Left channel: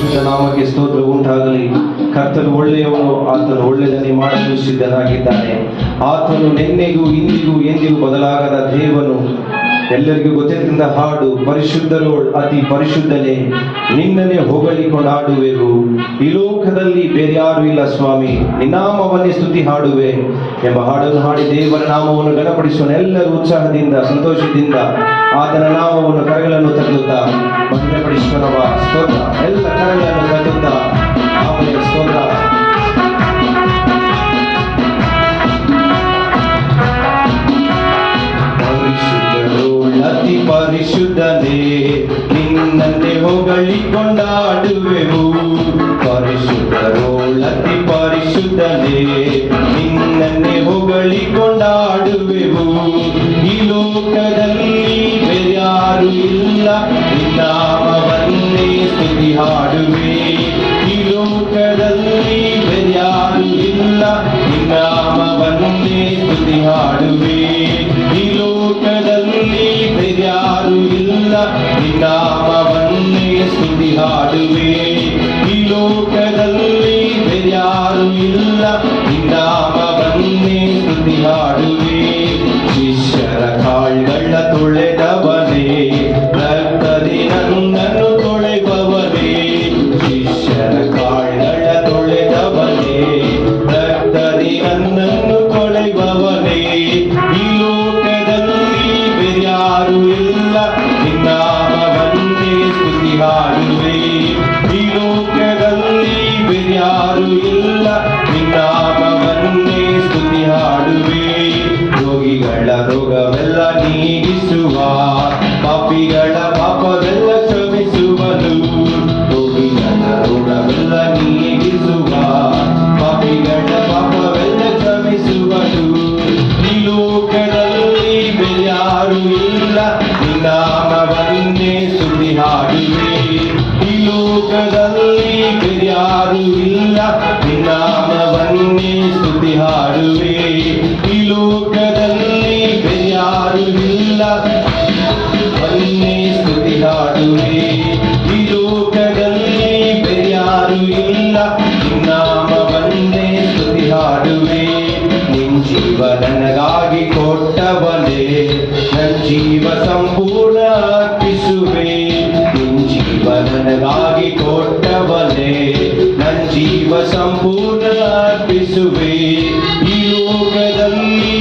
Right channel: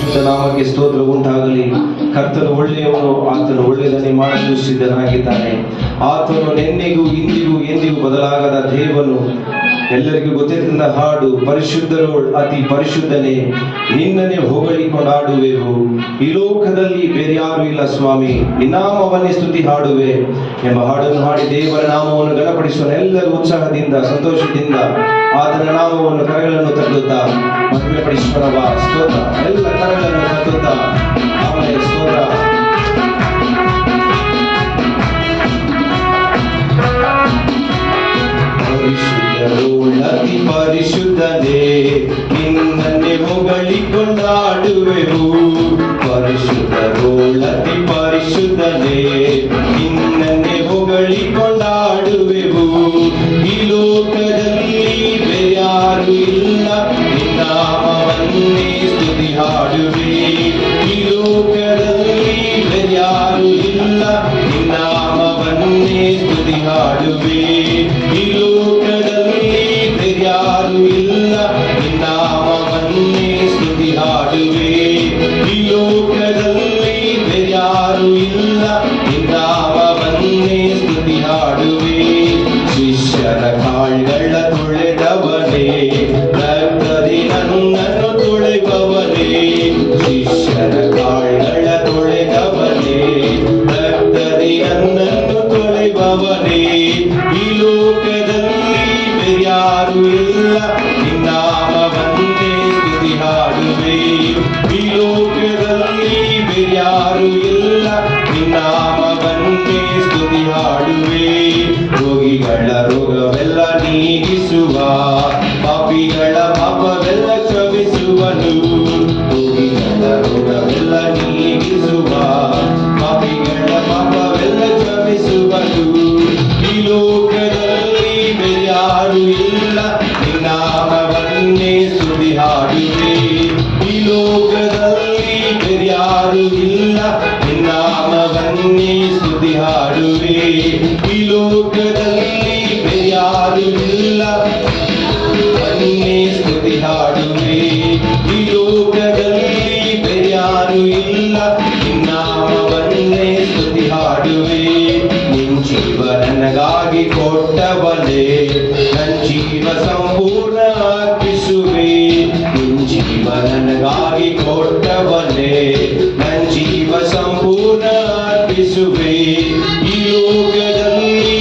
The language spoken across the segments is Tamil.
ಪರಿಶುದ್ಧ ನಾಮಕ್ಕೆ ಸ್ತೋತ್ರ ಉಂಟಾಗಲಿ. ಕರ್ತನು ಒಳ್ಳೆಯವನು, ಆತನು ಒಳ್ಳೆಯದನ್ನೇ ಮಾಡಲು ಸಿದ್ಧನಾಗಿದ್ದಾನೆ. ಆತನು ನಿನ್ನೆಗೂ ಇಂದಿಗೂ ಎಂದಿಗೂ ಬದಲಾಗದ ದೇವನು. ಎಲ್ಲರಿಗೂ ಗೊತ್ತಿದ್ದ ಹಾಡು, ಪರಿಶುದ್ಧರು ಅತಿ ಪರಿಶುದ್ಧನೇ, ನಿನ್ನನ್ನೇ ಹೊಗಳಿಕೊಂಡಾಡುವೆವು. ಈ ಲೋಕದಲ್ಲಿ ಬೇರೆ ಯಾರು ಇಲ್ಲ ಸ್ವಾಮಿ, ನಿನ್ನಾಮವನ್ನೇ ಸ್ತುತಿ ಹಾಡುವೆ ಎಂಬ ಹಾಡನ್ನು ಹಾಡಿ ದೇವರ ನಾಮವನ್ನು ಘನಪಡಿಸುವ ಎಲ್ಲರೂ ಉತ್ಸಾಹದಿಂದ ಸಂತೋಷದಿಂದ ಆತನ ನಾಮವನ್ನು ಕರೆಗಳನ್ನು ತರುತ್ತಾ ಮಹಿಮೆಪಡಿಸುವ ಸ್ತೋತ್ರ. ಎಲ್ಲ ಕರೆಗಳನ್ನು ತರುತ್ತಾ ಆಮೇಲೆ ಸ್ತೋತ್ರ. ಅತಿ ಪರಿಶುದ್ಧನೇ, ನಿನ್ನನ್ನೇ ಹೊಗಳಿಕೊಂಡಾಡುವೆವು. ಪರಿಶುದ್ಧರು ಅತಿ ಪರಿಶುದ್ಧನೇ, ನಿನ್ನನ್ನೇ ಹೊಗಳಿಕೊಂಡಾಡುವೆವು. ಈ ಲೋಕದಲ್ಲಿ ಬೇರ್ಯಾರು ಇಲ್ಲ, ನಿನ್ನಾಮವನ್ನೇ ಸ್ತುತಿ ಹಾಡುವೆ. ಈ ಲೋಕದಲ್ಲಿ ಬೇರ್ಯಾರು ಇಲ್ಲ, ನಿನ್ನಾಮವನ್ನೇ ಸ್ತುತಿ ಹಾಡುವೆ. ಈ ಲೋಕದಲ್ಲಿ ಬೇರ್ಯಾರು ಇಲ್ಲ, ನಿನ್ನಾಮವನ್ನೇ ಸ್ತುತಿ ಹಾಡುವೆ. ಈ ಲೋಕದಲ್ಲಿ ಬೇರ್ಯಾರು ಇಲ್ಲ, ನಿನ್ನಾಮವನ್ನೇ ಸ್ತುತಿ ಹಾಡುವೆ. ಶಿಷ್ಯರ ಕಾಲ್ಗಳ ತೊಳೆದವನೇ, ರಕ್ತದಿ ನನ್ನನ್ನು ತೊಳೆಯುವವನೇ. ಶಿಷ್ಯರ ಕಾಲ್ಗಳ ತೊಳೆದವನೇ, ರಕ್ತದಿ ನನ್ನನ್ನು ತೊಳೆಯುವವನೇ. ಈ ಲೋಕದಲ್ಲಿ ಬೇರ್ಯಾರು ಇಲ್ಲ, ನಿನ್ನಾಮವನ್ನೇ ಸ್ತುತಿ ಹಾಡುವೆ. ಈ ಲೋಕದಲ್ಲಿ ಬೇರ್ಯಾರು ಇಲ್ಲ, ನಿನ್ನಾಮವನ್ನೇ ಸ್ತುತಿ ಹಾಡುವೆ. ರೋಗಿಗಳ ರೋಗವೆಲ್ಲ ನೀಗಿಸುವ, ಪಾಪಿಗಳ ಪಾಪವೆಲ್ಲ ಕ್ಷಮಿಸುವನು. ರೋಗಿಗಳ ರೋಗವೆಲ್ಲ ನೀಗಿಸುವ, ಪಾಪಿಗಳ ಪಾಪವೆಲ್ಲ ಕ್ಷಮಿಸುವನು. ಈ ಲೋಕದಲ್ಲಿ ಬೇರ್ಯಾರು ಇಲ್ಲ, ನಿನ್ನಾಮವನ್ನೇ ಸ್ತುತಿ ಹಾಡುವೆ. ಈ ಲೋಕದಲ್ಲಿ ಬೇರ್ಯಾರು ಇಲ್ಲ, ನಿನ್ನಾಮವನ್ನೇ ಸ್ತುತಿ ಹಾಡುವೆ. ಈ ಲೋಕದಲ್ಲಿ ಬೇರ್ಯಾರು ಇಲ್ಲ, ವನ್ನೇ ಸ್ತುತಿ ಹಾಡುವೆ. ಈ ಲೋಕದಲ್ಲಿ ಬೇರ್ಯಾರು ಇಲ್ಲ, ನಿನ್ನಾಮವನ್ನೇ ಸ್ತುತಿ ಹಾಡುವೆ. ನಿನ್ ಜೀವ ನನಗಾಗಿ ಕೊಟ್ಟವನೇ, ನನ್ನ ಜೀವ ಸಂಪೂರ್ಣ ಅರ್ಪಿಸುವೆ. ನಿನ್ ಜೀವ ನನಗಾಗಿ ಕೊಟ್ಟವನೇ, ನನ್ನ ಜೀವ ಸಂಪೂರ್ಣ ಅರ್ಪಿಸುವೆ. ಈ ಲೋಕದಲ್ಲಿ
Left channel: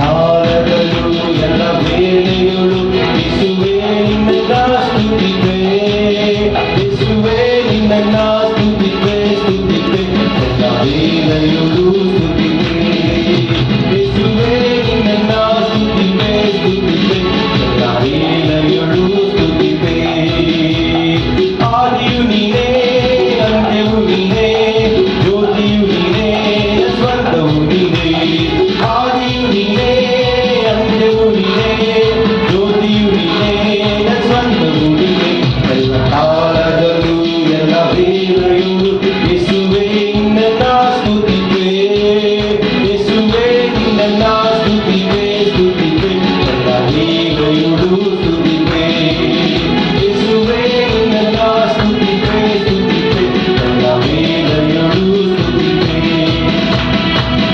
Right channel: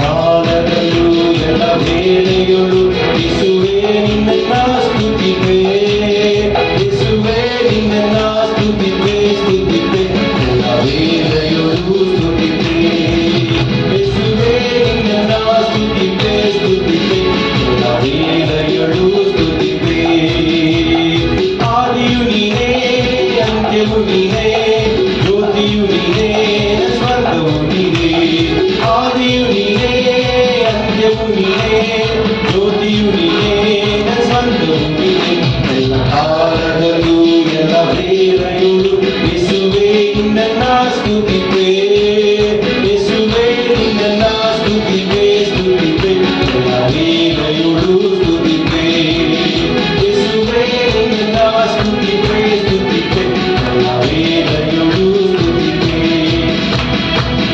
ಕಾಲದಲ್ಲೂ ಎಲ್ಲ ವೇಳೆಯಲ್ಲೂ ಯೇಸುವೇ ನಿನ್ನನ್ನು ಸ್ತುತಿಪೆ, ಯೇಸುವೇ ನಿನ್ನನ್ನು ಸ್ತುತಿಪೆ, ಸ್ತುತಿಪೆ ಎಲ್ಲ ವೇಳೆಯಲ್ಲೂ ಸ್ತುತಿಪೆ, ಯೇಸುವೇ ನಿನ್ನನ್ನು ಸ್ತುತಿಪೆ, ಸ್ತುತಿಪೆ ಎಲ್ಲ ವೇಳೆಯಲ್ಲೂ ಸ್ತುತಿಪೆ. ಆದಿಯು ನೀನೇ, ಅಂತ್ಯವು ನೀನೇ, ಜ್ಯೋತಿಯು ನೀನೇ, ಸ್ವರ್ಗವು ನೀನೇ. ಆದಿಯು ನೀನೇ, ಅಂತ್ಯವು ನೀನೇ, ಜ್ಯೋತಿಯು ನೀನೇ, ಸ್ವರ್ಗವು ನೀನೇ. ಎಲ್ಲ ಕಾಲದಲ್ಲೂ ಎಲ್ಲ ವೇಳೆಯಲ್ಲೂ ಯೇಸುವೇ ನಿನ್ನನ್ನು ಸ್ತುತಿಪೆ, ಯೇಸುವೇ ನಿನ್ನನ್ನು ಸ್ತುತಿಪೆ, ಸ್ತುತಿಪೆ ಎಲ್ಲ ವೇಳೆಯಲ್ಲೂ ಸ್ತುತಿಪೆ, ಯೇಸುವೇ ನಿನ್ನನ್ನು ಸ್ತುತಿಪೆ, ಸ್ತುತಿಪೆ ಎಲ್ಲ ವೇಳೆಯಲ್ಲೂ ಸ್ತುತಿಪೆ.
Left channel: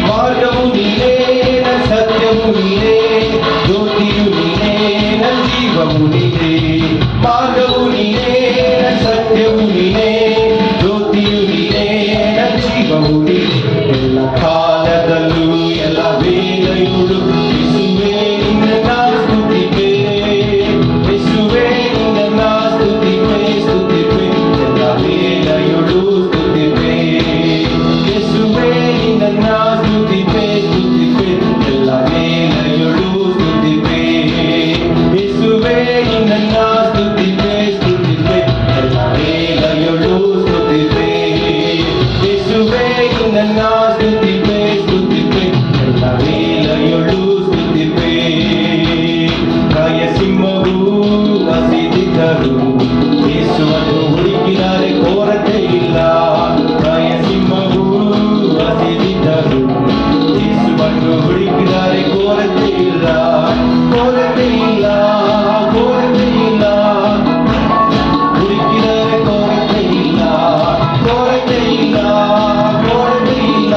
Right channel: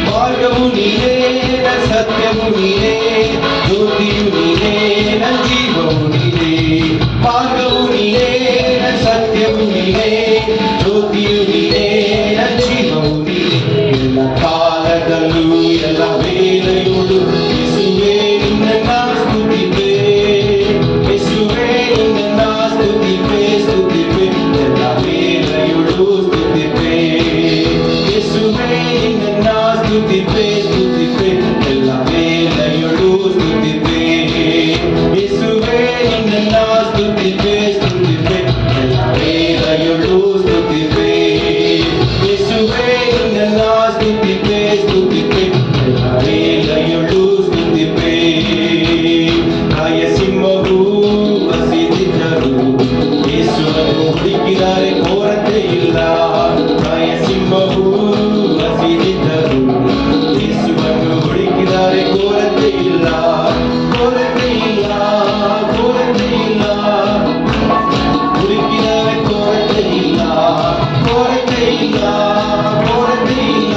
ಮಾರ್ಗವು ನೀನೇ, ಸತ್ಯವು ನೀನೇ, ಜ್ಯೋತಿಯು ನೀನೇ, ಜೀವವು ನೀನೇ. ಮಾರ್ಗವು ನೀನೇ, ಸತ್ಯವು ನೀನೇ, ಜ್ಯೋತಿಯು ನೀನೇ, ಜೀವವು ನೀನೇ. ಎಲ್ಲ ಕಾಲದಲ್ಲೂ ಎಲ್ಲ ವೇಳೆಯಲ್ಲೂ ಯೇಸುವೇ ನಿನ್ನನ್ನು ಸ್ತುತಿಪೆ, ಯೇಸುವೇ ನಿನ್ನನ್ನು ಸ್ತುತಿಪೆ, ಸ್ತುತಿಪೆ ಎಲ್ಲ ವೇಳೆಯಲ್ಲೂ ಸ್ತುತಿಪೆ, ಯೇಸುವೇ ನಿನ್ನನ್ನು ಸ್ತುತಿಪೆ, ಸ್ತುತಿಪೆ ಎಲ್ಲ ವೇಳೆಯಲ್ಲೂ ಸ್ತುತಿಪೆ, ಯೇಸುವೇ ನಿನ್ನನ್ನು ಸ್ತುತಿಪೆ, ಸ್ತುತಿಪೆ ಎಲ್ಲ ವೇಳೆಯಲ್ಲೂ ಸ್ತುತಿಪೆ, ಯೇಸುವೇ ನಿನ್ನನ್ನು ಸ್ತುತಿಪೆ, ಸ್ತುತಿಪೆ ಎಲ್ಲ ವೇಳೆಯಲ್ಲೂ ಸ್ತುತಿಪೆ. ರಾಯಸಿಂಹವು ಹಸಿದಿದ್ದರು, ಯೇಸುವನ್ನು ಹುಡುಕಿದರೆ ಕೊರತೆ ಇಲ್ಲ. ರಾಯಸಿಂಹವು ಹಸಿದಿದ್ದರು, ಯೇಸುವನ್ನು ಹುಡುಕಿದರೆ ಕೊರತೆ ಇಲ್ಲ, ಕೊರತೆ ಇಲ್ಲ, ಕೊರತೆ ಇಲ್ಲ. ಹುಡುಕಿದರೆ ಕೊರತೆ ಇಲ್ಲ, ಕೊರತೆ ಇಲ್ಲ, ಕೊರತೆ ಇಲ್ಲ.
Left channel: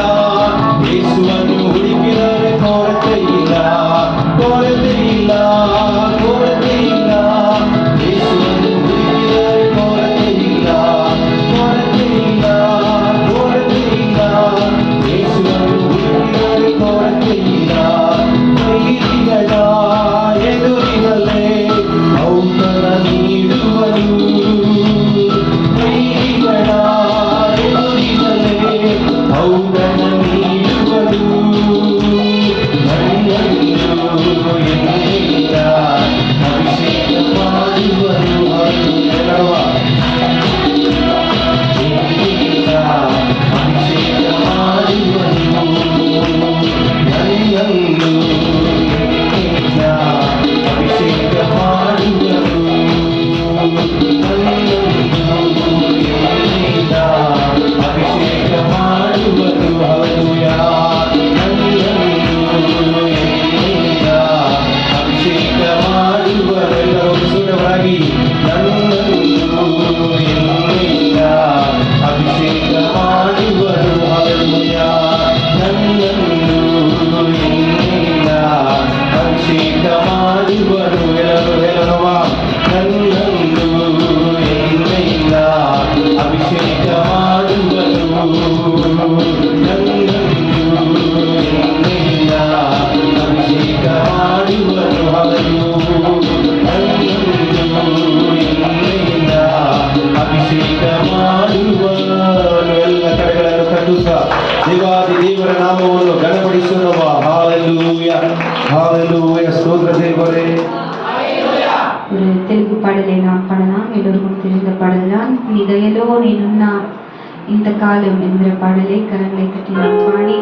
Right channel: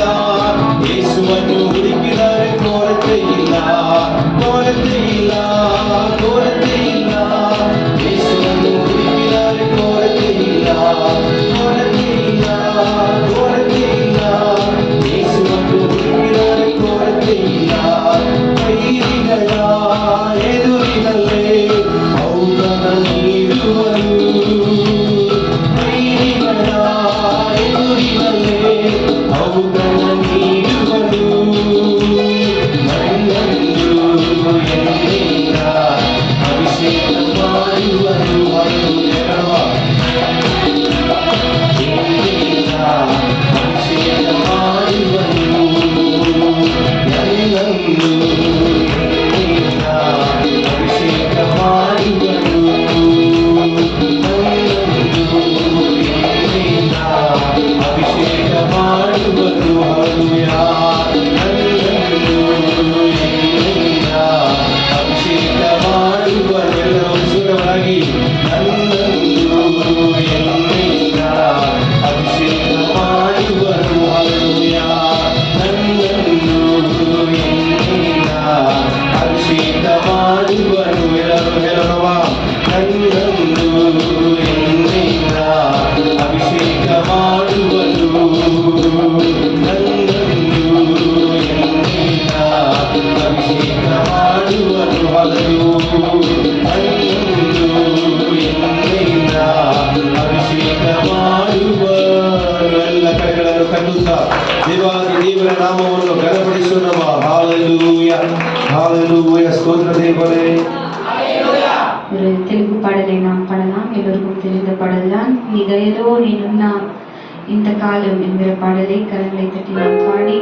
ಯೇಸುವನ್ನು ಹುಡುಕಿದರೆ ಕೊರತೆ ಇಲ್ಲ, ಕೊರತೆ ಇಲ್ಲ, ಕೊರತೆ ಇಲ್ಲ. ಯೇಸುವನ್ನು ಹುಡುಕಿದರೆ ಕೊರತೆ ಇಲ್ಲ, ಕೊರತೆ ಇಲ್ಲ, ಕೊರತೆ ಇಲ್ಲ. ಯೇಸುವನ್ನು ಹುಡುಕಿದರೆ ಕೊರತೆ ಇಲ್ಲ. ವೈರಿಗಳ ಎದುರಿನಲ್ಲೇ ಔತಣ ನೀಡುವನು, ವೈರಿಗಳ ಎದುರಿನಲ್ಲೇ ಔತಣ ನೀಡುವನು. ಮಣ್ಣನ್ನು ಎಣ್ಣೆಯಿಂದ ಅಭಿಷೇಕ ಮಾಡುವನು, ಎಣ್ಣೆಯಿಂದ ಅಭಿಷೇಕ ಮಾಡುವನು. ನನ್ನನ್ನು ಎಣ್ಣೆಯಿಂದ ಅಭಿಷೇಕ ಮಾಡುವನು, ನನ್ನನ್ನು ಎಣ್ಣೆಯಿಂದ ಅಭಿಷೇಕ ಮಾಡುವನು. ಹಲ್ಲೆಲೂಯಾ. ನನ್ನನ್ನು ಎಣ್ಣೆಯಿಂದ ಅಭಿಷೇಕ ಮಾಡುವನು. ಎಲ್ಲರೂ ಸುರವಾಗಿ ನನ್ನನ್ನು ಎಣ್ಣೆಯಿಂದ ಅಭಿಷೇಕ ಮಾಡುವನು. ಹಲ್ಲೆಲೂಯಾ. ನನ್ನನ್ನು ಎಣ್ಣೆಯಿಂದ ಅಭಿಷೇಕ ಮಾಡುವನು. ಎಲ್ಲರೂ ನನ್ನನ್ನು ಎಣ್ಣೆಯಿಂದ ಅಭಿಷೇಕ ಮಾಡುವನು, ನನ್ನನ್ನು ಎಣ್ಣೆಯಿಂದ ಅಭಿಷೇಕ ಮಾಡುವನು. ಹಲ್ಲೆಲೂಯಾ. ನನ್ನನ್ನು ಎಣ್ಣೆಯಿಂದ ಅಭಿಷೇಕ ಮಾಡುವನು. ಎಲ್ಲ ಕರೆಗಳನ್ನು ಕಟ್ಟುತ್ತಾ ದೇವಾದಿ ದೇವರ ನಾಮವನ್ನು ಘನಪಡಿಸೋಣ. Hallelujah, hallelujah. ಸ್ತೋತ್ರ ದೇವರೇ. తెలుగు పాడలేనా పాడనా ఎల్లరికీ తెలియదు పాడలా నీ దయలో నేనున్న ఇంతకాలం ఎందరో பாடலை கரங்களை தட்டி நாம் பாடி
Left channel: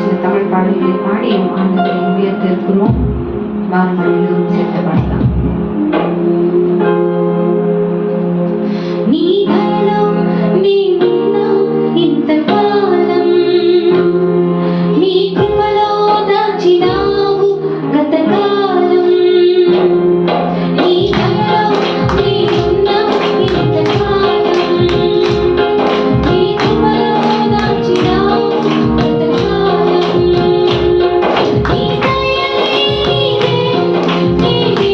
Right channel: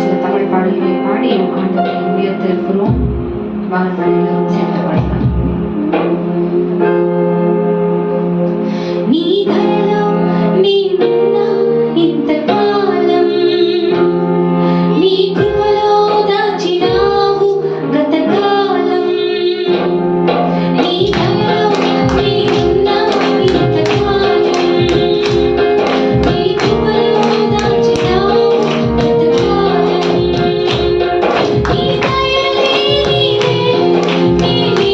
சில தமிழ் பாடல்களை பாடி ஆண்டவரை உயர்த்திருக்கிறோம். வாருங்கள் எல்லோரும் சேர்ந்து பாடலாம். నీ దయలో నేనున్న ఇంతకాలం, నీ కృపలో దాచినావు గతకాలం. నీ దయలో నేనున్న ఇంతకాలం, నీ కృపలో దాచినావు గతకాలం. నీ దయలే నీవే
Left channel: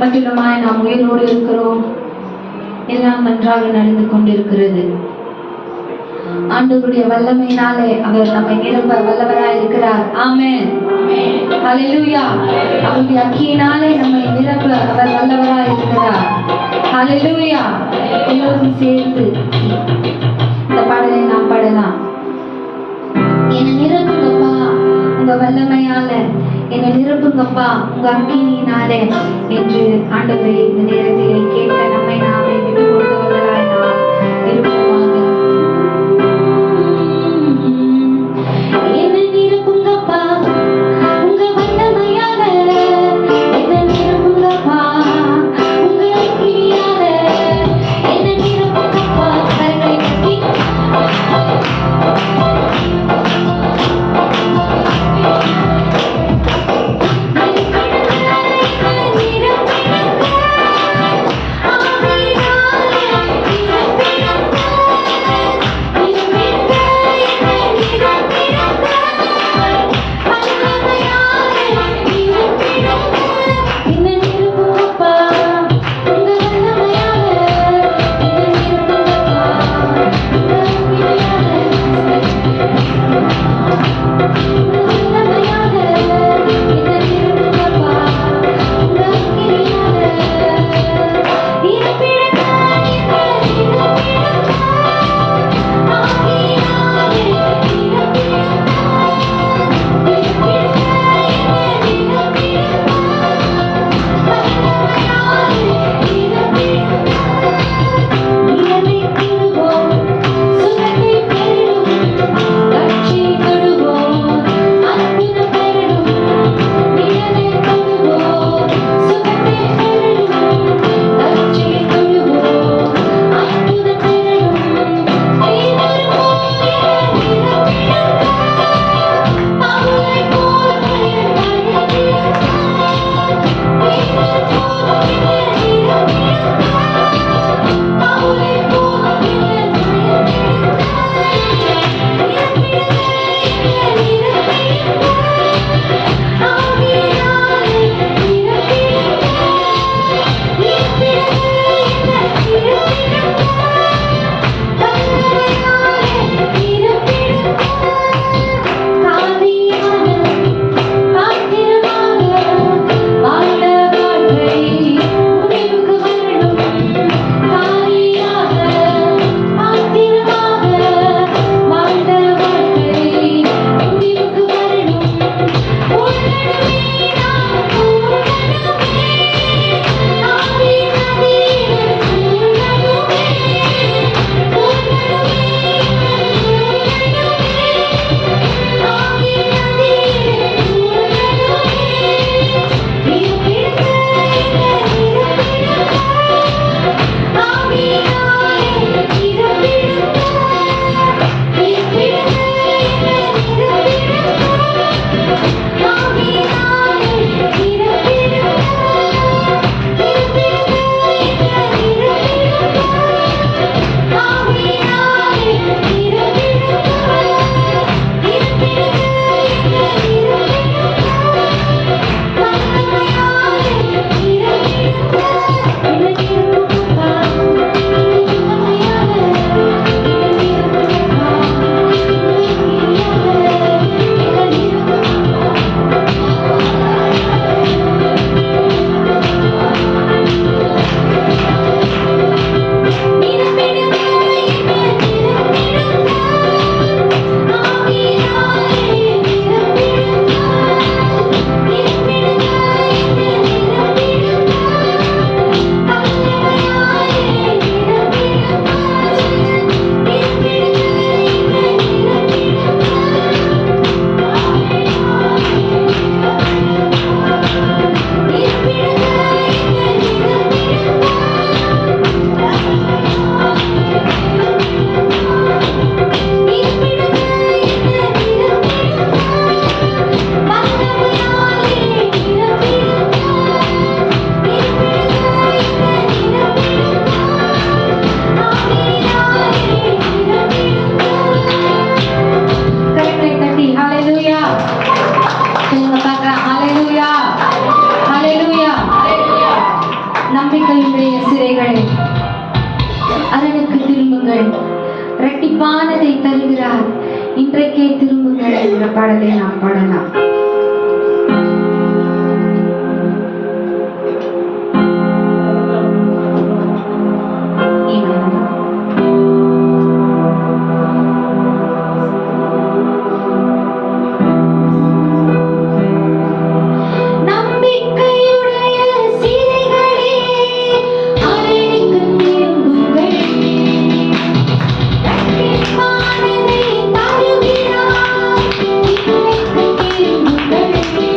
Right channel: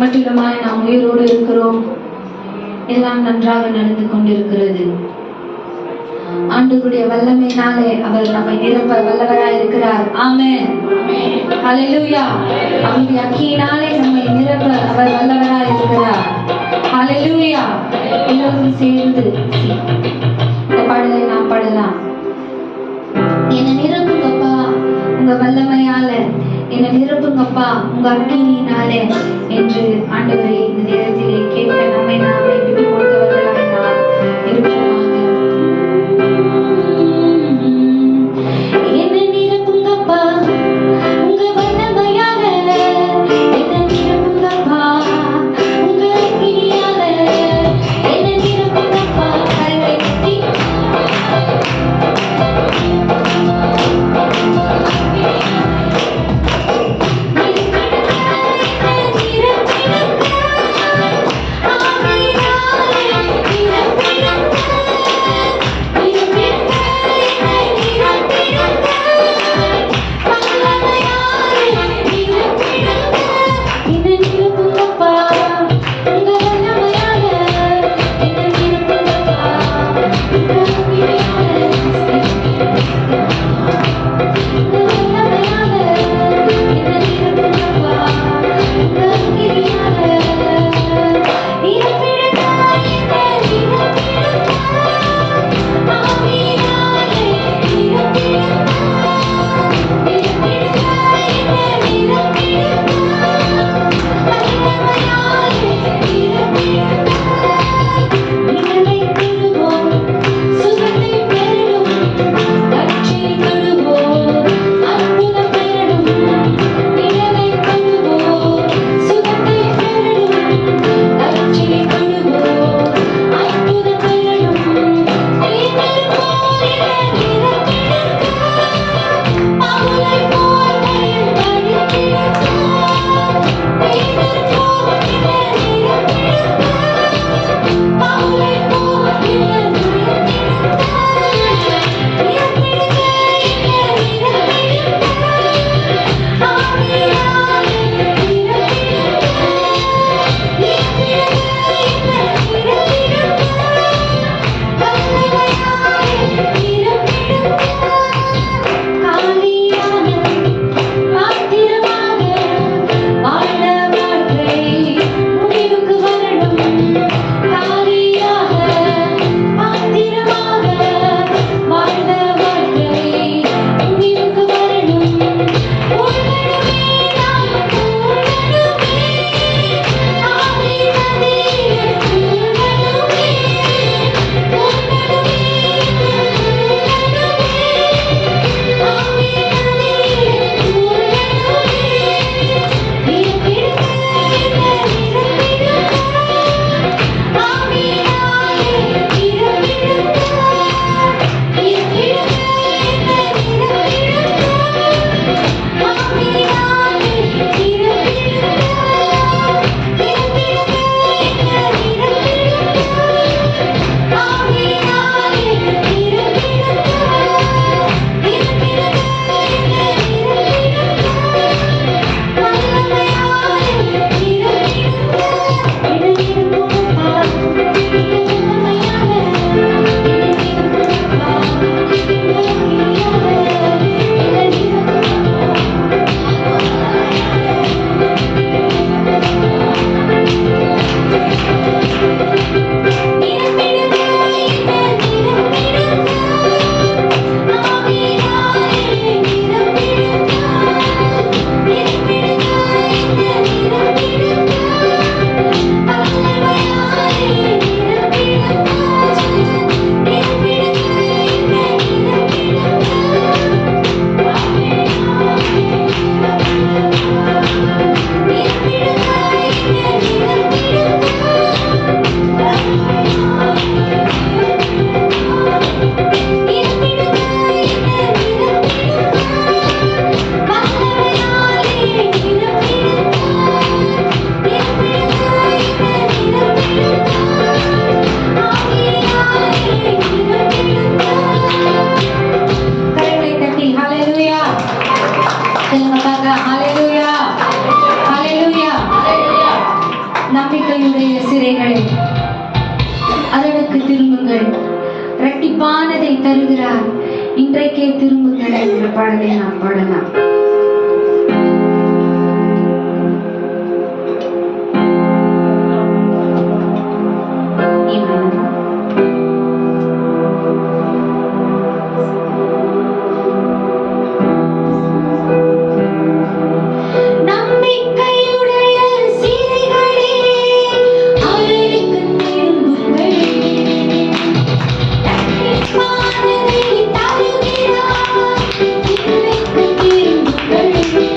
மட்டிலுமாய் நாம் உயிரோடு இருக்கிறோம். எல்லாம் நன்றாக நடந்து கொண்டிருக்கிறது. ஆண்டவருடைய வல்லமையினாலே அவர் நம்மை நிரப்ப வல்லவராய் இருக்கிறார். ஆமென். ஹல்லேலூயா. அவருடைய அக்கியினாலே நம்மை நிரப்ப அவர் வல்லவராய் இருக்கிறார். ஹல்லேலூயா. எல்லோரும் சேர்ந்து இந்த பாடலை நாம் பாடலாம். என்னை நிரப்புங்கப்பா உங்க வல்லமையால, என்னை நிரப்புங்கப்பா உங்க அக்கினியினாலே என்று ஆண்டவரை இந்த நேரத்திலே கேட்க நம்மை நாமே விட்டு கொடுத்தவர்களாய் நாம் இருப்போமாக. என்னை நிரப்புங்கப்பா உங்க வல்லமையால, என்னை நிரப்புங்கப்பா உங்க அக்கினியால, என்னை நிரப்புங்கப்பா. கரங்களை தட்டி ஆமென். இன்றைக்கே திரும்புங்கள் என்கிற பாடலை நாம் பாடலாம்.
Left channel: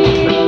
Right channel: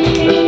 Thank you.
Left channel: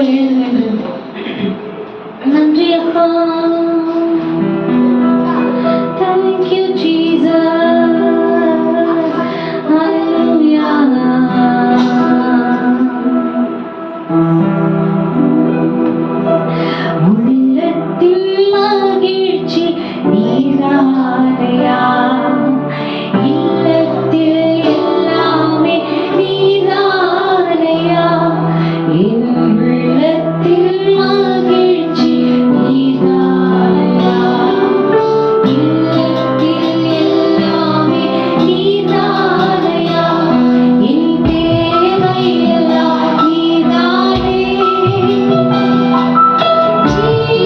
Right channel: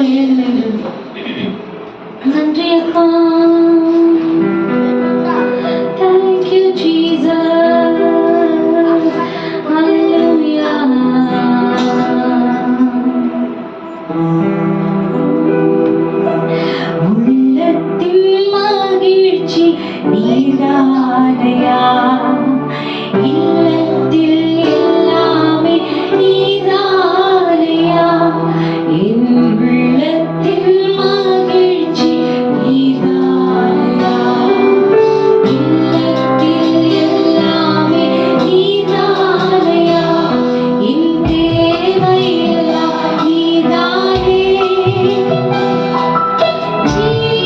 எழுந்து நன்றி அப்பா. Thank you Jesus. Hallelujah. உள்ளத்தில் மகிழ்ச்சி நீதானையா, இல்லத்தில் எல்லாமே நீதானையா, என் உள்ளத்தில் மகிழ்ச்சி நீதானையா, இல்லத்தில் எல்லாமே நீதானையா, என் தேவையெல்லாம் நீதானே. Jesus.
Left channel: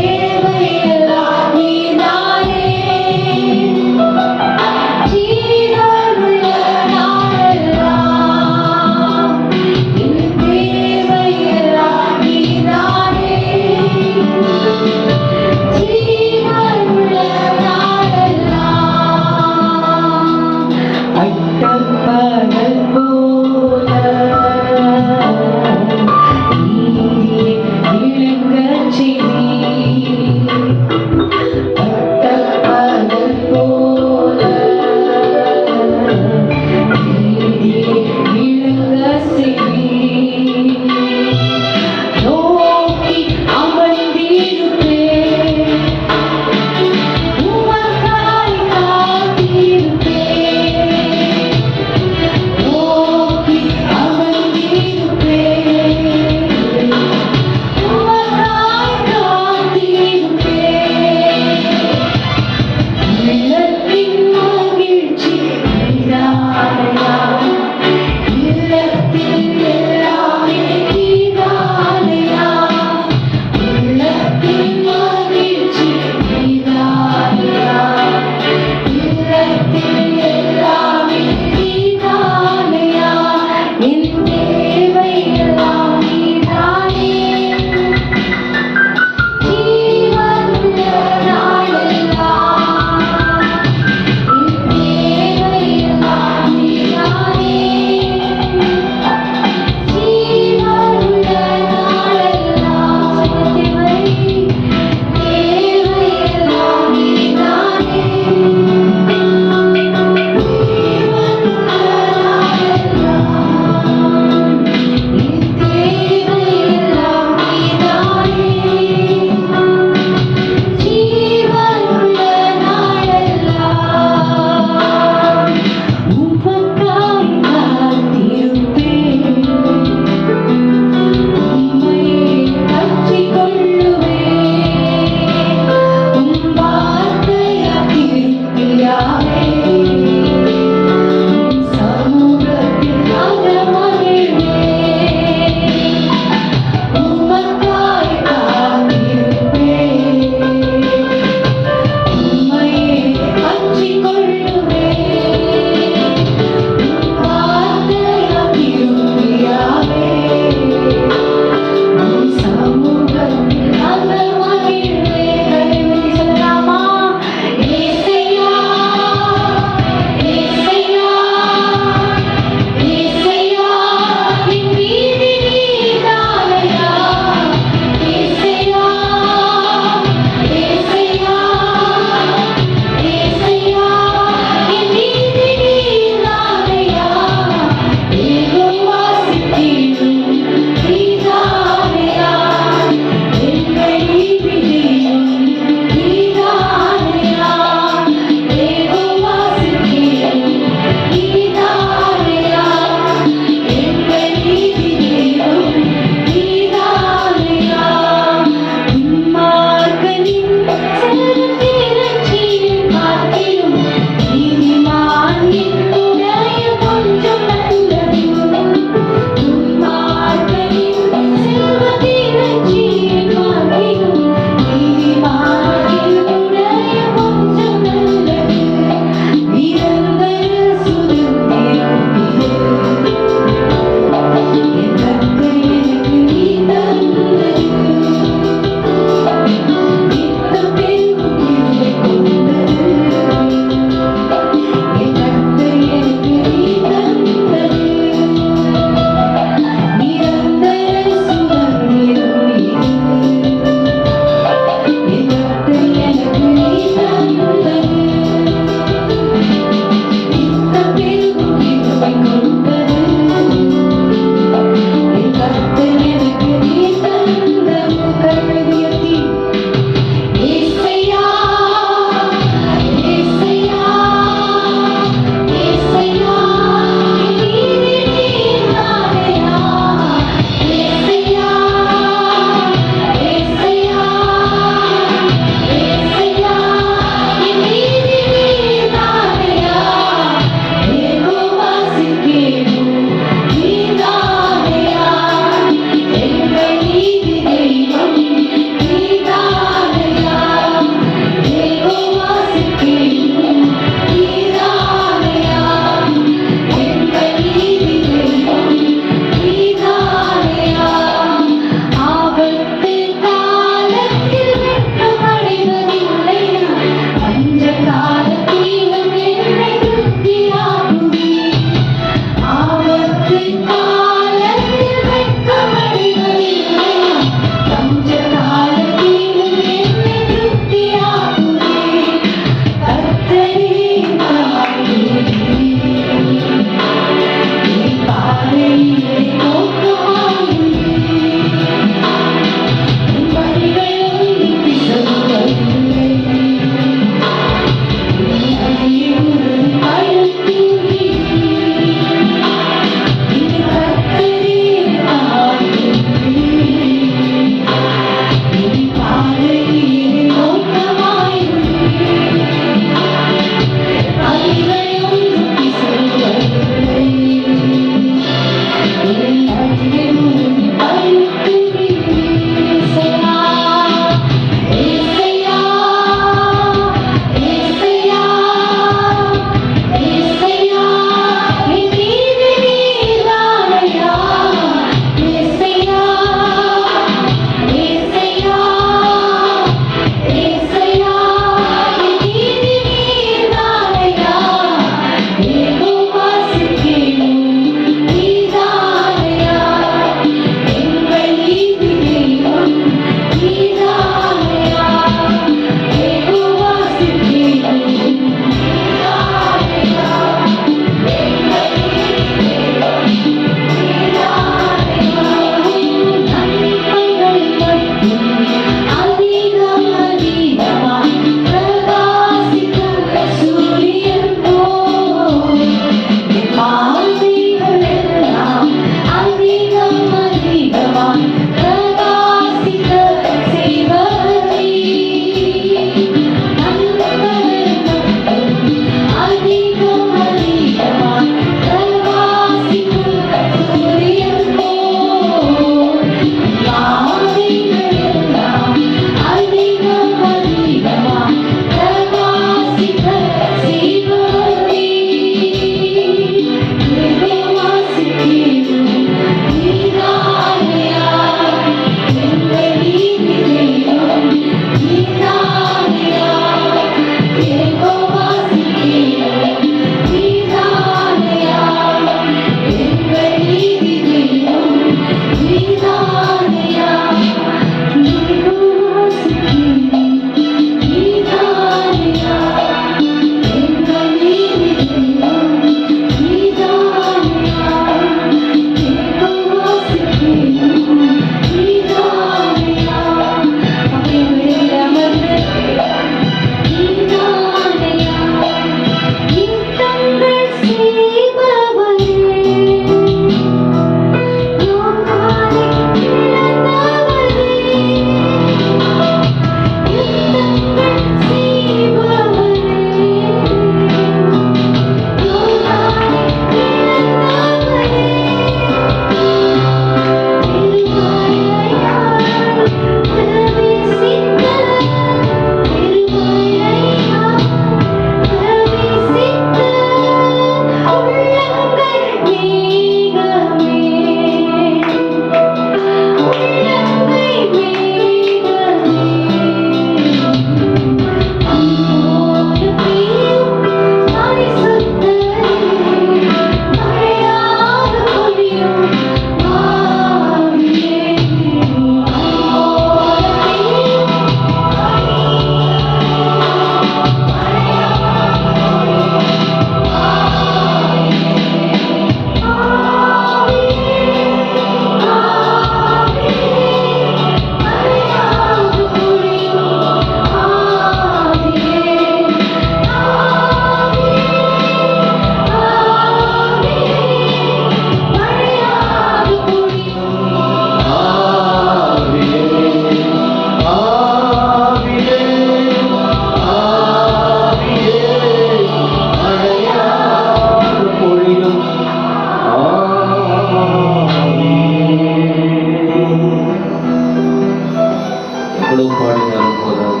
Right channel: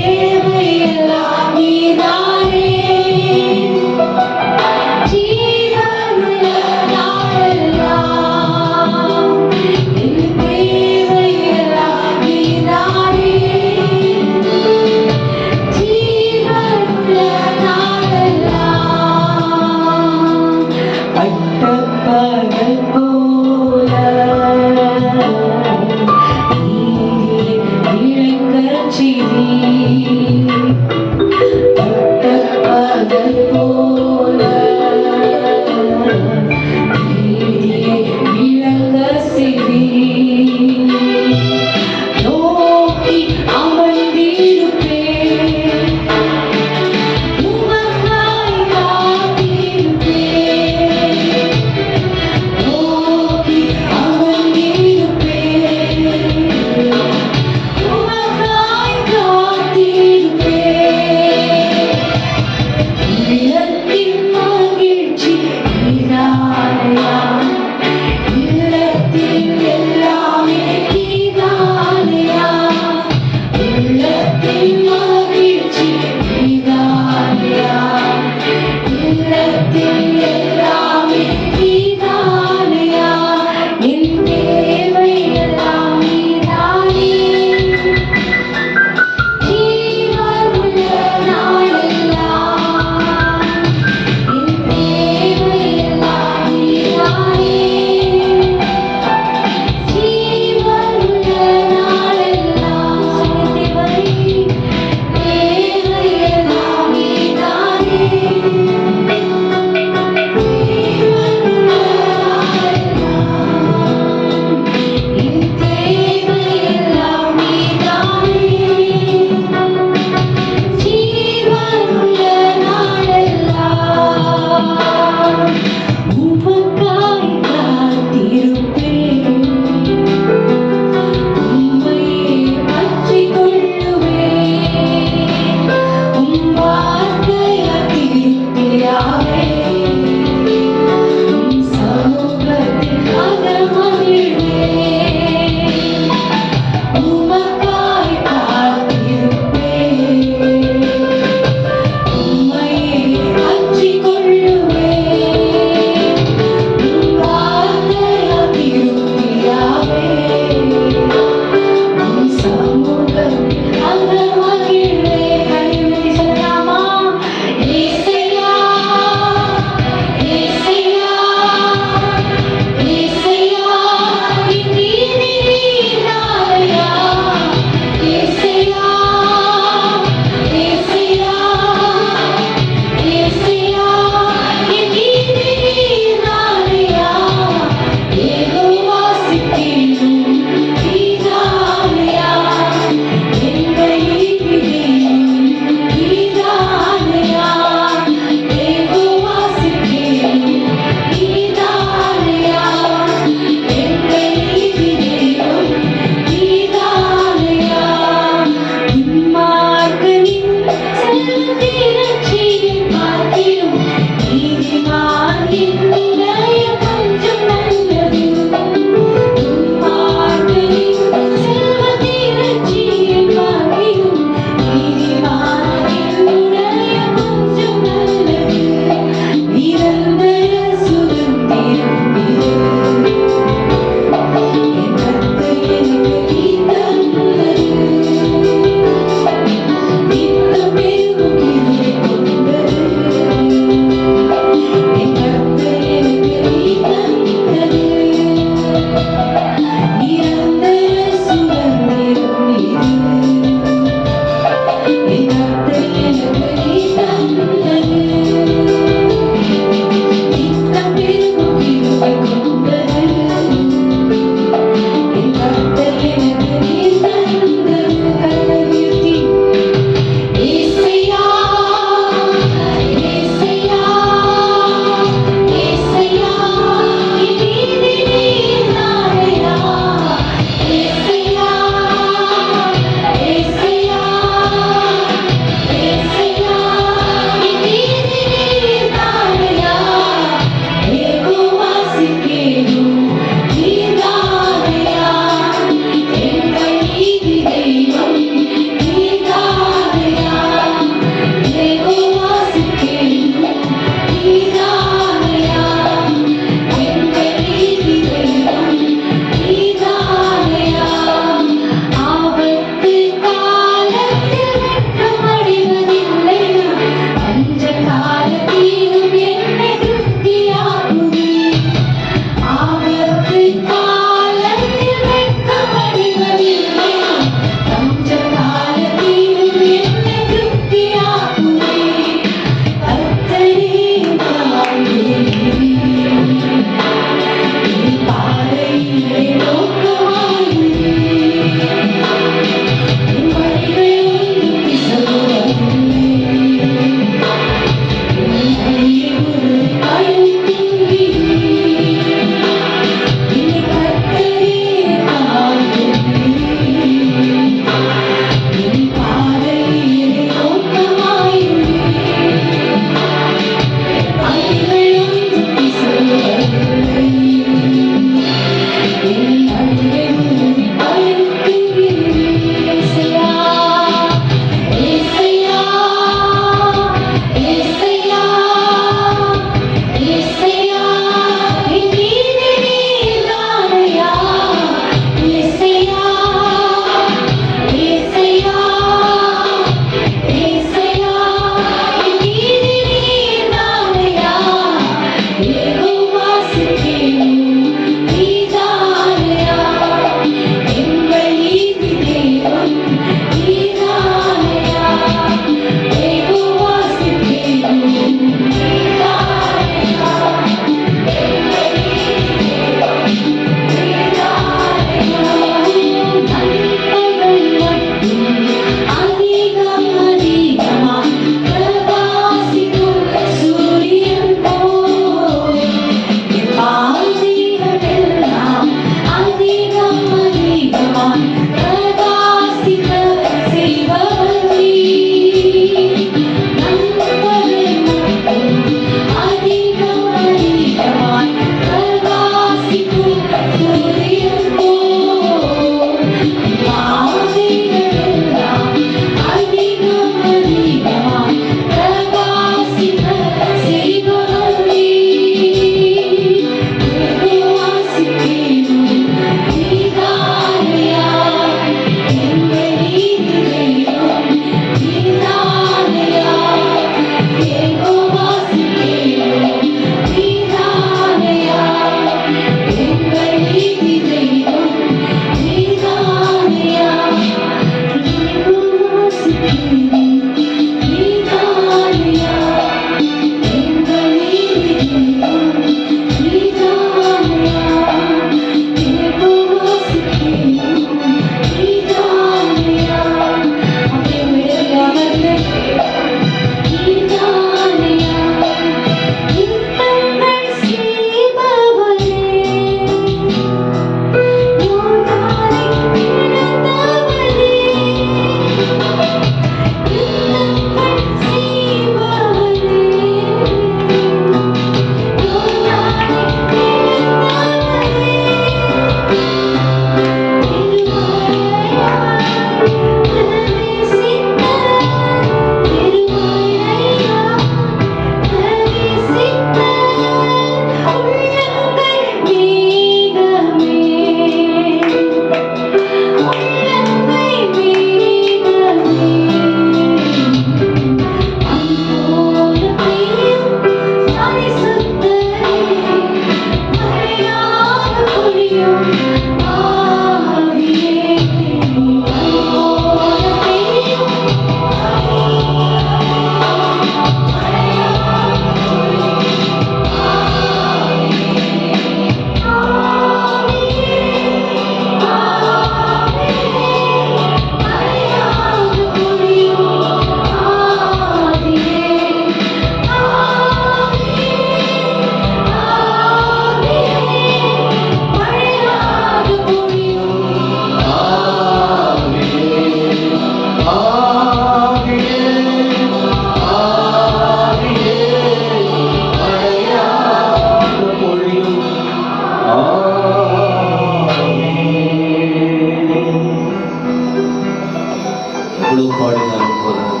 இருந்தாலும் போதாது.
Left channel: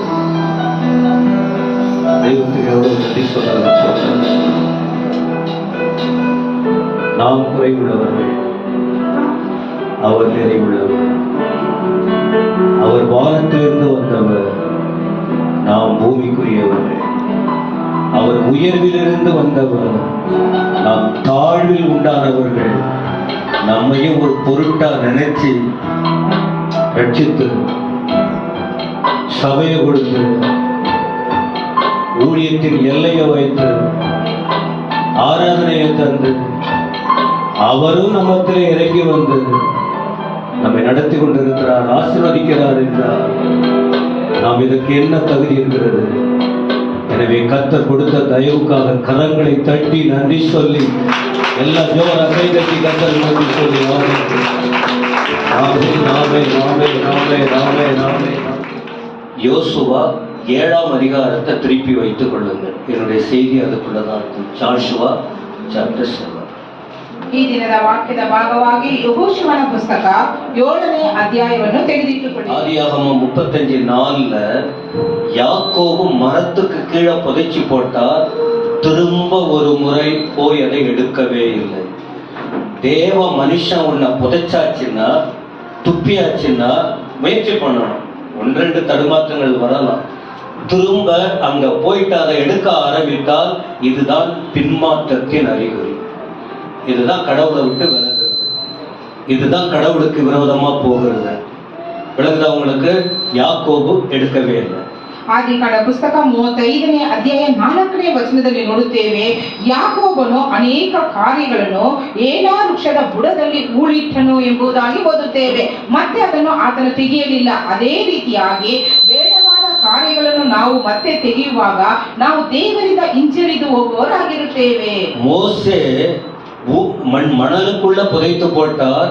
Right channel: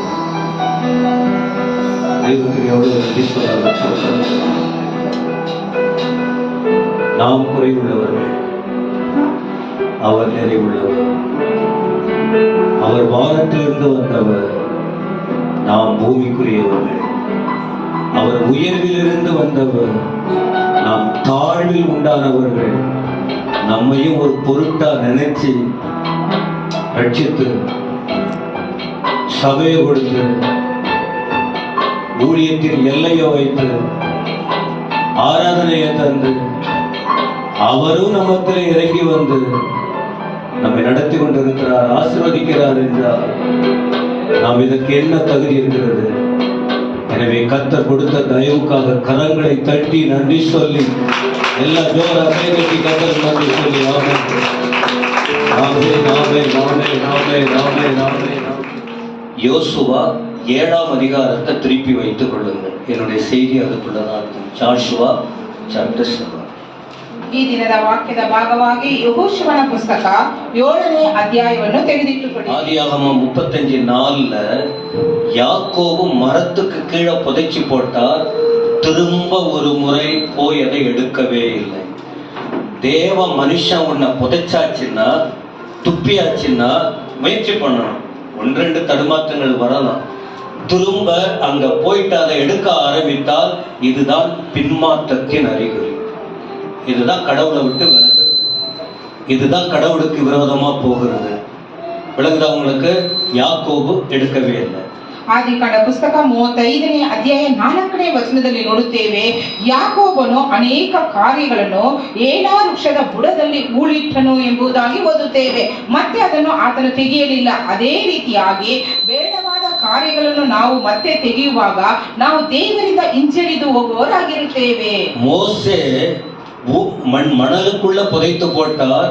தெய்வத்துக்கு எவ்வளவு நன்றி சொன்னாலும் போதாது. நாம் குறைவுள்ளவர்கள், அவர் நிறைவுள்ளவர். அவர் வானத்திலிருந்து வந்தவர், நாம் பூமிக்குரியவர்கள். அவர் உயர்விலிருந்து வந்தவர், நாம் தாழ்வில் உண்டானவர்கள். நம்மையும் ஒரு பொருட்டா நினைச்சு ரட்சித்து சபையை கொடுத்து ஊழியத்தின் எல்லையை வைத்து ஆராதனையை தந்து அவரும் நம்மத்தில் இறங்கி வந்து நம்மை நடத்தி கொண்டிருக்கிறார், ஆசீர்வதிக்கிறார் என்றால் நாம் இதற்கு என்ன தகுதி இருக்கிறது? எனவே கர்த்தர் கொடுத்த தயவுக்காக கரங்களை தட்டி நன்றி சொல்லி எல்லா ஜோர கைதட்டி கர்த்தர் நன்றி சொல்லி யோசுவா 7ஆம் அதிகாரத்தை திருப்பி வைத்துக் கொள்ளுங்கள். என்னுடைய செய்தி அதுக்குள்ளதான் இருக்கும். Joshua chapter 7. ಈ ದಿನದ ವಾಕ್ಯದ ಭಾಗವಾಗಿ ಯೆಹೋಶುವನ ಪುಸ್ತಕ 7ನೇ ಅಧ್ಯಾಯವನ್ನು ತೆಗೆದಿಟ್ಟುಕೊಳ್ಳಿ. ஆதியாகமம் 35:4 யாக்கோபு மரத்துக்கு கீழே புதைச்சி போட்டார், திரும்ப ஒரு முறை போய் அதை எடுக்கவே இல்லை. தேவ மனுஷன் உன்னை புதைச்சாச்சுன்னா, துப்பியாச்சுன்னா முயற்சி பண்ணணும். 1-2 தடுமாற்றங்கள் வரலாம். திரும்ப அங்க போயிட்டு அதை எடுக்க ஆரம்பித்தால் இதுதான் பின்மாற்றத்தின் அறிகுறி. இதுதான் கடவுளை விட்டு விலகுறது. இதுதான் கடவுளுக்கு விரோதமா போகிறது. விலகுதா உங்களுக்கு? யாக்கோபு எடுக்கவே இல்லை. ಆದಿಕಾಂಡ ಪುಸ್ತಕ 35ನೇ ಅಧ್ಯಾಯ 4ನೇ ವಚನದಲ್ಲಿ ನೋಡುತ್ತೇವೆ, ಯಾಕೋಬನು ಅನೇಕ ಕಾರ್ಯಗಳನ್ನು ಏಲಾ ವೃಕ್ಷದ ಬುಡದಲ್ಲಿ ಹೂಳಿಟ್ಟನು ಎಂಬುದಾಗಿ ಓದುತ್ತೇವೆ. ಮತ್ತೆ ಅದನ್ನು ಆತನು ತೆಗೆಯಲಿಲ್ಲ. ಅದೇ ರೀತಿಯಾಗಿ ಬೇಡವಾದ ಕಾರ್ಯಗಳನ್ನು ನಾವು ಮತ್ತೆ ತೆಗೆಯುವಾಗ ನಾವು ದೇವರಿಂದ ಹಿಂಜರಿದು ಹೋಗುವವರಾಗಿರುತ್ತೇವೆ. மோசே மணலுக்குள்ள புதைத்து போட்டார்,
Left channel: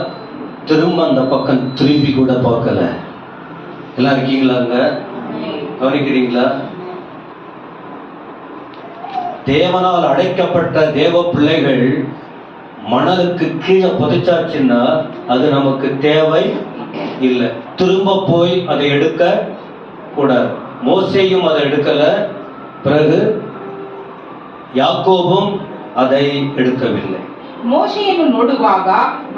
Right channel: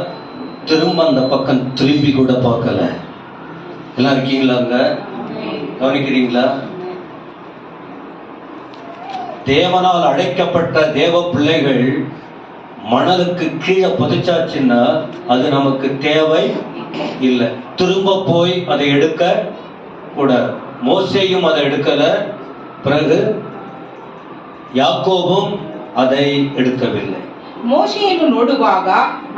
திரும்ப அந்த பக்கம் திரும்பி கூட பார்க்கல. எல்லாம் இருக்கீங்களாங்க? கவனிக்கிறீங்களா? தேவனால் அழைக்கப்பட்ட தேவ பிள்ளைகள் மணலுக்கு கீழே புதைச்சாச்சுன்னா அது நமக்கு தேவை இல்லை. திரும்ப போய் அதை எடுக்க கூடாது. மோசேயும் அதை எடுக்கல, பிறகு யாக்கோபும் அதை எடுக்கவில்லை. ಮೋಶೆಯನ್ನು ನೋಡುವಾಗ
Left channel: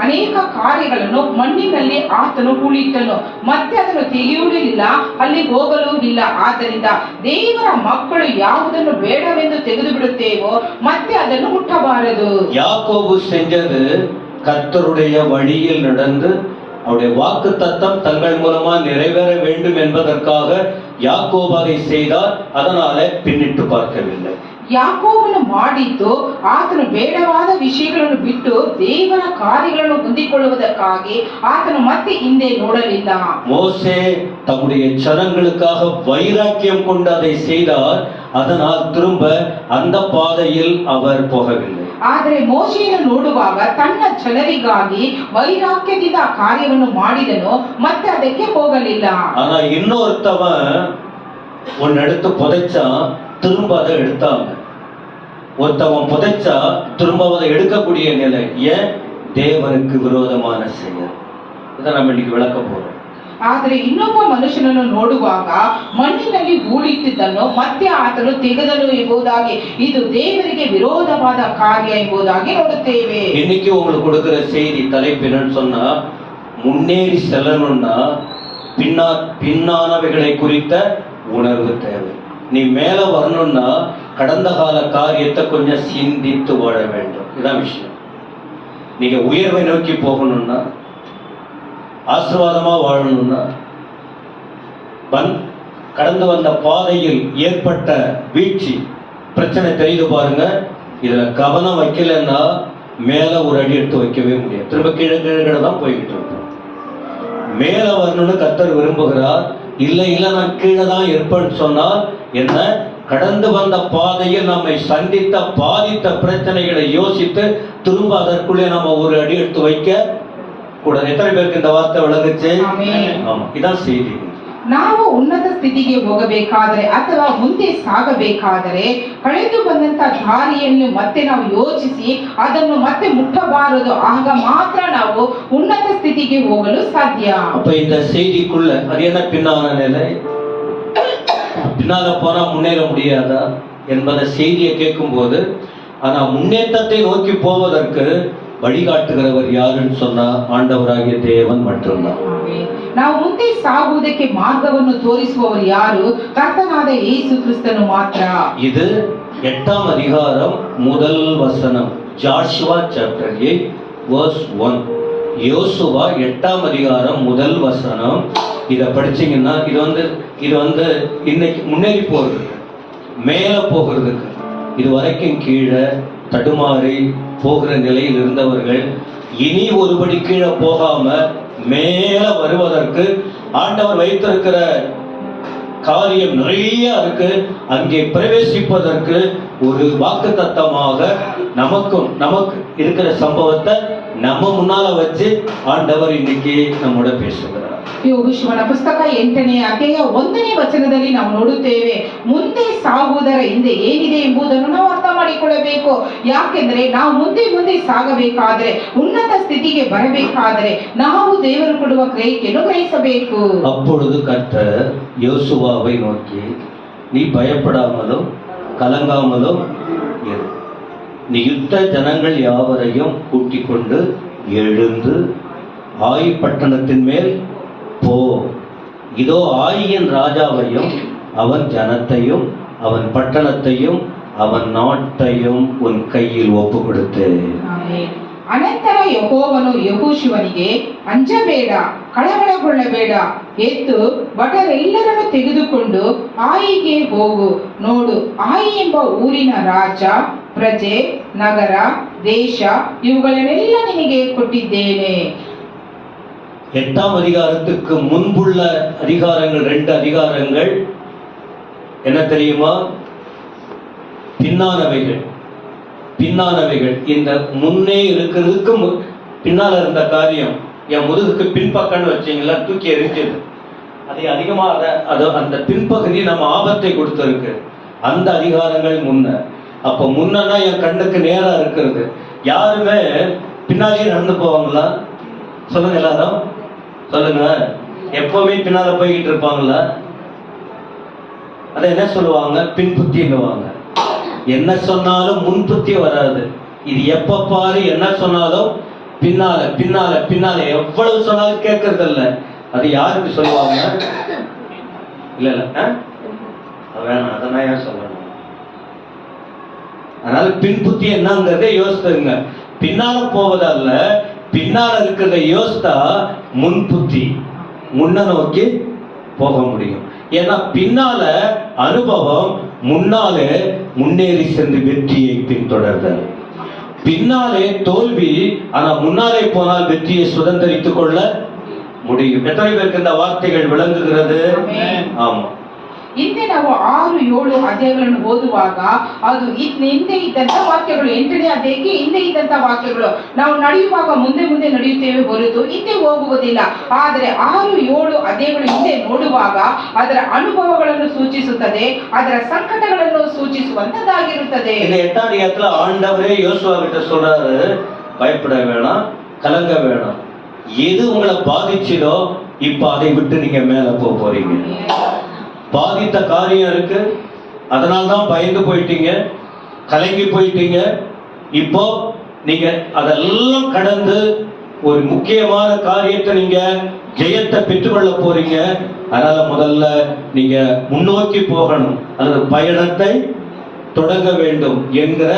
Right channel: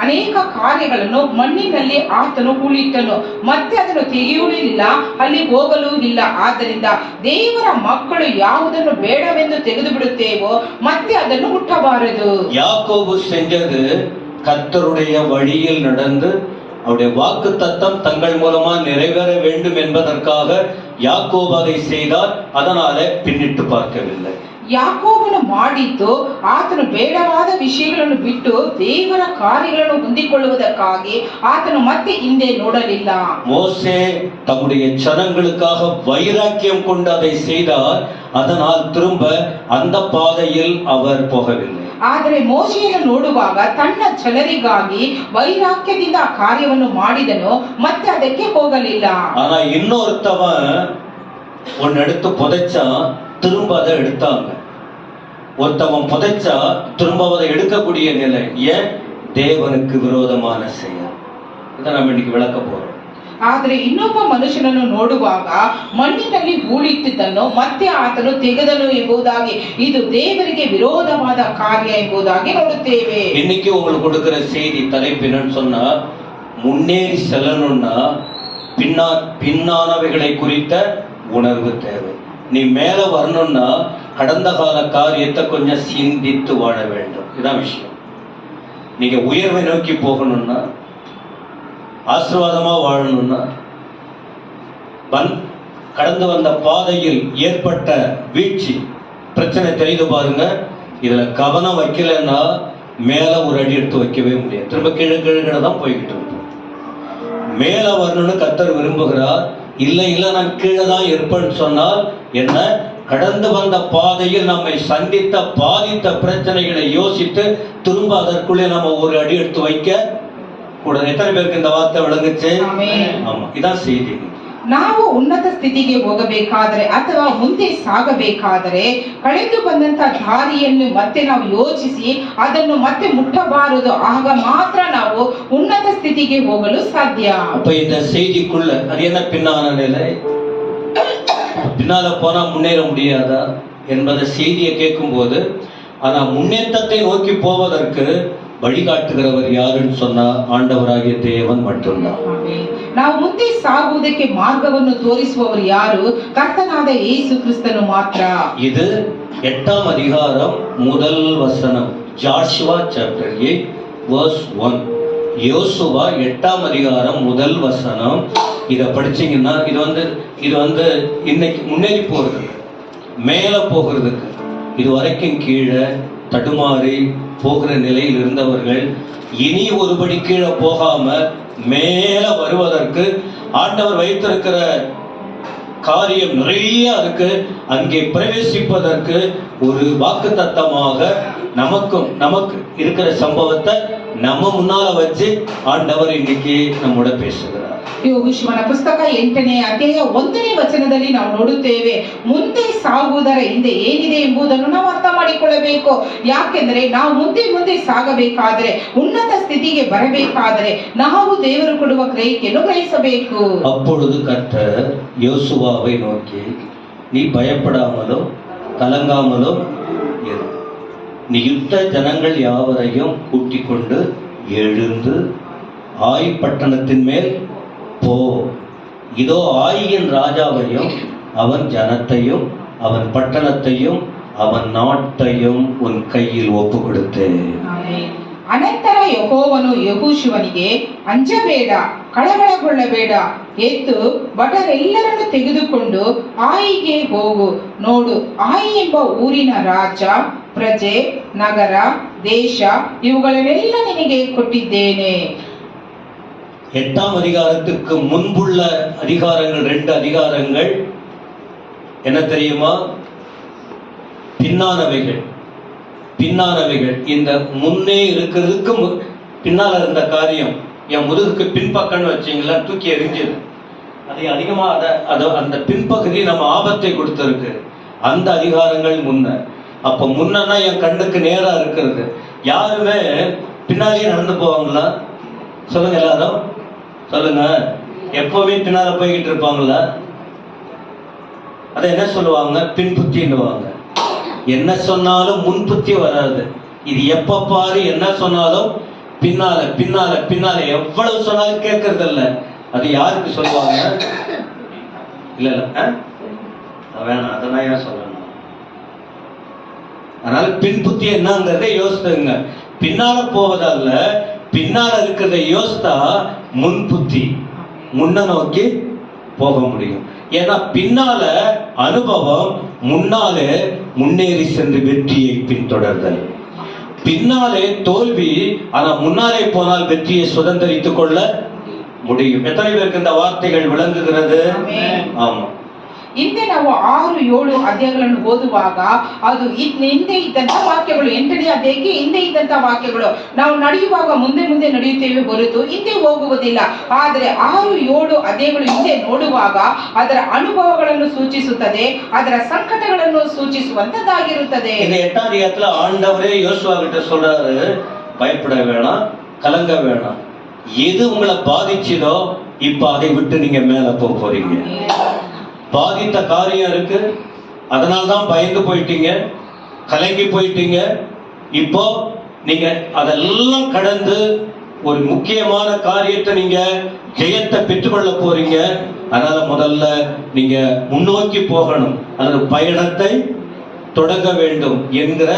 ಅನೇಕ ಕಾರ್ಯಗಳನ್ನು ಮಣ್ಣಿನಲ್ಲಿ ಆತನು ಹೂಳಿಟ್ಟನು, ಮತ್ತೆ ಅದನ್ನು ತೆಗೆಯುವುದಿಲ್ಲ, ಅಲ್ಲಿ ಹೋಗಲೂ ಇಲ್ಲ. ಆದ್ದರಿಂದ ದೇವರ ಮಕ್ಕಳು ಯಾವುದನ್ನು ಬೇಡವೆಂದು ತೆಗೆದು ಬಿಡುತ್ತೇವೋ ಮತ್ತೆ ಅದನ್ನು ಮುಟ್ಟಬಾರದು. யாக்கோபு செஞ்சது கர்த்தருடைய வழியில் நடந்து அவருடைய வாக்கு தத்தம் தங்கள் மூலமா நிறைவேற வேண்டும் என்பதற்காக யாக்கோபு அதை செய்தார். அதனால பின்னிட்டு பார்க்கவில்லை. ಯಾಕೋಬನು ಮಾಡಿದ್ದು ಆತನು ಬೇಡವಾದ ವಿಷಯಗಳನ್ನು ಬಿಟ್ಟು ದೇವರ ಕಾರ್ಯಗಳನ್ನು ಹೊಂದಿಕೊಳ್ಳುವುದಕ್ಕಾಗಿ ಆತನು ಮತ್ತೆ ಹಿಂದೆ ನೋಡಲಿಲ್ಲ. மோசே தம்முடைய ஜனங்களுக்காக வைராக்கியம் கொண்டு அதை செய்தார். அதனால் திரும்ப அந்த பாதையில் அவர் போகவில்லை. ಆದರೆ ಮೋಶೆಯನ್ನು ನೋಡುವಾಗ ತನ್ನ ಜನರಿಗಾಗಿ ವೈರಾಗ್ಯದಿಂದ ಆ ಕಾರ್ಯವನ್ನು ಮಾಡಿದನು, ಮತ್ತೆ ಅದಕ್ಕೆ ಹೋಗಲಿಲ್ಲ. ஆனா இன்னொருத்தவன் ஒன்னு எடுத்து புதைச்சா திரும்ப அதை எடுத்தாங்க. ஒருத்தவன் புதைச்சா திரும்ப அதை எடுக்கக்கூடிய நிலை. ஏன்? தேவனுக்கு விரோதமான செயல். இதை நம்ம இன்னைக்கு விளக்க போறோம். ಆದರೆ ಇನ್ನೊಬ್ಬ ಮನುಷ್ಯನನ್ನು ನೋಡುವಾಗ ಮಣ್ಣಿನಲ್ಲಿ ಹೂಳಿಟ್ಟಿದ್ದನ್ನು ಮತ್ತೆ ಆತನು ತೆಗೆದನು ಎಂಬುದಾಗಿ ಇದು ದೇವರಿಗೆ ವಿರೋಧವಾದ ಕಾರ್ಯ ಎಂಬುದಾಗಿ ನೋಡುತ್ತೇವೆ. இன்னைக்கு உங்களுக்கு கொடுக்கிற செய்தி தலைப்பு என்னன்னு சொன்னா, முன்னேறி செல்லணும்னா பின்னானவைகளை குறித்த உணர்வு தேவை. நீ மேல வரணும்னா கடந்த கால காரியத்தை கொஞ்சம் சிந்தித்து வாழ வேண்டும். இதான் விஷயம். நீங்க உயர்வை நோக்கி போகணும்னா, ஆசீர்வாதமா வாழணும்னா, கடந்து வந்த பாதையில் ஏற்பட்ட வீழ்ச்சி பிரச்சனை தெரிந்து பாருங்க. இதுல கவனம் வைக்கலன்னா மேல ஒரு அடி எடுத்து வைக்கவே முடியாது. திரும்ப கீழே கீழே தான் போய்கிட்டு இருக்கும். மேல வரணும்னு கர்த்தர் விரும்புகிறார். இல்லை நான் கீழே தான் இருப்பேன்னு சொன்னால் என்ன? கடந்து வந்த பாதையில் நம்மை சந்தித்த பாதித்த பிரச்சனைகளை யோசித்து திரும்ப அதற்குள்ளே நம்ம ஒரு அடி எடுத்து வைக்க கூடாது. எத்தனை பேருக்கு இந்த வார்த்தை விளங்குச்சு? ஆமா, இதான் செய்தி. ನಾವು ಉನ್ನತ ಸ್ಥಿತಿಗೆ ಹೋಗಬೇಕಾದರೆ ಅಥವಾ ಮುಂದೆ ಸಾಗಬೇಕಾದರೆ ಕಳೆದು ಬಂದಂತ ದಾರಿಯನ್ನು ಮತ್ತೆ ನಾವು ಯೋಚಿಸಿ ಅದನ್ನು ಮತ್ತೆ ಮುಟ್ಟಬಾರದು. ಆಗ ಮಾತ್ರ ನಾವು ಉನ್ನತ ಸ್ಥಿತಿಗೆ ಹೋಗಲು ಸಾಧ್ಯ. அப்ப இந்த செய்திக்குள்ள அது என்ன பின்னான நிலை? பின்னால போனா முன்னேற முடியாதா என்பதை செய்தியை கேட்கும்போது, ஆனா முன்னேற்றத்தை நோக்கி போவதற்கு வழிகாட்டுகிறவர் ಯಾರುன்னு சொன்னா ಆಂಡವರಾಗಿಯ ದೇವನ್ மட்டும்தான். ನಾವು ಮುಂದೆ ಸಾಗುವುದಕ್ಕೆ ಮಾರ್ಗವನ್ನು ತೋರಿಸುವವರು ಯಾರು? ಕರ್ತನಾದ ಯೇಸು ಕ್ರಿಸ್ತನು ಮಾತ್ರ. இது 8ஆம் அதிகாரம் முதல் வசனம். Joshua chapter 8 verse 1. யோசுவா 8ஆம் அதிகாரம் முதல் வசனம். இத படிச்சீங்கன்னா இது வந்து இன்னைக்கு முன்னேறி போறதுக்கு, மேல போகிறதுக்கு, இது வரைக்கும் கீழே தடுமாறி போகிற நிலையில் இருந்தவர்கள் இனி ஒருபடி கீழே போகாம மேல வருவதற்கு ஆண்டவர் வைத்திருக்கிற காரியம் நிறைய இருக்கு. அங்கே பிரவேசிப்பதற்கு ஒரு வாக்குத்தத்தமாக நமக்கு இருக்கிற சம்பவத்தை நம்ம முன்னால வச்சு ஆண்டவர் இன்னைக்கு நம்மோட பேசுகிறார். ಯೆಹೋಶುವನ ಪುಸ್ತಕ 8ನೇ ಅಧ್ಯಾಯ 1ನೇ ವಚನದಲ್ಲಿ ನಾವು ನೋಡುತ್ತೇವೆ, ಮುಂದೆ ಸಾಗುವುದರ ಹಿಂದೆ ಏನಿದೆ ಎಂಬುದನ್ನು ನಾವು ಅರ್ಥ ಮಾಡಿಕೊಳ್ಳಬೇಕು. ಯಾಕೆಂದ್ರೆ ನಾವು ಮುಂದೆ ಸಾಗಬೇಕಾದ್ರೆ, ಉನ್ನತ ಸ್ಥಿತಿಗೆ ಬರಬೇಕಾದ್ರೆ ನಾವು ದೇವರು ಕೊಡುವ ಗ್ರಹಿಕೆಯನ್ನು ಗ್ರಹಿಸಬೇಕು. அப்பொழுது கர்த்தர் யோசுவாவை நோக்கி, நீ பயப்படாமலும் கலங்காமலும் இரு. நீ யுத்த ஜனங்கள் யாவரையும் கூட்டிக் கொண்டு எழுந்து ஆய் பட்டணத்தின் மேல் போ. இதோ ஆயின் ராஜாவையும் அவன் ஜனத்தையும் அவன் பட்டணத்தையும் அவன் நாட்டையும் உன் கையில் ಒಪ್ಪು ಕೊಡುತ್ತೇನೆ. ಅನಂತರ ಯೆಹೋವನು ಯೆಹೋಶುವನಿಗೆ, ಅಂಜಬೇಡ, ಕಳವಳಗೊಳ್ಳಬೇಡ, ಎದ್ದು ಭಟರೆಲ್ಲರನ್ನು ತೆಗೆದುಕೊಂಡು ಆಯಿಗೆ ಹೋಗು. ನೋಡು, ಆಯಿ ಎಂಬ ಊರಿನ ರಾಜ, ಪ್ರಜೆ, ನಗರ, ದೇಶ ಇವುಗಳನ್ನೆಲ್ಲ ನಿನಗೆ ಕೊಟ್ಟಿದ್ದೇನೆ. 8ஆம் அதிகாரத்துக்கு முன்புள்ள அதிகாரங்கள், 2 அதிகாரங்கள் என்ன தெரியுமா? பின்னானவைகள். இந்த முன்னே இருக்கிறதுக்கு பின்னால இருந்த காரியம், என் முதுகுக்கு பின்பக்கம்னு வச்சீங்களா, தூக்கி எரிஞ்சது. அதை அதிகமா அந்த பின்பகுதி நம்ம ஆபத்தை கொடுத்திருக்கு. அந்த அதிகாரங்கள் முன்ன. அப்ப முன்னா என் கண்ணுக்கு நேரா இருக்கிறது. யாருமே பின்னாலேயே நடந்து போவாங்களா? சொல்லுங்க எல்லாரும், சொல்லுங்க. எப்பவுமே பின்னால போய்கிட்டு இருப்பாங்களா? அதை என்ன சொல்லுவாங்க? பின்புத்தின்னுவாங்க. என்ன சொன்னாலும் முன்புத்தி வராது. இது எப்ப பாரு என்ன சொன்னாலும் பின்னால எவ்வளவு சொன்னாலும் கேட்கறது இல்ல. அது யாருக்கு சொல்லுவாங்க? இல்ல வேணாம், அதெல்லாம் ஏன் சொல்லணும்? அதனால பின்புத்தி என்னங்கிறத யோசித்துங்க. பின்னால போவதல்ல, பின்னால இருக்கிறத யோசித்தா முன்புத்தி, முன்ன நோக்கி போக முடியும். ஏன்னா பின்னால அனுபவம், முன்னாலே முன்னேறி சென்று வெற்றியை பின்தொடர்தல். பின்னாலே தோல்வி, ஆனா முன்னாலே போனால் வெற்றியை சுதந்திரித்துக் கொள்ள முடியும். எத்தனை பேருக்கு இந்த வார்த்தைகள் விளங்குகிறது? ஆமா. ಹಿಂದೆ ನಾವು 6-7 ಅಧ್ಯಾಯಗಳನ್ನು ಓದುವಾಗ ಅದು ಹಿಂದೆ ಇದ್ದಂತ ವಾಕ್ಯಗಳು, 8ನೇ ಅಧ್ಯಾಯಕ್ಕೆ ಹಿಂದೆ ಇದ್ದಂತ ವಾಕ್ಯಗಳು. ನಾವು ನಡೆಯುವಾಗ ಮುಂದೆ ನಡೆಯುತ್ತೇವೆ ಹೊರತು ಹಿಂದೆ ಹೋಗುವುದಿಲ್ಲ. ಆದರೆ 6-7 ಅಧ್ಯಾಯಗಳು ಹಿಂದೆ ನೋಡುವಾಗ ಅದರ ಅನುಭವಗಳನ್ನು ಸೂಚಿಸುತ್ತದೆ, ಅದರ ಸಂಕಟಗಳನ್ನು ಸೂಚಿಸುವಂತದ್ದಾಗಿರುತ್ತದೆ. 8ஆம் அதிகாரத்துல ஆண்டவரே யோசுவா கிட்ட சொல்றாரு, பயப்பட வேணாம், கலங்க வேணாம். எது உங்களை பாதிச்சதோ இப்ப அதை விட்டு நீங்க மேல போறீங்க. பாதித்த காரியம் இருக்கு, அதனால்தான் பயந்து போயிட்டீங்க, கலங்கி போயிட்டீங்க. இப்போ நீங்க அதெல்லாம் கடந்து ஒரு முக்கியமான காரியத்தை நீங்க ஜெயத்தை பெற்றுக்கொள்ள போறீங்க. அதனால முதல்ல நீங்க முன்னோக்கி போகணும், அல்லது பயணத்தை தொடங்க வேண்டும் என்கிற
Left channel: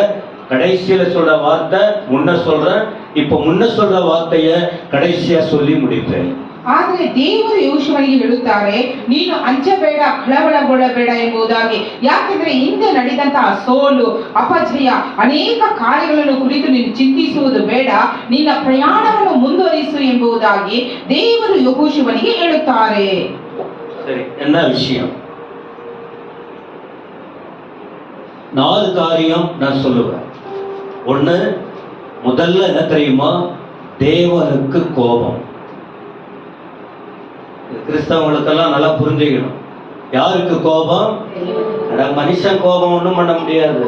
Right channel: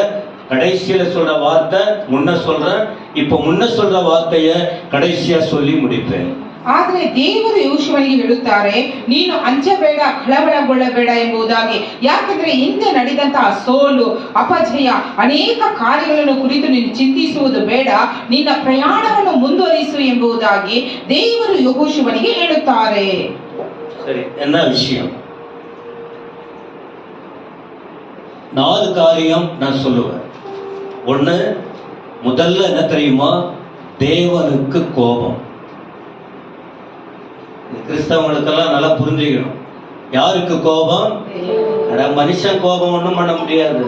கடைசியில சொல்ற வார்த்தை முன்ன சொல்றேன். இப்ப முன்ன சொல்ற வார்த்தைய கடைசியா சொல்லி முடிப்பேன். ಆದರೆ ದೇವರು ಯೆಹೋಶುವನಿಗೆ ಹೇಳುತ್ತಾರೆ, ನೀನು ಅಂಜಬೇಡ, ಕಳವಳಗೊಳ್ಳಬೇಡ ಎಂಬುದಾಗಿ. ಯಾಕೆಂದ್ರೆ ಹಿಂದೆ ನಡೆದಂತಹ ಸೋಲು, ಅಪಜಯ, ಅನೇಕ ಕಾರ್ಯಗಳನ್ನು ಕುರಿತು ನೀನು ಚಿಂತಿಸುವುದು ಬೇಡ, ನಿನ್ನ ಪ್ರಯಾಣವನ್ನು ಮುಂದುವರಿಸು ಎಂಬುದಾಗಿ ದೇವರು ಯೆಹೋಶುವನಿಗೆ ಹೇಳುತ್ತಾರೆ. சரி, என்ன விஷயம்? 4 காரியம் நான் சொல்லுவேன். ஒண்ணு, முதல்ல என்ன தெரியுமா? தேவனுக்கு கோபம். கிறிஸ்தவங்களுக்கெல்லாம் நல்லா புரிஞ்சுக்கணும். யாருக்கு கோபம்? மனுஷன் கோபம் ஒண்ணும் பண்ண முடியாது.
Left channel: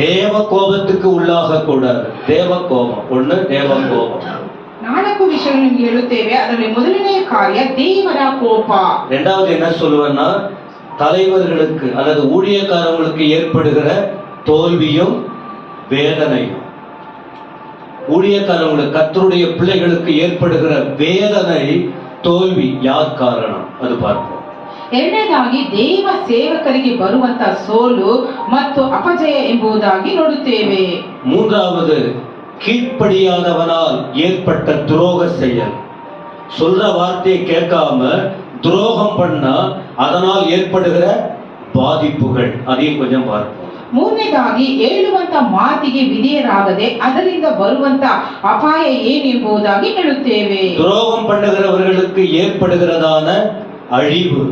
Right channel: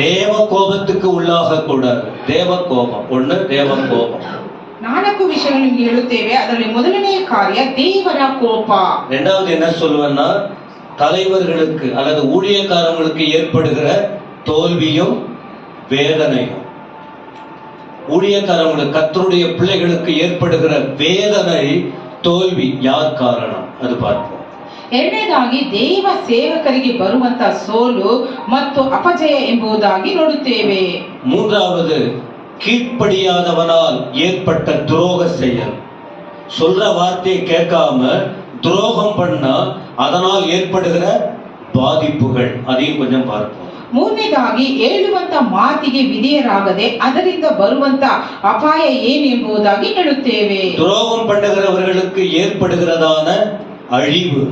தேவ கோபத்துக்கு உள்ளாக கூடாது. தேவ கோபம் ஒண்ணு, தேவ கோபம். 4 ವಿಷಯಗಳನ್ನು ನಿಮಗೆ ಹೇಳುತ್ತೇವೆ. ಅದರಲ್ಲಿ ಮೊದಲನೆಯ ಕಾರ್ಯ ದೇವರ ಕೋಪ. இரண்டாவது என்ன சொல்லுவேன்னா, தலைவர்களுக்கு அல்லது ஊழியக்காரங்களுக்கு ஏற்படுகிற தோல்வியும் வேதனையும், ஊழியக்காரங்களுக்கு கர்த்தருடைய பிள்ளைகளுக்கு ஏற்படுகிற வேதனை தೋಲ್ವಿ ಯಾರ್ ಕಾರಣ ಅದು பார்ப்போம். ಎರಡನೇದಾಗಿ ದೇವ ಸೇವಕರಿಗೆ ಬರುವಂತ ಸೋಲು ಮತ್ತು ಅಪಜಯ ಎಂಬುದಾಗಿ ನೋಡುತ್ತೇವೆ. மூன்றாவது கீழ்ப்படியாதவனால் ஏற்பட்ட துரோக செயல். சொல்ற வார்த்தையை கேட்காம துரோகம் பண்ணா அதனால் ஏற்படுகிற பாதிப்புகள், அதையும் கொஞ்சம் பார்ப்போம். ಮೂರನೇದಾಗಿ ಹೇಳುವಂತ ಮಾತಿಗೆ ವಿಧೇಯರಾಗದೆ ಅದರಿಂದ ಬರುವಂತ ಅಪಾಯ ಏನೆಂಬುದಾಗಿ ಹೇಳುತ್ತೇವೆ. துரோகம் பண்ணுகிறவர்களுக்கு ஏற்படுகிறதான அழிவு,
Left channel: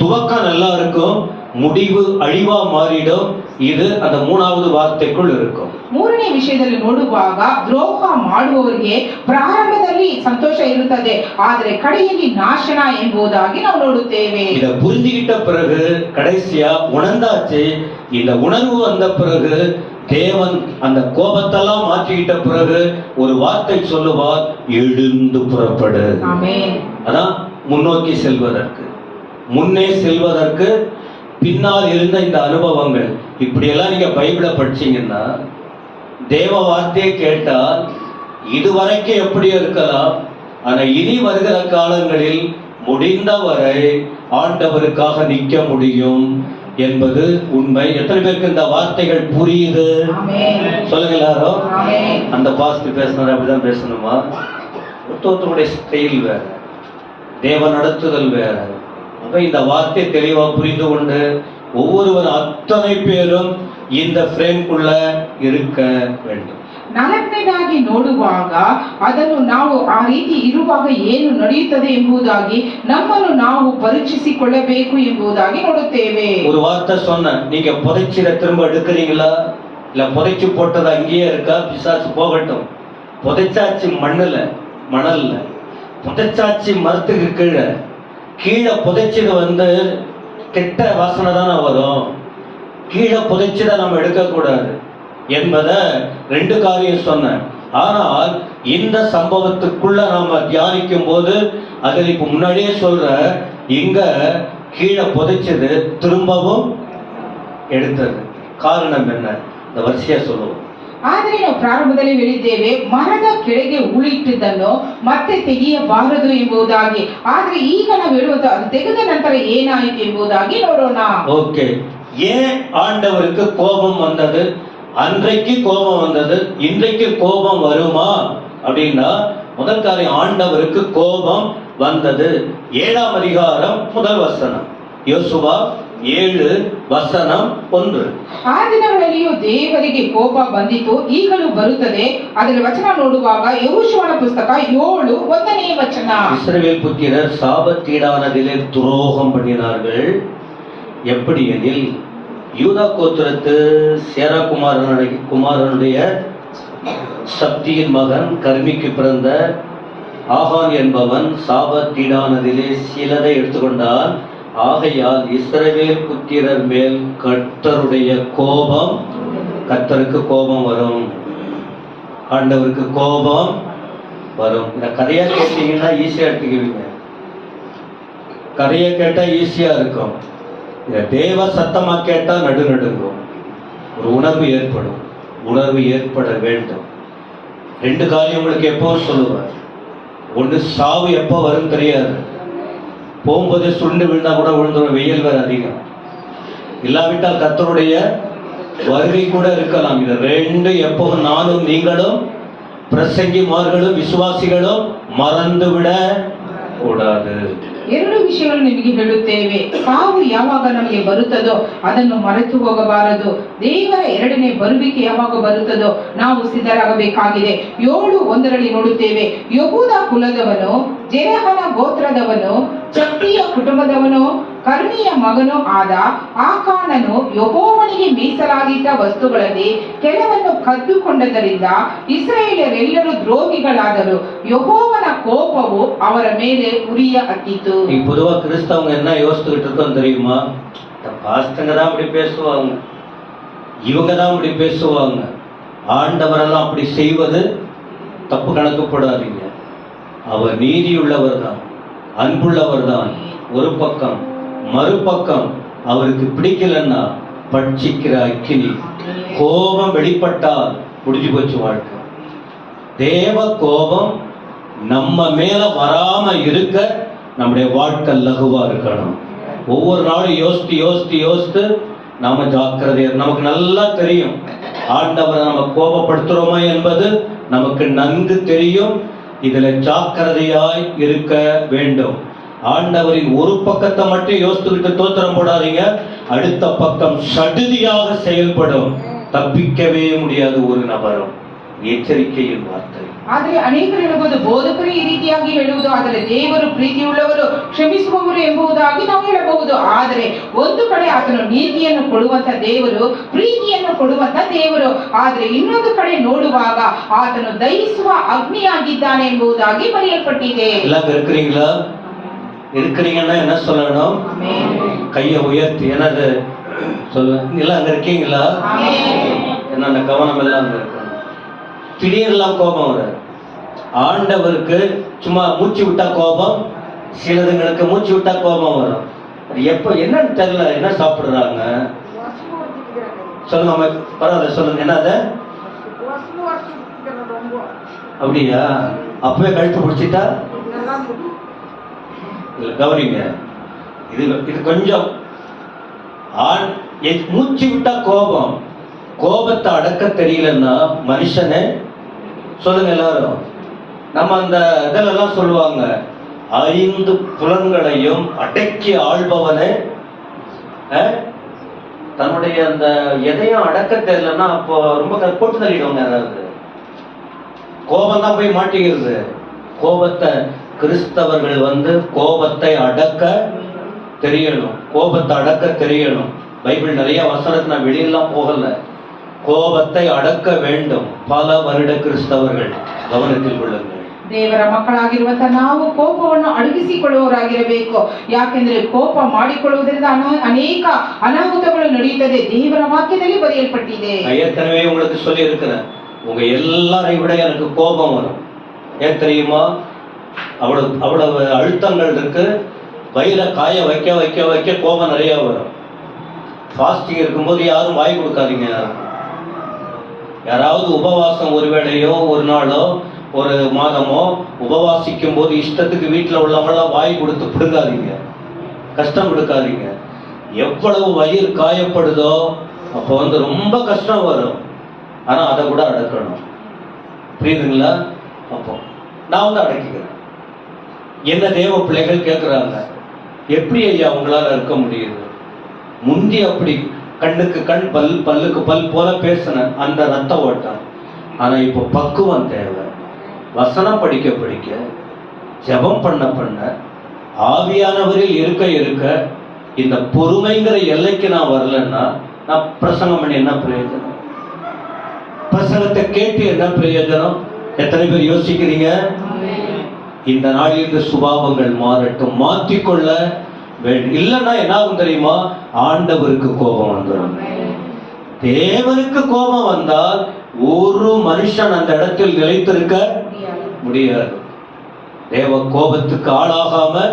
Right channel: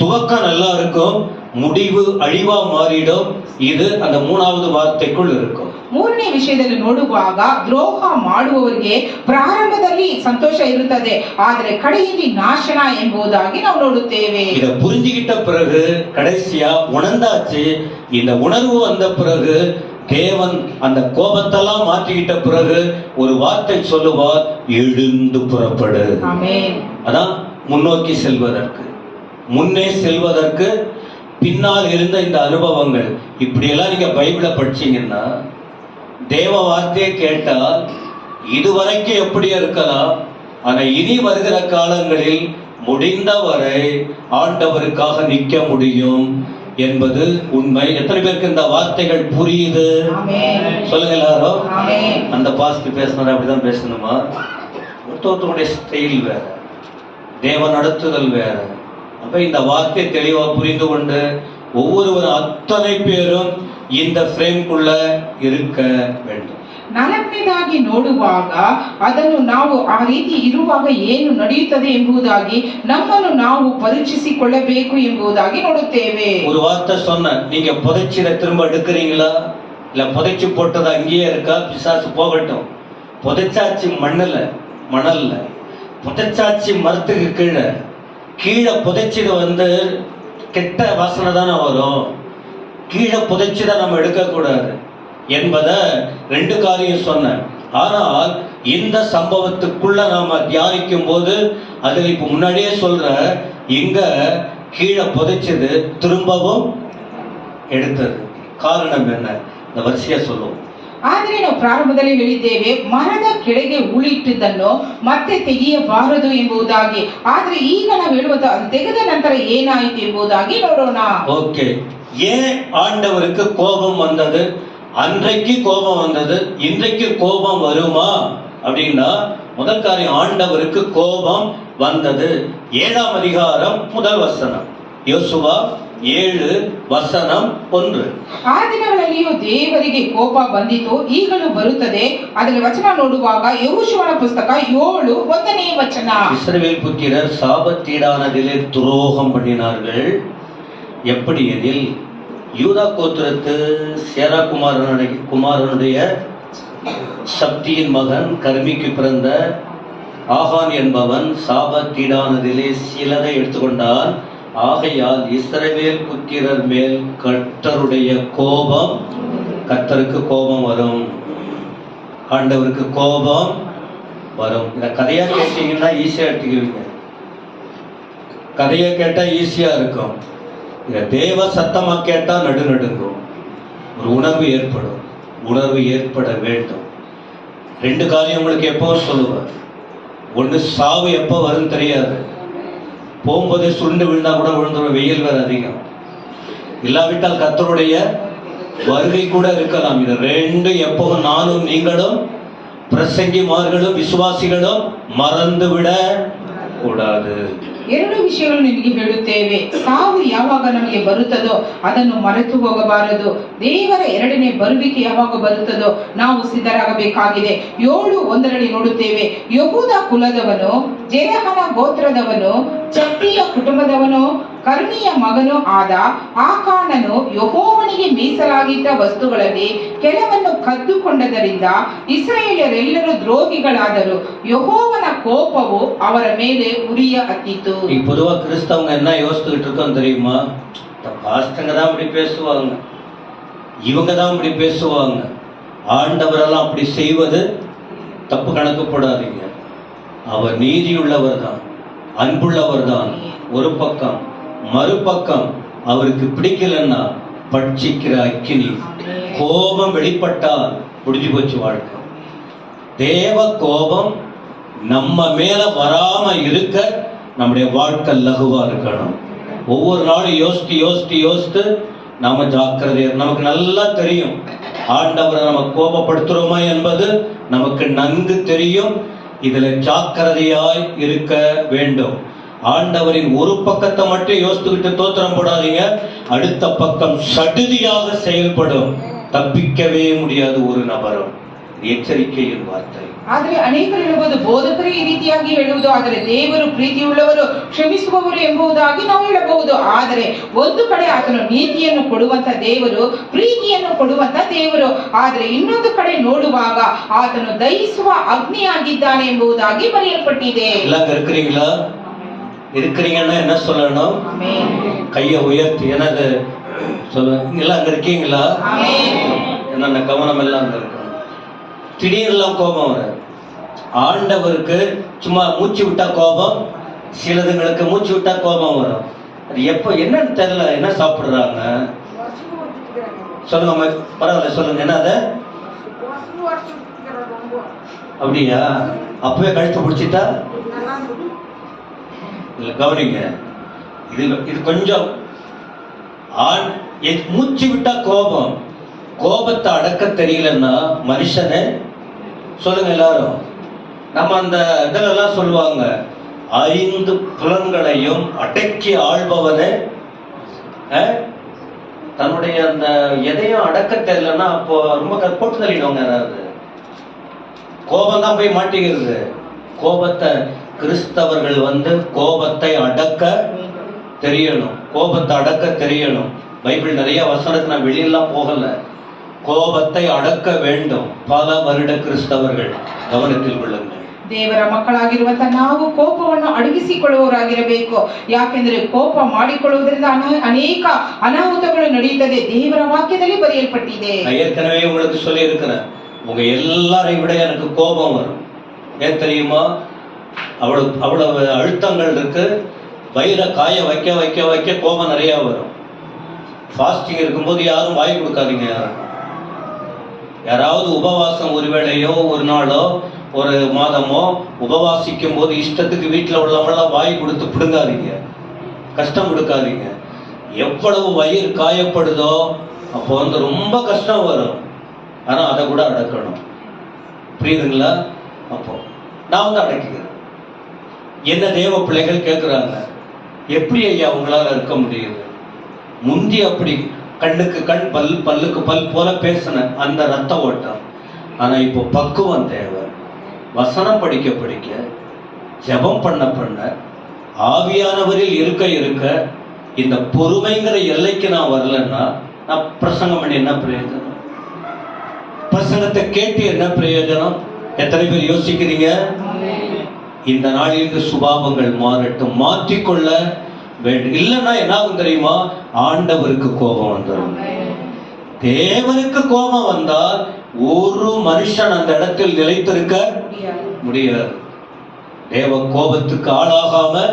துவக்கம் நல்லா இருக்கும், முடிவு அழிவா மாறிடும். இது அந்த மூணாவது வார்த்தைக்குள் இருக்கும். ಮೂರನೇ ವಿಷಯದಲ್ಲಿ ನೋಡುವಾಗ ದ್ರೋಹ ಮಾಡುವವರಿಗೆ ಪ್ರಾರಂಭದಲ್ಲಿ ಸಂತೋಷ ಇರುತ್ತದೆ, ಆದರೆ ಕಡೆಯಲ್ಲಿ ನಾಶನ ಎಂಬುದಾಗಿ ನಾವು ನೋಡುತ್ತೇವೆ. இத புரிஞ்சுகிட்ட பிறகு கடைசியா உணர்ந்தாச்சு. இந்த உணர்வு வந்த பிறகு தேவன் அந்த கோபத்தெல்லாம் மாற்றிக்கிட்ட பிறகு ஒரு வார்த்தை சொல்லுவார், எழுந்து புறப்படு. அதான் முன்னோக்கி செல்வதற்கு, முன்னே செல்வதற்கு பின்னால் இருந்த இந்த அனுபவங்கள். இப்படியெல்லாம் நீங்க பைபிளை படிச்சீங்கன்னா, தேவ வார்த்தையை கேட்டால் இதுவரைக்கும் எப்படி இருக்கலாம், ஆனா இனி வருகிற காலங்களில் முடிந்தவரை ஆண்டவருக்காக நிற்க முடியும் என்பது உண்மை. எத்தனை பேருக்கு இந்த வார்த்தைகள் புரியுது? சொல்லுங்க எல்லாரும். அந்த பாஸ்ட் பேசணும் அப்படிதான் பேசணுமா? ஒருத்தருடைய ஸ்டைல் வேற, தேவ நடத்துதல் வேற. அப்ப இந்த வார்த்தை தெளிவா புரிந்து கொண்டு ஒவ்வொருவர் அத்தனை பேரும் இந்த ಫ್ರೇಮ್க்குள்ள இருக்க வேண்டும். ನಾಲ್ಕನೇದಾಗಿ ನೋಡುವಾಗ ಅದನ್ನು ನಾವು ಆ ರೀತಿ ಇರುವಾಗ ಏನು ನಡೆಯುತ್ತದೆ ಎಂಬುದಾಗಿ ನಮ್ಮನ್ನು ನಾವು ಪರೀಕ್ಷಿಸಿಕೊಳ್ಳಬೇಕು ಎಂಬುದಾಗಿ ನೋಡುತ್ತೇವೆ. ஒரு வார்த்தை சொன்ன, நீங்க புதைச்சிட திரும்ப எடுக்கிறீங்களா, இல்ல புதைச்சு போட்டது அங்கேயே இருக்கா? பிசாசு போகட்டும். புதைச்சாச்சு மணல்ல, புதைச்சாச்சு மரத்துக்கு கீழே புதைச்சது கெட்ட வாசனை தானே வரும். கீழே புதைச்சுதான் நம்ம எடுக்கக்கூடாது என்பதை ரெண்டு காரியம் சொன்னேன். ஆனால் இந்த சம்பவத்துக்குள்ள நாம தியானிக்கும் போது அதில் இப்ப முன்னாடியே சொல்ற, இங்க கீழே புதைச்சது திரும்பவும் எடுத்தது. காரணம் என்ன? இந்த வரிசையா சொல்லுவோம். ಆದರೆ ನಾವು ಪ್ರಾರಂಭದಲ್ಲಿ ಹೇಳಿದ್ದೇವೆ, ಮರದ ಕೆಳಗೆ ಉಳಿಟ್ಟಿದ್ದನ್ನು ಮತ್ತೆ ತೆಗೆಯಬಾರದು ಎಂಬುದಾಗಿ. ಆದ್ರೆ ಈಗ ನಾವು ಹೇಳುವಂತ ಅದು ತೆಗೆದ ನಂತರ ಏನಾಯಿತು ಎಂಬುದಾಗಿ ನೋಡೋಣ. ஓகே, ஏன் ஆண்டவருக்கு கோபம் வந்தது? அன்றைக்கு கோபம் வந்தது, இன்றைக்கு கோபம் வருமா அப்படின்னா, முதல் காரியம், ஆண்டவருக்கு கோபம் வந்தது. 7ஆம் அதிகாரம் 1 வசனம், யோசுவா 7:1. ಆ ದಿನಗಳಲ್ಲಿಯೂ ದೇವರಿಗೆ ಕೋಪ ಬಂದಿತು, ಈಗಲೂ ಬರುತ್ತದೆ. ಅದರ ವಚನ ನೋಡುವಾಗ ಯೆಹೋಶುವನ ಪುಸ್ತಕ 7:1 ವಚನ. இஸ்ரவேல் புத்திரர் சாபத்தீடானதிலே துரோகம் பண்ணினார்கள். எப்படி எனில், யூதா கோத்திரத்து சேரா குமாரனுடைய சப்தியின் மகன் கர்மிக்கு பிறந்த ஆகான் என்பவன் சாபத்தீடானதிலே சிலதை எடுத்துக்கொண்டான். ஆகையால் இஸ்ரவேல் புத்திரர் மேல் கர்த்தருக்கு கோபம் வரும், ஆண்டவருக்கு கோபம் வரும். இந்த கதையா கேட்டீங்கன்னா ஈஸியா எடுத்துக்குவீங்க, கதையை கேட்டா ஈஸியா இருக்கும். இத தேவ சத்தமா கேட்டா நடுநடுங்கும், ஒரு உணர்வு ஏற்பட வேண்டும். ரெண்டு காரியம் உங்களுக்கு எப்பவும் சொல்லுவார். ஒன்று, சாவு எப்போ வரும் தெரியாது. போகும்போது சுண்டு விழுந்தா கூட விழுந்துடும், வெயில் வேற அதிகம். இல்லாவிட்டால் கர்த்தருடைய வருகை கூட இருக்கலாம். இது ரெண்டு எப்பவும் நானும் நீங்களும் பிரசங்கிமார்களும் விசுவாசிகளும் மறந்துவிட கூடாது. ಎರಡು ವಿಷಯಗಳು ನಿಮಗೆ ಹೇಳುತ್ತೇವೆ. ಸಾವು ಯಾವಾಗ ನಮಗೆ ಬರುತ್ತದೋ ಅದನ್ನು ಮರೆತು ಹೋಗಬಾರದು. ದೇವರ ಎರಡನೇ ಬರುವಿಕೆ ಯಾವಾಗ ಬರುತ್ತದೋ ನಾವು ಸಿದ್ಧರಾಗಬೇಕಾಗಿದೆ. 7:1 ನೋಡುತ್ತೇವೆ, ಯೆಹೂದ ಕುಲದವನು, ಜೆರಹನ ಗೋತ್ರದವನು, ಚಪ್ಪಿಯ ಕುಟುಂಬದವನು, ಕರ್ಮಿಯ ಮಗನೂ ಆದ ಆಕಾನನು ಯೆಹೋವನಿಗೆ ಮೀಸಲಾಗಿದ್ದ ವಸ್ತುಗಳಲ್ಲಿ ಕೆಲವನ್ನು ಕದ್ದುಕೊಂಡದರಿಂದ ಇಸ್ರಾಯೇಲರೆಲ್ಲರೂ ದ್ರೋಹಿಗಳಾದರು. ಯೆಹೋವನ ಕೋಪವು ಅವರ ಮೇಲೆ ಉರಿಯ ಹತ್ತಿತು. பொதுவா கிறிஸ்தவங்க என்ன யோசிச்சுக்கிட்டு இருக்கோம் தெரியுமா? பாஸ்டங்க தான் அப்படி பேசுவாங்க, இவங்க தான் அப்படி பேசுவாங்க, ஆண்டவரெல்லாம் அப்படி செய்வது தப்பு கணக்குப்படாதீங்க. அவர் நீதியுள்ளவர் தான், அன்புள்ளவர் தான் ஒரு பக்கம். மறுபக்கம் அவருக்கு பிடிக்கலன்னா பட்சிக்கிற அக்கினி. கோபம் வெளிப்பட்டால் முடிஞ்சு போச்சு வாழ்க்கை. தேவ கோபம் நம்ம மேல வராம இருக்க நம்முடைய வாழ்க்கை லகுவா இருக்கணும். ஒவ்வொரு நாளும் யோசித்து யோசித்து யோசித்து நாம ஜாக்கிரதையா, நமக்கு நல்லா தெரியும் ஆண்டவரை நம்ம கோபப்படுத்துறோமா என்பது நமக்கு நன்கு தெரியும். இதுல ஜாக்கிரதையாய் இருக்க வேண்டும். ஆண்டவரின் ஒரு பக்கத்தை மட்டும் யோசித்துக்கிட்டு தோத்திரம் போடாதீங்க. அடுத்த பக்கம் சடுதியாக செயல்படும். தப்பிக்கவே முடியாது ஒரு நபரும். ಎಚ್ಚರಿಕೆயின் ವಾರ್ತೆ. ಆದ್ರೆ ಅನೇಕರು ಹೇಳಬಹುದು ಬೋಧಕರೇ ಈ ರೀತಿಯಾಗಿ ಹೇಳುವುದು, ಆದರೆ ದೇವರು ಪ್ರೀತಿಯುಳ್ಳವರು, ಕ್ಷಮಿಸುವವರು ಎಂಬುದಾಗಿ ನಾವು ಹೇಳಬಹುದು. ಆದರೆ ಒಂದು ಕಡೆ ಆತನು ನೀತಿಯನ್ನು ಕೊಡುವಂತ ದೇವರು, ಪ್ರೀತಿಯನ್ನು ಕೊಡುವಂತ ದೇವರು, ಆದರೆ ಇನ್ನೊಂದು ಕಡೆ ನೋಡುವಾಗ ಆತನು ದಹಿಸುವ ಅಗ್ನಿಯಾಗಿದ್ದಾನೆ ಎಂಬುದಾಗಿ ಬರೆಯಲ್ಪಟ್ಟಿದೆ. எல்லாம் இருக்கிறீங்களா? இருக்கிறீங்கன்னா என்ன சொல்லணும்? கையை உயர்த்தி என்னது சொல்லுங்க. எல்லாம் அங்க இருக்கீங்களா? என்னென்ன கவனம் எல்லாம் அங்க இருக்கணும். திடீரெல்லாம் கோபம் வராது. ஆண்டவருக்கு சும்மா மூச்சு விட்டா கோபம், சிலதுங்களுக்கு மூச்சு விட்டா கோபம் வரும். அது எப்போ என்னன்னு தெரியல. என்ன சாப்பிடுறாங்க சொல்லுங்க, பரவாயில்ல சொல்லுங்க. என்னது அப்படியா? அப்பவே கழுத்து பிடிச்சிட்டா கவனிங்க. இது கொஞ்சம் மூச்சு விட்டா கோபம். கோபத்தை அடக்க தெரியலன்னா மனுஷனே சொல்லுங்க எல்லாரும். நம்ம அந்த இதெல்லாம் சொல்லுவாங்க, 5 புலன்களையும் அடக்கி ஆள்பவனே. தன்னுடைய அந்த எதையும் அடக்க தெரியலன்னா அப்போ ரொம்ப போட்டு தள்ளிடுவாங்க யாராவது. கோபம் தான் போய் மாட்டிக்கிறது. கோபத்தை கிறிஸ்தவர்கள் கோபத்தை அடக்க தெரியணும். கோபத்தை அடக்க தெரியணும். பைபிள் நிறைய வசனத்தை நான் வெளியெல்லாம் போகல. கோபத்தை அடக்க வேண்டும். பல வருட கிறிஸ்தவர்கள் ಗಮನದಲ್ಲಿ கொள்ளுங்கள். ದೇವರ ಮಕ್ಕಳಾಗಿರುವಂತ ನಾವು ಕೋಪವನ್ನು ಅಡಗಿಸಿಕೊಳ್ಳುವವರಾಗಿರಬೇಕು. ಯಾಕೆಂದ್ರೆ ಕೋಪ ಮಾಡಿಕೊಳ್ಳುವುದರಿಂದ ಅನೇಕ ಅನಾಹುತಗಳು ನಡೆಯುತ್ತದೆ. ದೇವರ ವಾಕ್ಯದಲ್ಲಿ ಬರೆಯಲ್ಪಟ್ಟಿದೆ. ஏற்கனவே உங்களுக்கு சொல்லி இருக்கிறேன், உங்க எல்லாரையும் விட எனக்கு கோபம் வரும். ஏன் தெரியுமா? அவ்வளவு அழுத்தங்கள் இருக்கு. வயிறை காய வைக்க வைக்க வைக்க கோபம் நிறைய வரும். ஃபாஸ்டிங் இருக்கும்போது யாரும் வாய் கொடுக்காதீங்க. யாராவது உபவாசம் ஒரு வேளையோ ஒரு நாளோ ஒரு மாதமோ உபவாசிக்கும் போது இஷ்டத்துக்கு வீட்டில் உள்ளவங்களாம் வாய் கொடுத்து பிடுங்காதீங்க, கஷ்டம் கொடுக்காதீங்க. எவ்வளவு வயிறு காயப்படுதோ அப்போ ரொம்ப கஷ்டம் வரும். ஆனா அதை கூட அடக்கணும். புரியுதுங்களா? அப்போ நான் அடக்கிக்கிறேன். என்ன தேவ பிள்ளைகள் கேட்கிறாங்க, எப்படி ஐயா உங்களால இருக்க முடியுது? முந்தி அப்படி கண்ணுக்கு கண் பல்லுக்கு பல் போல பேசின அந்த ரத்த ஓட்டம். ஆனா இப்போ பக்குவம் தேவை. வசனம் படிக்க படிக்க, ஜெபம் பண்ண பண்ண, ஆவியானவரில் இருக்க இருக்க, இந்த பொறுமைங்கிற எல்லைக்கு நான் வரலன்னா நான் பிரசங்கம் பண்ணி என்ன பிரயோஜனம்? பிரசங்கத்தை கேட்டு என்ன பிரயோஜனம்? எத்தனை பேர் யோசிக்கிறீங்க? இந்த நாளிலிருந்து சுபாவங்கள் மாறட்டும், மாற்றிக்கொள்ள வேண்டும். இல்லைன்னா என்ன ஆகும் தெரியுமா? ஆண்டவருக்கு கோபம் வந்துடும். தேவனுக்கு கோபம் வந்தால் ஒரு மனுஷன் அந்த இடத்தில் நிலைத்திருக்க முடியாது. தேவ கோபத்துக்கு ஆளாகாம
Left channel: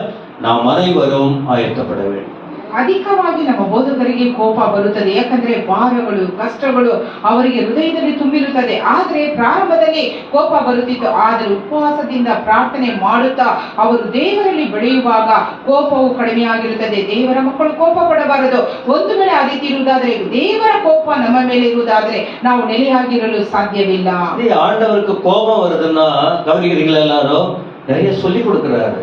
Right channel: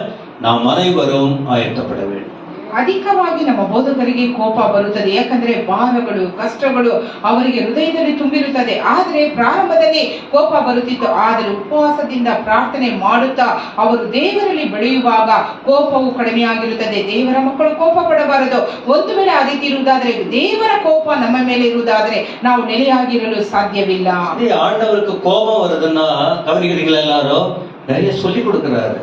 நாம் அனைவரும் ஆயத்தப்பட வேண்டும். ಅಧಿಕವಾಗಿ ನಮ್ಮ ಬೋಧಕರಿಗೆ ಕೋಪ ಬರುತ್ತದೆ. ಯಾಕಂದ್ರೆ ಭಾರಗಳು, ಕಷ್ಟಗಳು ಅವರಿಗೆ ಹೃದಯದಲ್ಲಿ ತುಂಬಿರುತ್ತದೆ. ಆದ್ರೆ ಪ್ರಾರಂಭದಲ್ಲಿ ಕೋಪ ಬರುತ್ತಿತ್ತು. ಆದರೆ ಉಪವಾಸದಿಂದ ಪ್ರಾರ್ಥನೆ ಮಾಡುತ್ತಾ ಅವರು ದೇವರಲ್ಲಿ ಬೆಳೆಯುವಾಗ ಕೋಪವು ಕಡಿಮೆಯಾಗಿರುತ್ತದೆ. ದೇವರ ಮಕ್ಕಳು ಕೋಪ ಪಡಬಾರದು. ಒಂದು ವೇಳೆ ಆ ರೀತಿ ಇರುವುದಾದ್ರೆ, ದೇವರ ಕೋಪ ನಮ್ಮ ಮೇಲೆ ಇರುವುದಾದ್ರೆ ನಾವು ನೆಲೆಯಾಗಿರಲು ಸಾಧ್ಯವಿಲ್ಲ. ஆண்டவருக்கு கோபம் வருதுன்னா கவனிக்கிறீங்களா? எல்லாரும் நிறைய சொல்லி கொடுக்கிறாரு.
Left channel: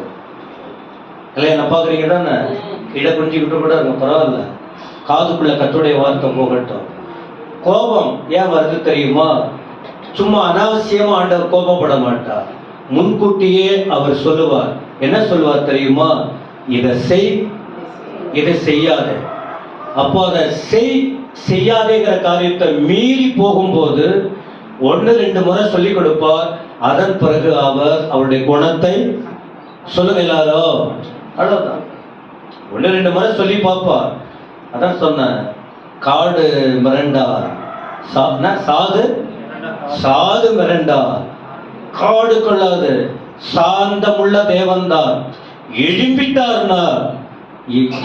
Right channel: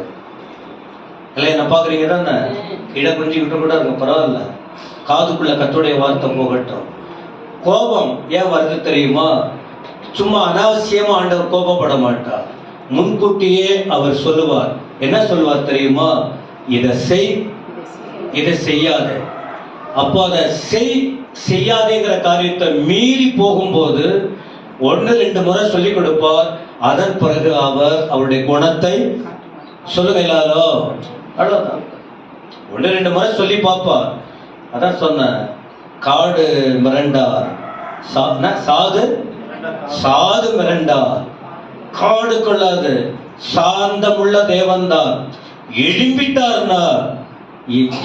கல்யாணம் பாக்குறீங்க தானே? கீழே குஞ்சிக்கிட்டு கூட இருக்கும், பரவாயில்ல. காதுக்குள்ள கர்த்தருடைய வார்த்தை போகட்டும். கோபம் ஏன் வருது தெரியுமா? சும்மா அனாவசியமா ஆண்டவர் கோபப்பட மாட்டார். முன்கூட்டியே அவர் சொல்லுவார். என்ன சொல்லுவார் தெரியுமா? இதை செய், இதை செய்யாதே. அப்போ அதை செய்யாதேங்கிற காரியத்தை மீறி போகும்போது 1-2 முறை சொல்லிக் கொடுப்பார். அதன் பிறகு அவர் அவருடைய குணத்தை சொல்லுங்க எல்லாரும். அவ்வளவுதான். 1-2 முறை சொல்லி பார்ப்பார். அதான் சொன்ன, காடு மிரண்டா, சாது மிரண்டா, காடு கொள்ளாது, சாந்தமுள்ள தேவன்தான். எழும்பிட்டார்னா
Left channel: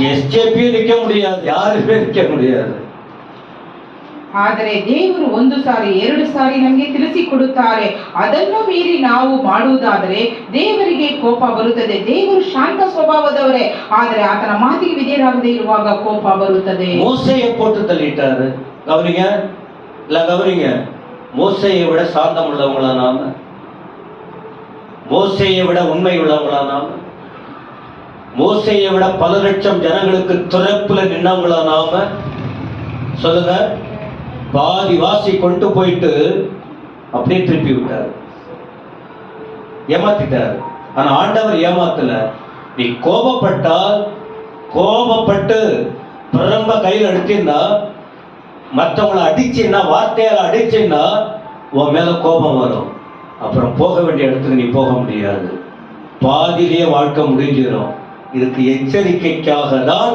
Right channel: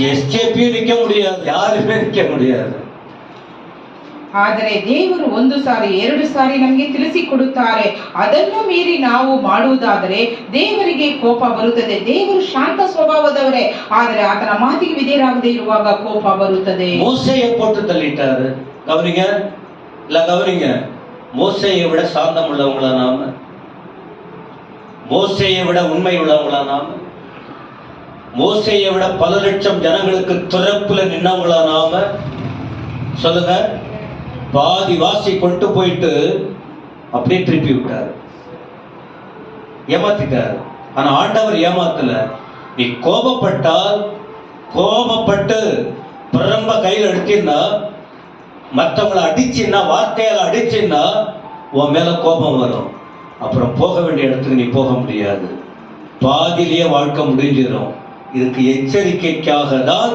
ಎಸ್ಜೆಪಿ ನಿಕ್ಕ முடியாது, ಯಾರುமே ನಿಕ್ಕ முடியாது. ಆದರೆ ದೇವರು ಒಂದು ಸಾರಿ ಎರಡು ಸಾರಿ ನಮಗೆ ತಿಳಿಸಿಕೊಡುತ್ತಾರೆ. ಅದನ್ನು ಮೀರಿ ನಾವು ಮಾಡುವುದಾದರೆ ದೇವರಿಗೆ ಕೋಪ ಬರುತ್ತದೆ. ದೇವರು ಶಾಂತ ಸ್ವಭಾವದವರೇ, ಆದರೆ ಆತನ ಮಾತಿಗೆ ವಿಧೇಯರಾಗದೇ ಇರುವಾಗ ಕೋಪ ಬರುತ್ತದೆ. மோசேயை போட்டு தள்ளிட்டாரு. கவனிங்க, இல்ல கவனிங்க, மோசேயை விட சாந்தம் உள்ளவங்களா நாம? மோசேயை விட உண்மை உள்ளவங்களா நாம? மோசேயை விட பல லட்சம் ஜனங்களுக்கு துறப்புல நின்னவங்களா நாம? சொல்லுங்க. பாதி வாசி கொண்டு போயிட்டு அப்படியே திருப்பி விட்டார், ஏமாத்திட்டார். ஆனா ஆண்டவர் ஏமாத்தல. நீ கோபப்பட்டு பிரம்ப கையில் எடுத்தீங்கன்னா, மற்றவங்களை அடிச்சுன்னா, வார்த்தையால அடிச்சுன்னா உன் மேல கோபம் வரும். அப்புறம் போக வேண்டிய இடத்துக்கு நீ போக முடியாது. பாதியிலேயே வாழ்க்கை முடிஞ்சிடும். இதுக்கு எச்சரிக்கைக்காக தான்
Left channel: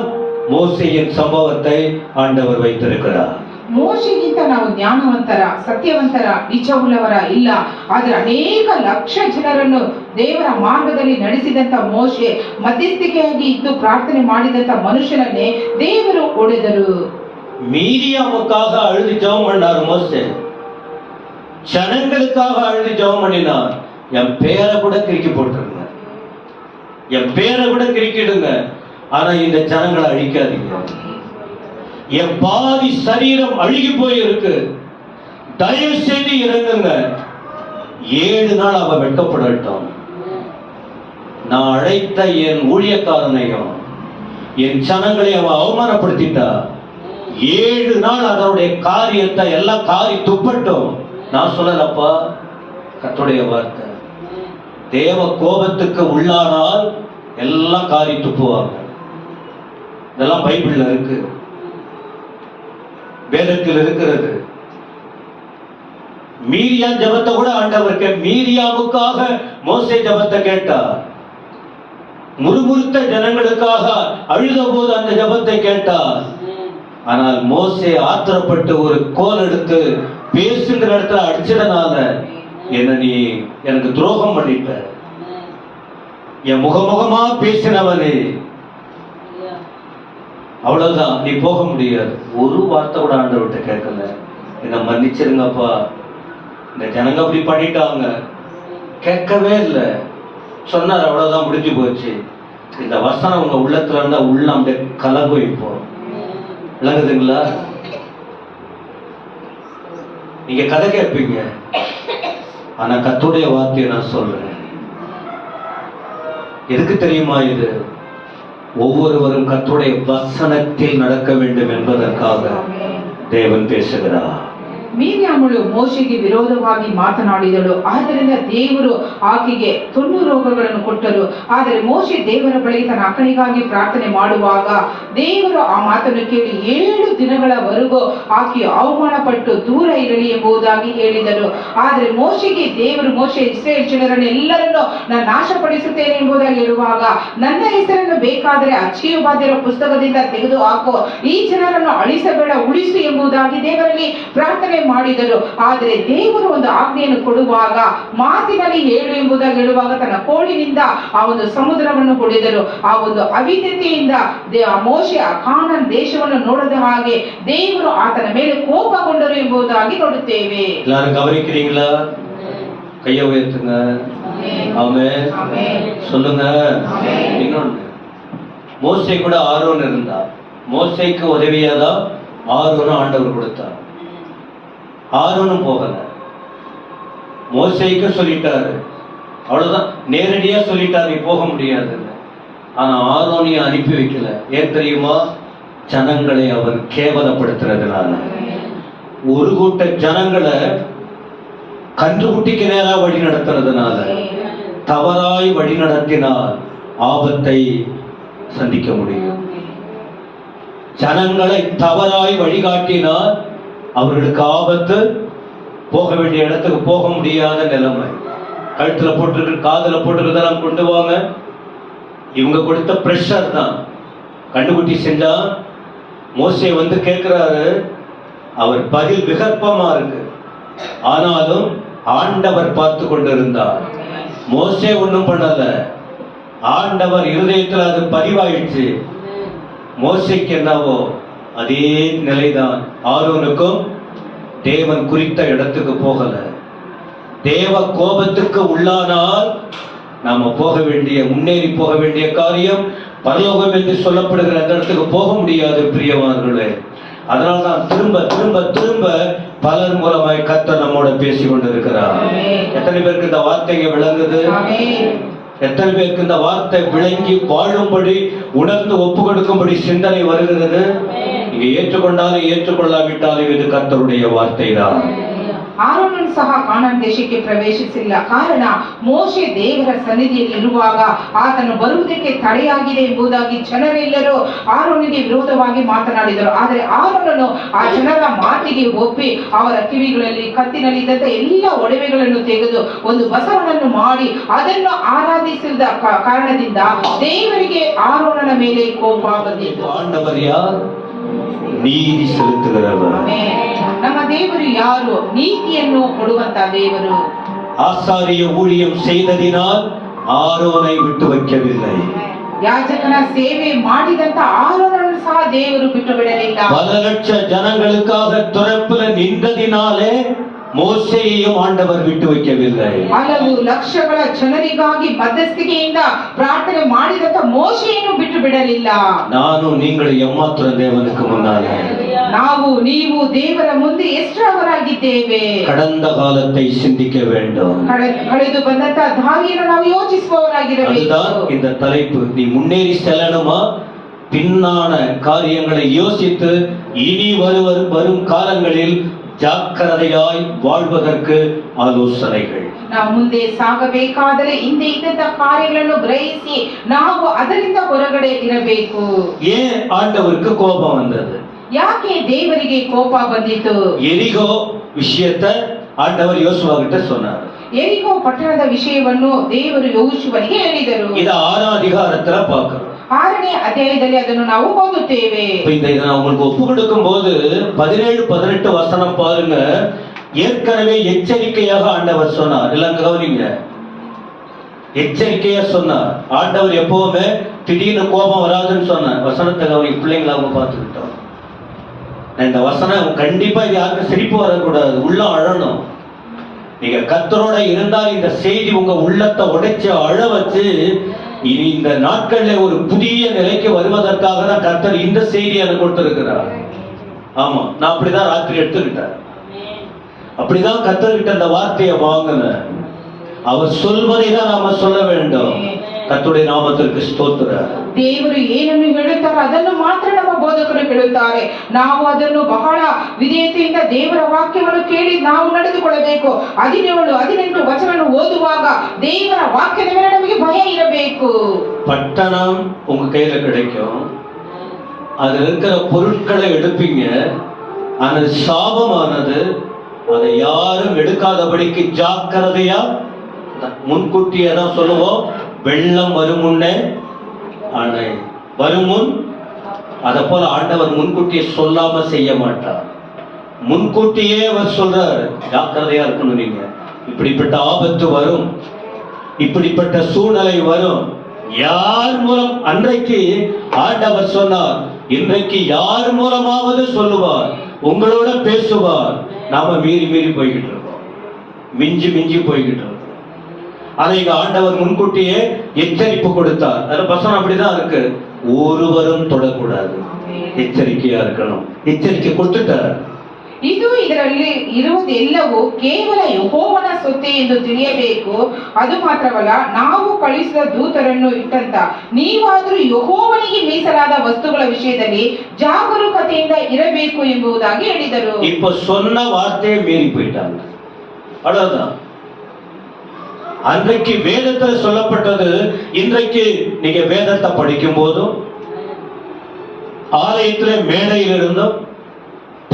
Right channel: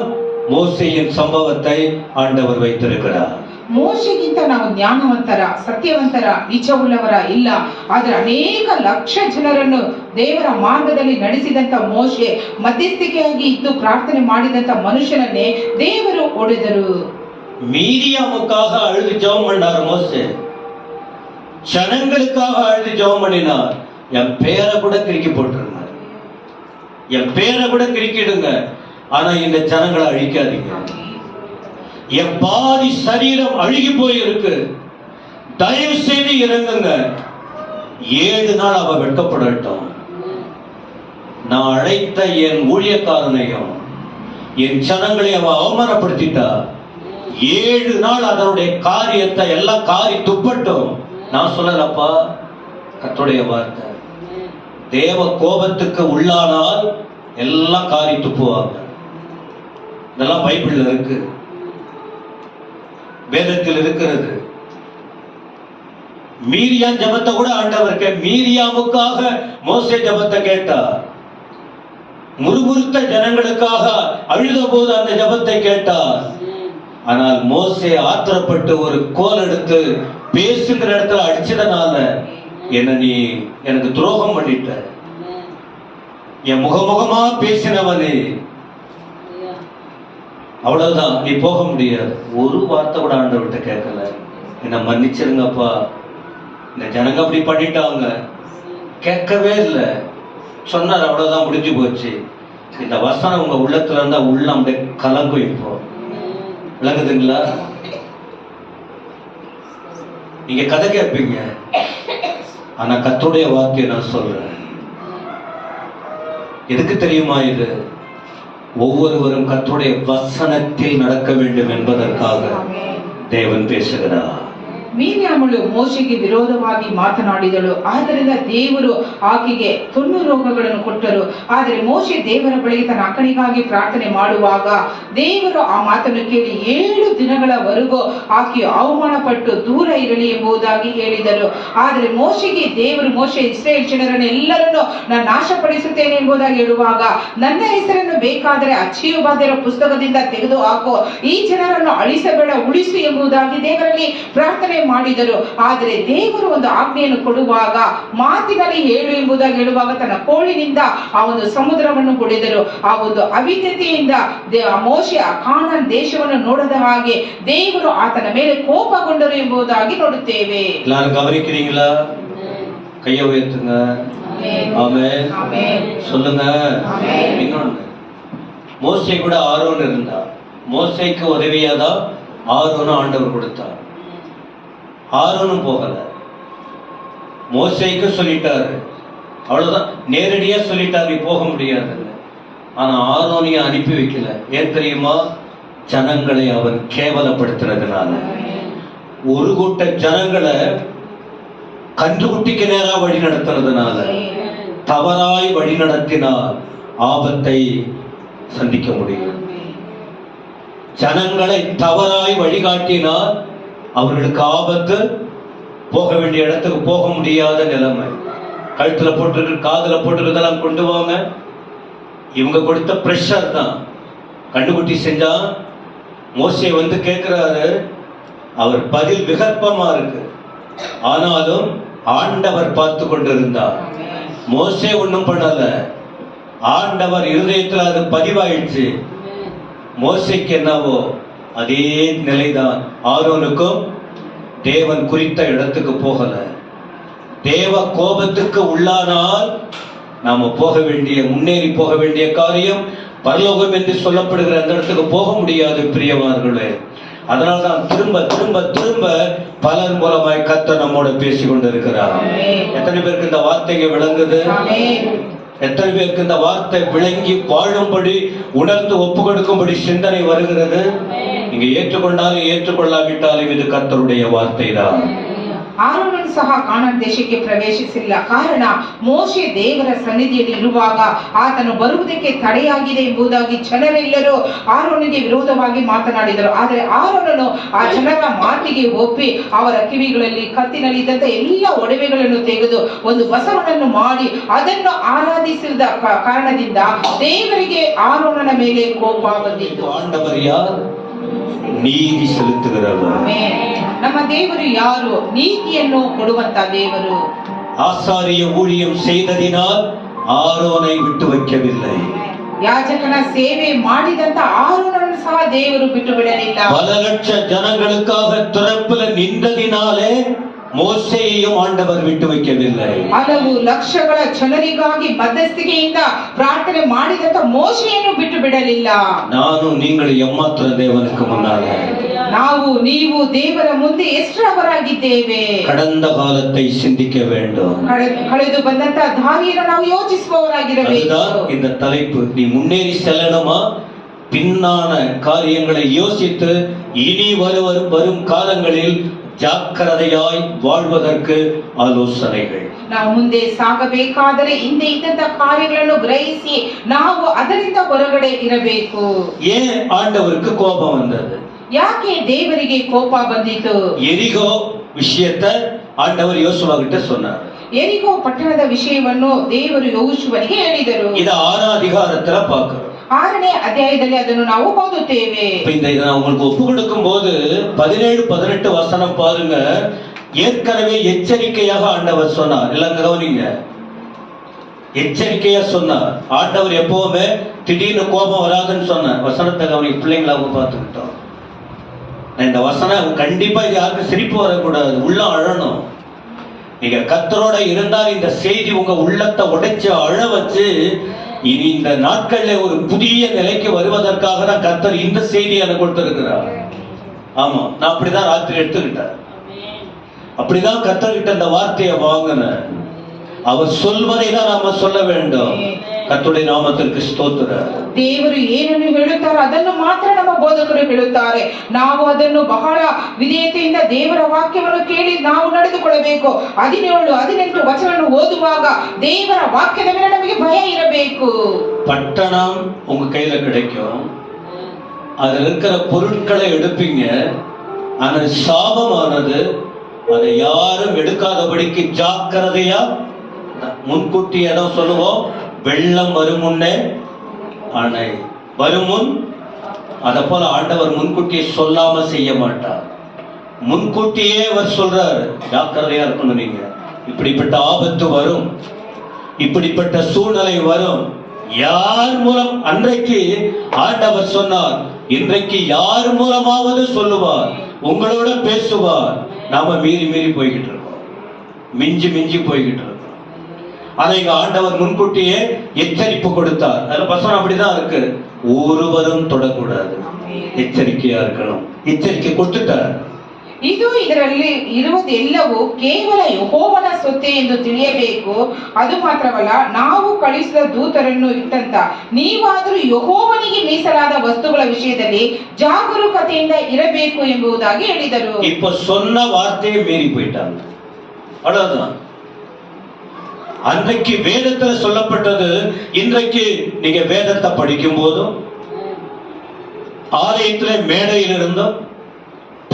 மோசேயின் சம்பவத்தை ஆண்டவர் வைத்திருக்கிறார். ಮೋಶೆಗಿಂತ ನಾವು ಜ್ಞಾನವಂತರ, ಸತ್ಯವಂತರ, ನಿಜವುಳ್ಳವರ ಇಲ್ಲ. ಆದರೆ ಅನೇಕ ಲಕ್ಷ ಜನರನ್ನು ದೇವರ ಮಾರ್ಗದಲ್ಲಿ ನಡೆಸಿದಂತ ಮೋಶೆ, ಮಧ್ಯಸ್ಥಿಕೆಯಾಗಿ ಇದ್ದು ಪ್ರಾರ್ಥನೆ ಮಾಡಿದಂತ ಮನುಷ್ಯನನ್ನೇ ದೇವರು ಹೊಡೆದರು. மீரியாமுக்காக அழுது ஜெபம் பண்ணார் மோசே. ஜனங்களுக்காக அழுது ஜெபம் பண்ணினார். என் பேரை கூட கிறுக்கி போட்டுருங்க, என் பேரை கூட கிறுக்கிடுங்க, ஆனா இந்த ஜனங்களை அழிக்காதீங்க. என் பாதி சரீரம் அழுகி போயிருக்கு, தயவு செய்து இறங்குங்க. 7 நாள் அவ வெட்கப்படட்டும். நான் அழைத்த என் ஊழியக்காரனையும் என் ஜனங்களை அவ அவமானப்படுத்திட்டா. 7 நாள் அதனுடைய காரியத்தை எல்லாம் காரி துப்பட்டும். நான் சொல்லலப்பா, கர்த்தருடைய வார்த்தை. தேவ கோபத்துக்கு உள்ளானால் எல்லாம் காரி துப்புவாங்க. இதெல்லாம் பைபிள்ல இருக்கு, வேதத்தில் இருக்கிறது. மீரியா ஜபத்தை கூட ஆண்டவருக்கு, மீரியாவுக்காக மோசே ஜபத்தை கேட்டார். முறுமுறுத்த ஜனங்களுக்காக அழுத போது அந்த ஜபத்தை கேட்டார். ஆனால் மோசே ஆத்திரப்பட்டு ஒரு கோல் எடுத்து பேசுகிற இடத்துல அடிச்சதனால என்ன நீ எனக்கு துரோகம் பண்ணிட்ட, என் முகமுகமா பேசினவனே, அவ்வளவுதான், நீ போக முடியாது. ஒரு வார்த்தை கூட ஆண்டவர்கிட்ட கேட்கல. என்ன மன்னிச்சிருங்கப்பா, இந்த ஜனங்க அப்படி பண்ணிட்டாங்க, கேட்கவே இல்லை. சொன்னார், அவ்வளவுதான், முடிஞ்சு போச்சு. இந்த வசனம் உங்க உள்ளத்துல இருந்தா உள்ளம் அப்படியே கலங்கும். இப்போ விளங்குதுங்களா? நீங்க கதை கேட்பீங்க, ஆனா கர்த்தருடைய வார்த்தையை நான் சொல்றேன். எதுக்கு தெரியுமா? இது ஒவ்வொருவரும் கர்த்தருடைய வசனத்தில் நடக்க வேண்டும் என்பதற்காக தேவன் பேசுகிறார். ಮೀರಿಯಾಮಳು ಮೋಶೆಗೆ ವಿರೋಧವಾಗಿ ಮಾತನಾಡಿದಳು. ಆದ್ದರಿಂದ ದೇವರು ಆಕೆಗೆ 90 ರೋಗಗಳನ್ನು ಕೊಟ್ಟರು. ಆದರೆ ಮೋಶೆ ದೇವರ ಬಳಿ ತನ್ನ ಅಕ್ಕನಿಗಾಗಿ ಪ್ರಾರ್ಥನೆ ಮಾಡುವಾಗ ದೇವರು ಆ ಮಾತನ್ನು ಕೇಳಿ 7 ದಿನಗಳವರೆಗೂ ಆಕೆಯು ಅವಮಾನ ಪಟ್ಟು ದೂರ ಇರಲಿ ಎಂಬುದಾಗಿ ಹೇಳಿದರು. ಆದರೆ ಮೋಶೆಗೆ ದೇವರು, ಮೋಶೆ ಇಸ್ರೇಲ್ ಜನರನ್ನು ಎಲ್ಲರನ್ನು ನಾನು ನಾಶಪಡಿಸುತ್ತೇನೆ ಎಂಬುದಾಗಿ ಹೇಳುವಾಗ, ನನ್ನ ಹೆಸರನ್ನು ಬೇಕಾದರೆ ಅಚ್ಚೀಯವಾದರ ಪುಸ್ತಕದಿಂದ ತೆಗೆದು ಹಾಕೋ, ಈ ಜನರನ್ನು ಅಳಿಸಬೇಡ, ಉಳಿಸು ಎಂಬುದಾಗಿ ದೇವರಲ್ಲಿ ಪ್ರಾರ್ಥನೆ ಮಾಡಿದರು. ಆದರೆ ದೇವರು ಒಂದು ಆಜ್ಞೆಯನ್ನು ಕೊಡುವಾಗ, ಮಾತಿನಲ್ಲಿ ಹೇಳು ಎಂಬುದಾಗಿ ಹೇಳುವಾಗ ತನ್ನ ಕೋಲಿನಿಂದ ಆ ಒಂದು ಸಮುದ್ರವನ್ನು ಹೊಡೆದರು. ಆ ಒಂದು ಅವಿದ್ಯತೆಯಿಂದ ಮೋಶೆ ಆ ಕಾನಾನ್ ದೇಶವನ್ನು ನೋಡದ ಹಾಗೆ ದೇವರು ಆತನ ಮೇಲೆ ಕೋಪಗೊಂಡರು ಎಂಬುದಾಗಿ ನೋಡುತ್ತೇವೆ. எல்லாரும் கவனிக்கிறீங்களா? கையை உயர்த்துங்க. ஆமென். சொல்லுங்க. இன்னொன்னு, மோசே கூட ஆரோன் இருந்தா. மோசேக்கு உதவியாதான் ஆரோனும் ஆண்டவர் கொடுத்தார். ஆரோனும் போகல, மோசேக்கு சொல்லிட்டாரு, அவ்வளவுதான், நேரடியா சொல்லிட்டாரு, நீ போக முடியாது. ஆனா ஆரோனியை அனுப்பி வைக்கல. ஏன் தெரியுமா? ஜனங்களை அவர் கேவலப்படுத்துறதுனால. ஒரு கூட்ட ஜனங்களை கன்றுக்குட்டிக்கு நேரா வழி நடத்துறதுனால, தவறாய் வழி நடத்தினால் ஆபத்தை சந்திக்க முடியும். ஜனங்களை தவறாய் வழிகாட்டினால் அவர்களுக்கு ஆபத்து, போக வேண்டிய இடத்துக்கு போக முடியாத நிலைமை. கழுத்துல போட்டு காதுல போட்டுருக்கெல்லாம் கொண்டு வாங்க. இவங்க கொடுத்த பிரஷர் தான். கண்டுகுட்டி செஞ்சா மோசே வந்து கேட்கிறாரு, அவர் பதில் விகற்பமா இருக்கு. ஆனாலும் ஆண்டவர் பார்த்து கொண்டிருந்தார். மோசே ஒன்றும் பண்ணல, ஆண்டவர் இருதயத்தில் அது பதிவாயிடுச்சு. மோசைக்கு என்னவோ அதே நிலைதான் ஆரோனுக்கும். தேவன் குறித்த இடத்துக்கு போகல. தேவ கோபத்துக்கு உள்ளானால் நாம போக வேண்டிய, முன்னேறி போக வேண்டிய காரியம் பரலோகம் என்று சொல்லப்படுகிற அந்த இடத்துக்கு போக முடியாது பிரியமானவர்களே. அதனால்தான் திரும்ப திரும்ப திரும்ப பலர் மூலமாய் கர்த்தர் நம்மோட பேசி கொண்டிருக்கிறார். எத்தனை பேருக்கு இந்த வார்த்தைங்க விளங்குது? எத்தனை பேருக்கு இந்த வார்த்தை விளங்கி வாழும்படி, உணர்ந்து ஒப்பு கொடுக்கும்படி சிந்தனை வருகிறது? நீங்க ஏற்றுக்கொண்டாலும் ஏற்றுக்கொள்ளாவிட்டாலும் இது கர்த்தருடைய வார்த்தை தான். ಆರೋನನು ಸಹ ಕಾನಾನ್ ದೇಶಕ್ಕೆ ಪ್ರವೇಶಿಸಿಲ್ಲ. ಕಾರಣ ಮೋಶೆ ದೇವರ ಸನ್ನಿಧಿಯಲ್ಲಿ ಇರುವಾಗ ಆತನು ಬರುವುದಕ್ಕೆ ತಡೆಯಾಗಿದೆ ಎಂಬುದಾಗಿ ಜನರೆಲ್ಲರೂ ಆರೋನಿಗೆ ವಿರೋಧವಾಗಿ ಮಾತನಾಡಿದರು. ಆದರೆ ಆರೋನನು ಆ ಜನರ ಮಾತಿಗೆ ಒಪ್ಪಿ ಅವರ ಕಿವಿಗಳಲ್ಲಿ ಕತ್ತಿನಲ್ಲಿ ಇದ್ದಂತ ಎಲ್ಲ ಒಡವೆಗಳನ್ನು ತೆಗೆದು ಒಂದು ಬಸವನನ್ನು ಮಾಡಿ ಅದನ್ನು ಆರಾಧಿಸಿದ ಕಾರಣದಿಂದ ದೇವರಿಗೆ ಆರೋನನ ಮೇಲೆ ಕೋಪ ಬಂದಿತು. ஆண்டவர் யார்? நீதி செலுத்துகிறவர். ನಮ್ಮ ದೇವರು ಯಾರು? ನೀತಿಯನ್ನು ಕೊಡುವಂತ ದೇವರು. ஆசாரிய ஊழியம் செய்ததினால் ஆரோனை விட்டு வைக்கவில்லை. ಯಾಜಕನ ಸೇವೆ ಮಾಡಿದಂತ ಆರೋನನ್ನು ಸಹ ದೇವರು ಬಿಟ್ಟು ಬಿಡಲಿಲ್ಲ. பல லட்ச ஜனங்களுக்காக துணைப்புல நின்றதினாலே மோசேயையும் ஆண்டவர் விட்டு வைக்கவில்லை. ಹಲವು ಲಕ್ಷಗಳ ಜನರಿಗಾಗಿ ಮಧ್ಯಸ್ಥಿಕೆಯಿಂದ ಪ್ರಾರ್ಥನೆ ಮಾಡಿದಂತ ಮೋಶೆಯನ್ನು ಬಿಟ್ಟು ಬಿಡಲಿಲ್ಲ. ನಾನು நீங்கள் எம்மாத்திர தேவனுக்கு முன்னாலே, ನಾವು ನೀವು ದೇವರ ಮುಂದೆ ಎಷ್ಟರವರಾಗಿದ್ದೇವೆ? கடந்த காலத்தை சிந்திக்க வேண்டும். ಕಳೆದು ಬಂದಂತ ದಾರಿಯನ್ನು ನಾವು ಯೋಚಿಸುವವರಾಗಿರಬೇಕು. அதுதான் இந்த தலைப்பு. நீ முன்னேறி செல்லணுமா? பின்னான காரியங்களை யோசித்து இனி வரும் காலங்களில் ஜாக்கிரதையாய் வாழ்வதற்கு ஆலோசனைகள். ನಾವು ಮುಂದೆ ಸಾಗಬೇಕಾದರೆ ಹಿಂದೆ ಇದ್ದಂತ ಕಾರ್ಯಗಳನ್ನು ಗ್ರಹಿಸಿ ನಾವು ಅದರಿಂದ ಹೊರಗಡೆ ಇರಬೇಕು. ஏன் ஆண்டவருக்கு கோபம் வந்தது? ಯಾಕೆ ದೇವರಿಗೆ ಕೋಪ ಬಂದಿತು? எரிகோ விஷயத்தை ஆண்டவர் யோசுவா கிட்ட சொன்னார். ಎರಿಗೋ ಪಟ್ಟಣದ ವಿಷಯವನ್ನು ದೇವರು ಯೋಶುವನಿಗೆ ಹೇಳಿದರು. இத 6ஆம் அதிகாரத்துல பார்க்கிறோம். 6ನೇ ಅಧ್ಯಾಯದಲ್ಲಿ ಅದನ್ನು ನಾವು ಓದುತ್ತೇವೆ. இந்த இதை நான் உங்களுக்கு ஒப்பு கொடுக்கும் போது 17-18 வசனம் பாருங்க. ஏற்கனவே எச்சரிக்கையாக ஆண்டவர் சொன்னார். எல்லாம் கவனிங்க. எச்சரிக்கையா சொன்னார். ஆண்டவர் எப்பவுமே திடீர்னு கோபம் வராதுன்னு சொன்னார். வசனத்தை கவனி. பிள்ளைங்களாக பார்த்துக்கிட்டோம். இந்த வசனம் கண்டிப்பா இது யாருக்கும் சிரிப்பு வரக்கூடாது, உள்ள அழணும். நீங்க கர்த்தரோட இருந்தால் இந்த செய்தி உங்க உள்ளத்தை உடைச்சு அழ வச்சு இனி இந்த நாட்கள்ல ஒரு புதிய நிலைக்கு வருவதற்காக தான் கர்த்தர் இந்த செய்தியை எனக்கு கொடுத்திருக்கிறார். ஆமா, நான் அப்படிதான் ராத்திரி எடுத்துக்கிட்டேன். அப்படிதான் கர்த்தர்கிட்ட இந்த வார்த்தையை வாங்கினேன். அவர் சொல்வதை தான் நாம சொல்ல வேண்டும். கர்த்தருடைய நாமத்திற்கு ಸ್ತೋತ್ರ. ದೇವರು ಏನನ್ನು ಹೇಳುತ್ತಾರೆ ಅದನ್ನು ಮಾತ್ರ ನಮ್ಮ ಬೋಧಕರು ಹೇಳುತ್ತಾರೆ. ನಾವು ಅದನ್ನು ಬಹಳ ವಿಧೇಯತೆಯಿಂದ ದೇವರ ವಾಕ್ಯವನ್ನು ಕೇಳಿ ನಾವು ನಡೆದುಕೊಳ್ಳಬೇಕು. 17-18 ವಚನ ಓದುವಾಗ ದೇವರ ವಾಕ್ಯದ ಮೇಲೆ ನಮಗೆ ಭಯ ಇರಬೇಕು. பட்டணம் உங்க கையில கிடைக்கும். அதுல இருக்கிற பொருட்களை எடுப்பீங்க. ஆனால் சாபமானது அதை யாரும் எடுக்காதபடிக்கு ஜாக்கிரதையா, முன்கூட்டியே தான் சொல்லுவோம், வெள்ளம் வரும் முன்னே அணை வரும் முன். அத போல ஆண்டவர் முன்கூட்டியே சொல்லாம செய்ய மாட்டார். முன்கூட்டியே அவர் சொல்றாரு, ஜாக்கிரதையா இருக்கணும். நீங்க இப்படிப்பட்ட ஆபத்து வரும், இப்படிப்பட்ட சூழ்நிலை வரும். யார் மூலம் அன்றைக்கு ஆண்டவர் சொன்னார், இன்றைக்கு யார் மூலமாவது சொல்லுவார், உங்களோட பேசுவார். நாம மீறி மீறி போய்கிட்டு இருக்கோம், மிஞ்சி மிஞ்சி போய்கிட்டு இருக்கோம். அதை ஆண்டவர் முன்கூட்டியே எச்சரிப்பு கொடுத்தார். அதுல வசனம் அப்படிதான் இருக்கு, ஒருவரும் தொடக்கூடாது, எச்சரிக்கையா இருக்கணும். எச்சரிக்கை கொடுத்துட்டார். ಇದು ಇದರಲ್ಲಿ ಇರುವುದೆಲ್ಲವೂ ಕೇವಲ ಯೆಹೋವನ ಸೊತ್ತೆ ಎಂದು ತಿಳಿಯಬೇಕು. ಅದು ಮಾತ್ರವಲ್ಲ, ನಾವು ಕಳಿಸಿದ ದೂತರನ್ನು ಇಟ್ಟಂತ ನೀವಾದರೂ ಯೆಹೋವನಿಗೆ ಮೀಸಲಾದ ವಸ್ತುಗಳ ವಿಷಯದಲ್ಲಿ ಜಾಗರೂಕತೆಯಿಂದ ಇರಬೇಕು ಎಂಬುದಾಗಿ ಹೇಳಿದರು. இப்ப சொன்ன வார்த்தையை மீறி போயிட்டாங்க. அவ்வளவுதான். அன்றைக்கு வேதத்தில் சொல்லப்பட்டது இன்றைக்கு நீங்க வேதத்தை படிக்கும் போதும் ஆலயத்திலே மேடையில் இருந்தும்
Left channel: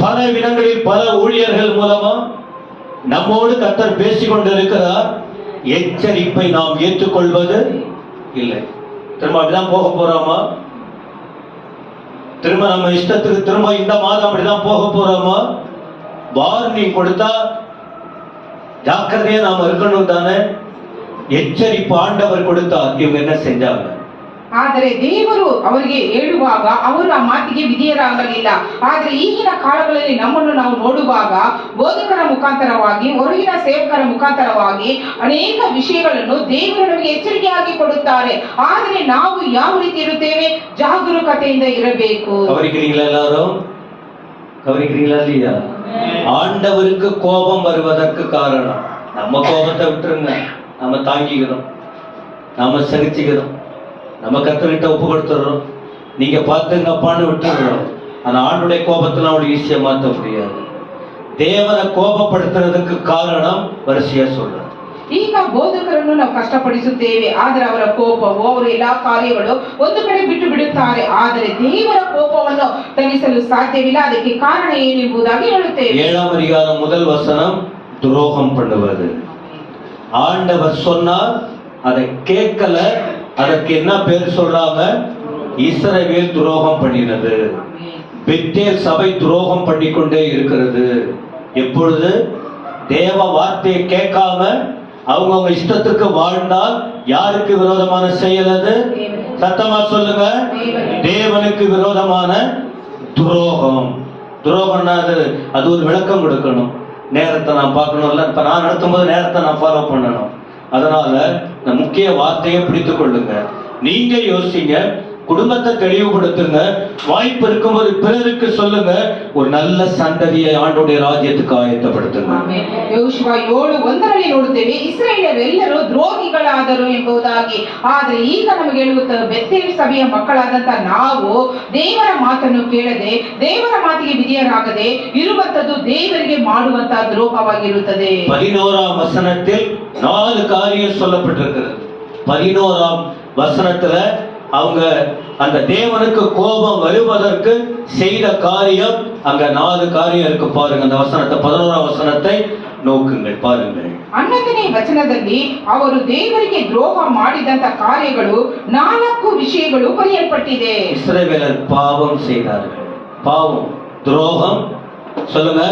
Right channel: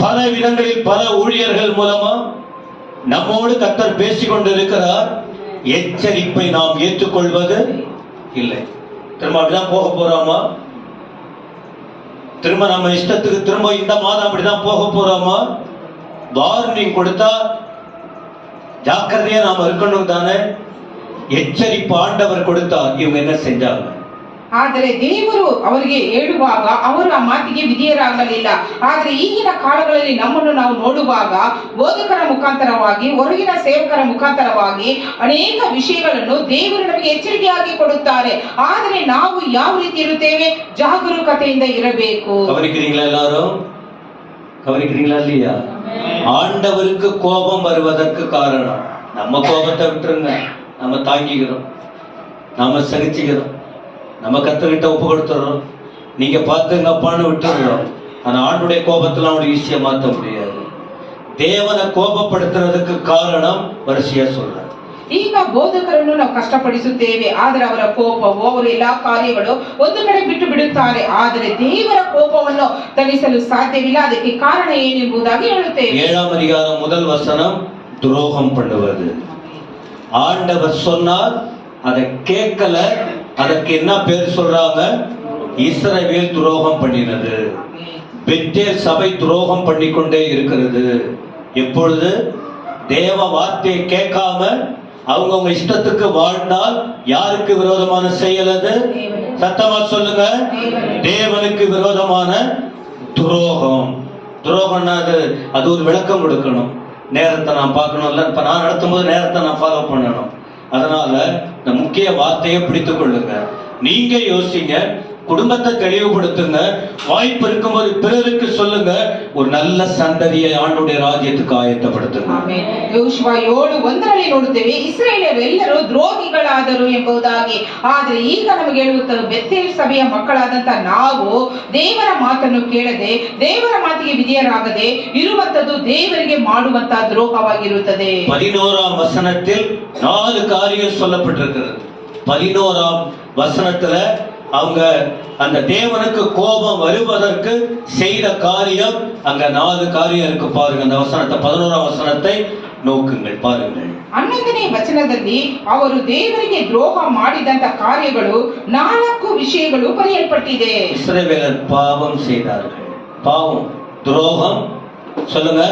பல விதங்களில் பல ஊழியர்கள் மூலமா நம்மோடு கர்த்தர் பேசிக் கொண்டிருக்கிறார். எச்சரிப்பை நாம் ஏற்றுக்கொள்வது இல்லை. திரும்ப அப்படிதான் போக போறோமா? திரும்ப நம்ம இஷ்டத்துக்கு திரும்ப இந்த மாதம் அப்படிதான் போக போறோமா? வார்னிங் கொடுத்தா ஜாக்கிரதையா நாம இருக்கணும் தானே. எச்சரிப்பு ஆண்டவர் கொடுத்தார். இவங்க என்ன செஞ்சாங்க? ಆದರೆ ದೇವರು ಅವರಿಗೆ ಹೇಳುವಾಗ ಅವರು ಆ ಮಾತಿಗೆ ವಿಧೇಯರಾಗಲಿಲ್ಲ. ಆದರೆ ಈಗಿನ ಕಾಲಗಳಲ್ಲಿ ನಮ್ಮನ್ನು ನಾವು ನೋಡುವಾಗ ಬೋಧಕರ ಮುಖಾಂತರವಾಗಿ, ಹೊರಗಿನ ಸೇವಕರ ಮುಖಾಂತರವಾಗಿ ಅನೇಕ ವಿಷಯಗಳನ್ನು ದೇವರು ನಮಗೆ ಎಚ್ಚರಿಕೆಯಾಗಿ ಕೊಡುತ್ತಾರೆ. ಆದರೆ ನಾವು ಯಾವ ರೀತಿ ಇರುತ್ತೇವೆ? ಜಾಗರೂಕತೆಯಿಂದ ಇರಬೇಕು. கவனிக்கிறீங்களா எல்லாரும்? கவனிக்கிறீங்களா இல்லையா? ஆண்டவருக்கு கோபம் வருவதற்கு காரணம் நம்ம கோபத்தை விட்டுருங்க, நம்ம தாங்கிக்கிறோம், நாம சகிச்சுக்கிறோம், நம்ம கத்துக்கிட்ட ஒப்பு கொடுத்துறோம். நீங்க பார்த்துங்கப்பான்னு விட்டுறோம். ஆனா ஆண்டுடைய கோபத்துல அவனுடைய விஷயம் மாற்ற முடியாது. தேவனை கோபப்படுத்துறதுக்கு காரணம் வரிசையா சொல்ற. ಈಗ ಬೋಧಕರನ್ನು ನಾವು ಕಷ್ಟಪಡಿಸುತ್ತೇವೆ, ಆದರೆ ಅವರ ಕೋಪವು, ಅವರ ಎಲ್ಲಾ ಕಾರ್ಯಗಳು ಒಂದು ಕಡೆ ಬಿಟ್ಟು ಬಿಡುತ್ತಾರೆ. ಆದರೆ ದೇವರ ಕೋಪವನ್ನು ತಣಿಸಲು ಸಾಧ್ಯವಿಲ್ಲ. ಅದಕ್ಕೆ ಕಾರಣ ಏನೆಂಬುದಾಗಿ ಹೇಳುತ್ತೇವೆ. 7ஆம் அதிகாரம் முதல் வசனம், துரோகம் பண்ணுவது. ஆண்டவர் சொன்னார், அதை கேட்கல, அதற்கு என்ன பேர் சொல்றாங்க? இஸ்ரவேல் துரோகம் பண்ணினது. பெத்தேல் சபை துரோகம் பண்ணிக்கொண்டே இருக்கிறது. எப்பொழுது தேவ வார்த்தையை கேட்காம அவங்க இஷ்டத்துக்கு வாழ்ந்தால் யாருக்கு விரோதமான செயல் அது? சத்தமா சொல்லுங்க, தேவனுக்கு விரோதமான துரோகம். துரோகம்னா அது ஒரு விளக்கம் கொடுக்கணும். நேரத்தை நான் பார்க்கணும்ல, இப்ப நான் நடத்தும் போது நேரத்தை நான் ஃபாலோ பண்ணணும். அதனால இந்த முக்கிய வார்த்தையை பிடித்துக் கொள்ளுங்க. நீங்க யோசிங்க, குடும்பத்தை தெளிவுபடுத்துங்க, வாய்ப்பு இருக்கும்போது பிறருக்கு சொல்லுங்க, ஒரு நல்ல சந்ததியை ஆண்டுடைய ராஜ்யத்துக்கு ஆயத்தப்படுத்துங்க. ಯೋಶುವ 7:1 ನೋಡುತ್ತೇವೆ, ಇಸ್ರಾಯೇಲರೆಲ್ಲರೂ ದ್ರೋಹಿಗಳಾದರು ಎಂಬುದಾಗಿ. ಆದರೆ ಈಗ ನಮಗೆ ಹೇಳುತ್ತದೆ, ಬೆತ್ತೇಲ್ ಸಭೆಯ ಮಕ್ಕಳಾದಂತ ನಾವು ದೇವರ ಮಾತನ್ನು ಕೇಳದೆ, ದೇವರ ಮಾತಿಗೆ ವಿಧೇಯರಾಗದೆ ಇರುವಂತದ್ದು ದೇವರಿಗೆ ಮಾಡುವಂತಹ ದ್ರೋಹವಾಗಿರುತ್ತದೆ. 11ஆம் வசனத்தில் 4 காரியம் சொல்லப்பட்டிருக்கிறது. 11ஆம் வசனத்துல அவங்க அந்த தேவனுக்கு கோபம் வருவதற்கு செய்த காரியம், அங்க 4 காரியம் இருக்கு பாருங்க. அந்த வசனத்தை 11ஆம் வசனத்தை ನೋಕುಂಗಳು ಪಾರುಂಗಳು. 11ನೇ ವಚನದಲ್ಲಿ ಅವರು ದೇವರಿಗೆ ದ್ರೋಹ ಮಾಡಿದಂತ ಕಾರ್ಯಗಳು 4 ವಿಷಯಗಳು ಬರೆಯಲ್ಪಟ್ಟಿದೆ. இஸ்ரவேலர் பாவம் செய்தார்கள். பாவம், துரோகம். சொல்லுங்க,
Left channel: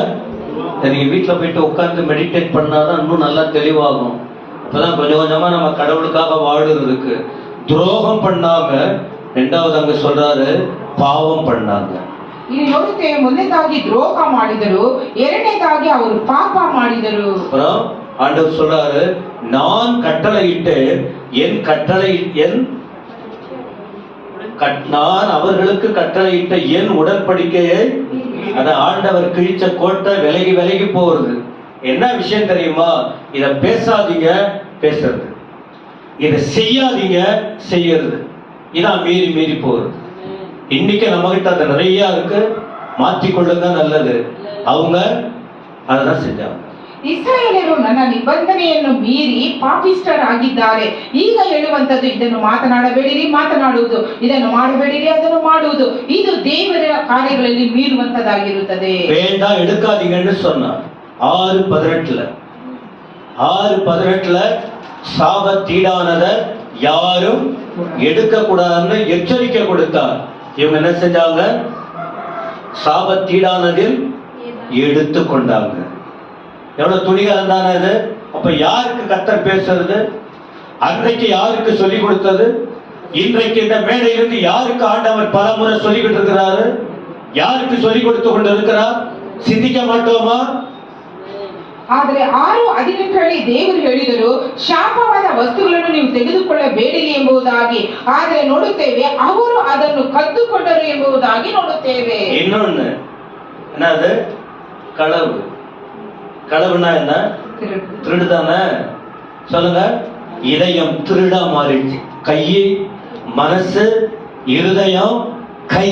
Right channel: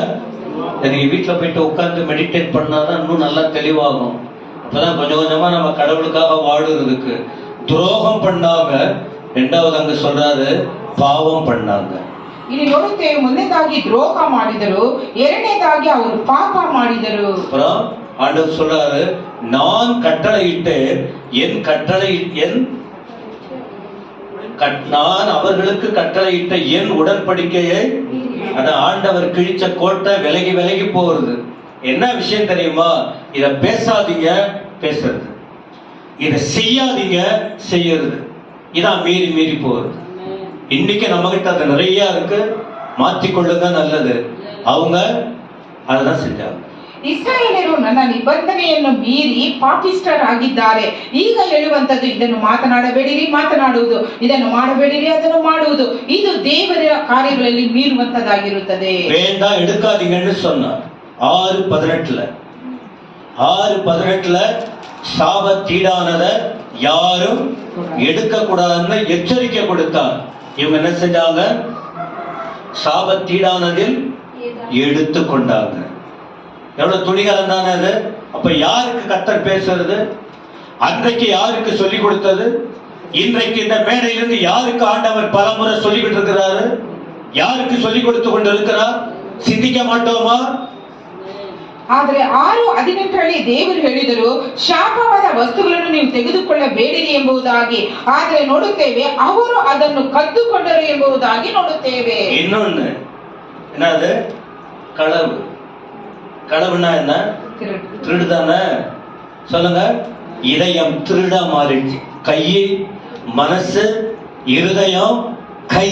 நீங்க வீட்டுல போயிட்டு உட்கார்ந்து மெடிடேட் பண்ணாதான் இன்னும் நல்லா தெளிவாகும். அப்பதான் கொஞ்சம் கொஞ்சமா நம்ம கடவுளுக்காக வாடுறதுக்கு. துரோகம் பண்ணாங்க. ரெண்டாவது அங்க சொல்றாரு, பாவம் பண்ணாங்க. ಇಲ್ಲಿ ನೋಡುತ್ತೇವೆ, ಮೊದಲನೇದಾಗಿ ದ್ರೋಹ ಮಾಡಿದರು, ಎರಡನೇದಾಗಿ ಅವರು ಪಾಪ ಮಾಡಿದರು. அப்புறம் ஆண்டவர் சொல்றாரு, நான் கட்டளையிட்டு நான் அவர்களுக்கு கட்டளையிட்ட என் உடன்படிக்கையை, அத ஆண்டவர் கிழிச்ச கோட்டை விலகி விலகி போறது. என்ன விஷயம் தெரியுமா? இத பேசாதீங்க, பேசுறது. இத செய்யாதீங்க, செய்யறது. இதான் மீறி மீறி போகுது. இன்னைக்கு நம்ம கிட்ட அது நிறைய இருக்கு. மாற்றிக்கொள்ளுங்க, நல்லது. அவங்க அததான் செஞ்சாங்க. ಇಸ್ರಾಯೇಲರು ನನ್ನ ನಿಬಂಧನೆಯನ್ನು ಮೀರಿ ಪಾಪಿಷ್ಠರಾಗಿದ್ದಾರೆ. ಈಗ ಹೇಳುವಂತದ್ದು, ಇದನ್ನು ಮಾತನಾಡಬೇಡಿರಿ, ಮಾತನಾಡುವುದು, ಇದನ್ನು ಮಾಡಬೇಡಿರಿ, ಅದನ್ನು ಮಾಡುವುದು, ಇದು ದೇವರ ಕಾರ್ಯಗಳಲ್ಲಿ ಮೀರುವಂತದ್ದಾಗಿರುತ್ತದೆ. வேண்டாம், எடுக்காதீங்கன்னு சொன்னார். 6:18 சாபத்தீடானத யாரும் எடுக்க கூடாதுன்னு எச்சரிக்கை கொடுத்தார். இவங்க என்ன செஞ்சாங்க? சாபத்தீடானதில் எடுத்து கொண்டாங்க. எவ்வளவு துணிகரம் தானே அது. அப்ப யாருக்கு கர்த்தர் பேசுறது? அன்றைக்கு யாருக்கு சொல்லிக் கொடுத்தது? இன்றைக்கு இந்த மேடையிலிருந்து யாருக்கு ஆண்டவர் பலமுறை சொல்லிக்கிட்டு இருக்கிறாரு? யாருக்கு சொல்லிக் கொடுத்து கொண்டு இருக்கிறார்? சிந்திக்க மாட்டோமா? ಆದರೆ 6:18 ದೇವರು ಹೇಳಿದರು, ಶಾಪವಾದ ವಸ್ತುಗಳನ್ನು ನೀವು ತೆಗೆದುಕೊಳ್ಳಬೇಡಿರಿ ಎಂಬುದಾಗಿ. ಆದರೆ ನೋಡುತ್ತೇವೆ, ಅವರು ಅದನ್ನು ಕದ್ದುಕೊಂಡರು ಎಂಬುದಾಗಿ ನೋಡುತ್ತೇವೆ. இன்னொன்னு என்னது? களவு. களவுனா என்ன? திருடுதானே? சொல்லுங்க. இதயம் திருடா மாறிடுச்சு. கை, மனசு, இருதயம், கை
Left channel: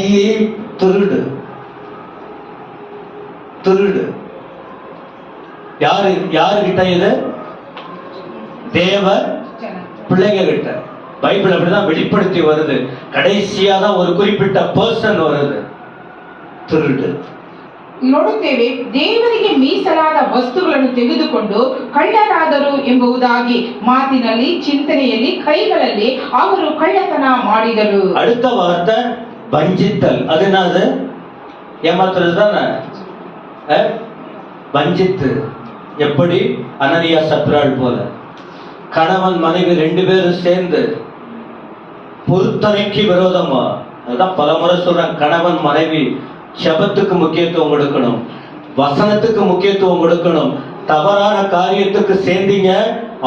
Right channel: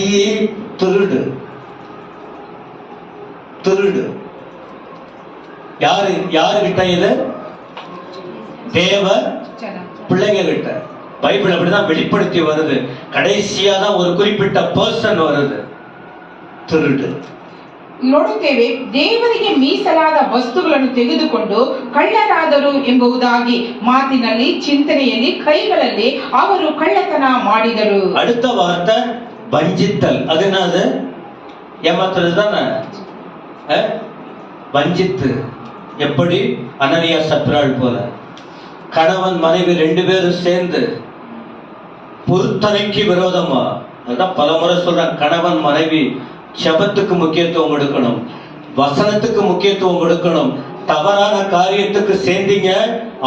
திருடு. திருடு யாருகிட்ட? இது தேவ பிள்ளைங்க கிட்ட. பைபிள் அப்படிதான் வெளிப்படுத்தி வருது. கடைசியா தான் ஒரு குறிப்பிட்ட பர்சன் வருது. திருடு. ನೋಡುತ್ತೇವೆ, ದೇವರಿಗೆ ಮೀಸಲಾದ ವಸ್ತುಗಳನ್ನು ತೆಗೆದುಕೊಂಡು ಕಳ್ಳರಾದರು ಎಂಬುದಾಗಿ. ಮಾತಿನಲ್ಲಿ, ಚಿಂತನೆಯಲ್ಲಿ, ಕೈಗಳಲ್ಲಿ ಅವರು ಕಳ್ಳತನ ಮಾಡಿದರು. அடுத்த வார்த்தை வஞ்சித்தல். அது என்னது? ஏமாத்துறது தானே. வஞ்சித்து. எப்படி? அனனியா சப்ராள் போல. கணவன் மனைவி 2 பேரும் சேர்ந்து பொருத்தனைக்கு விரோதமா. அதான் பல முறை சொல்றேன், கணவன் மனைவி ஜெபத்துக்கு முக்கியத்துவம் கொடுக்கணும், வசனத்துக்கு முக்கியத்துவம் கொடுக்கணும். தவறான காரியத்துக்கு சேர்ந்தீங்க,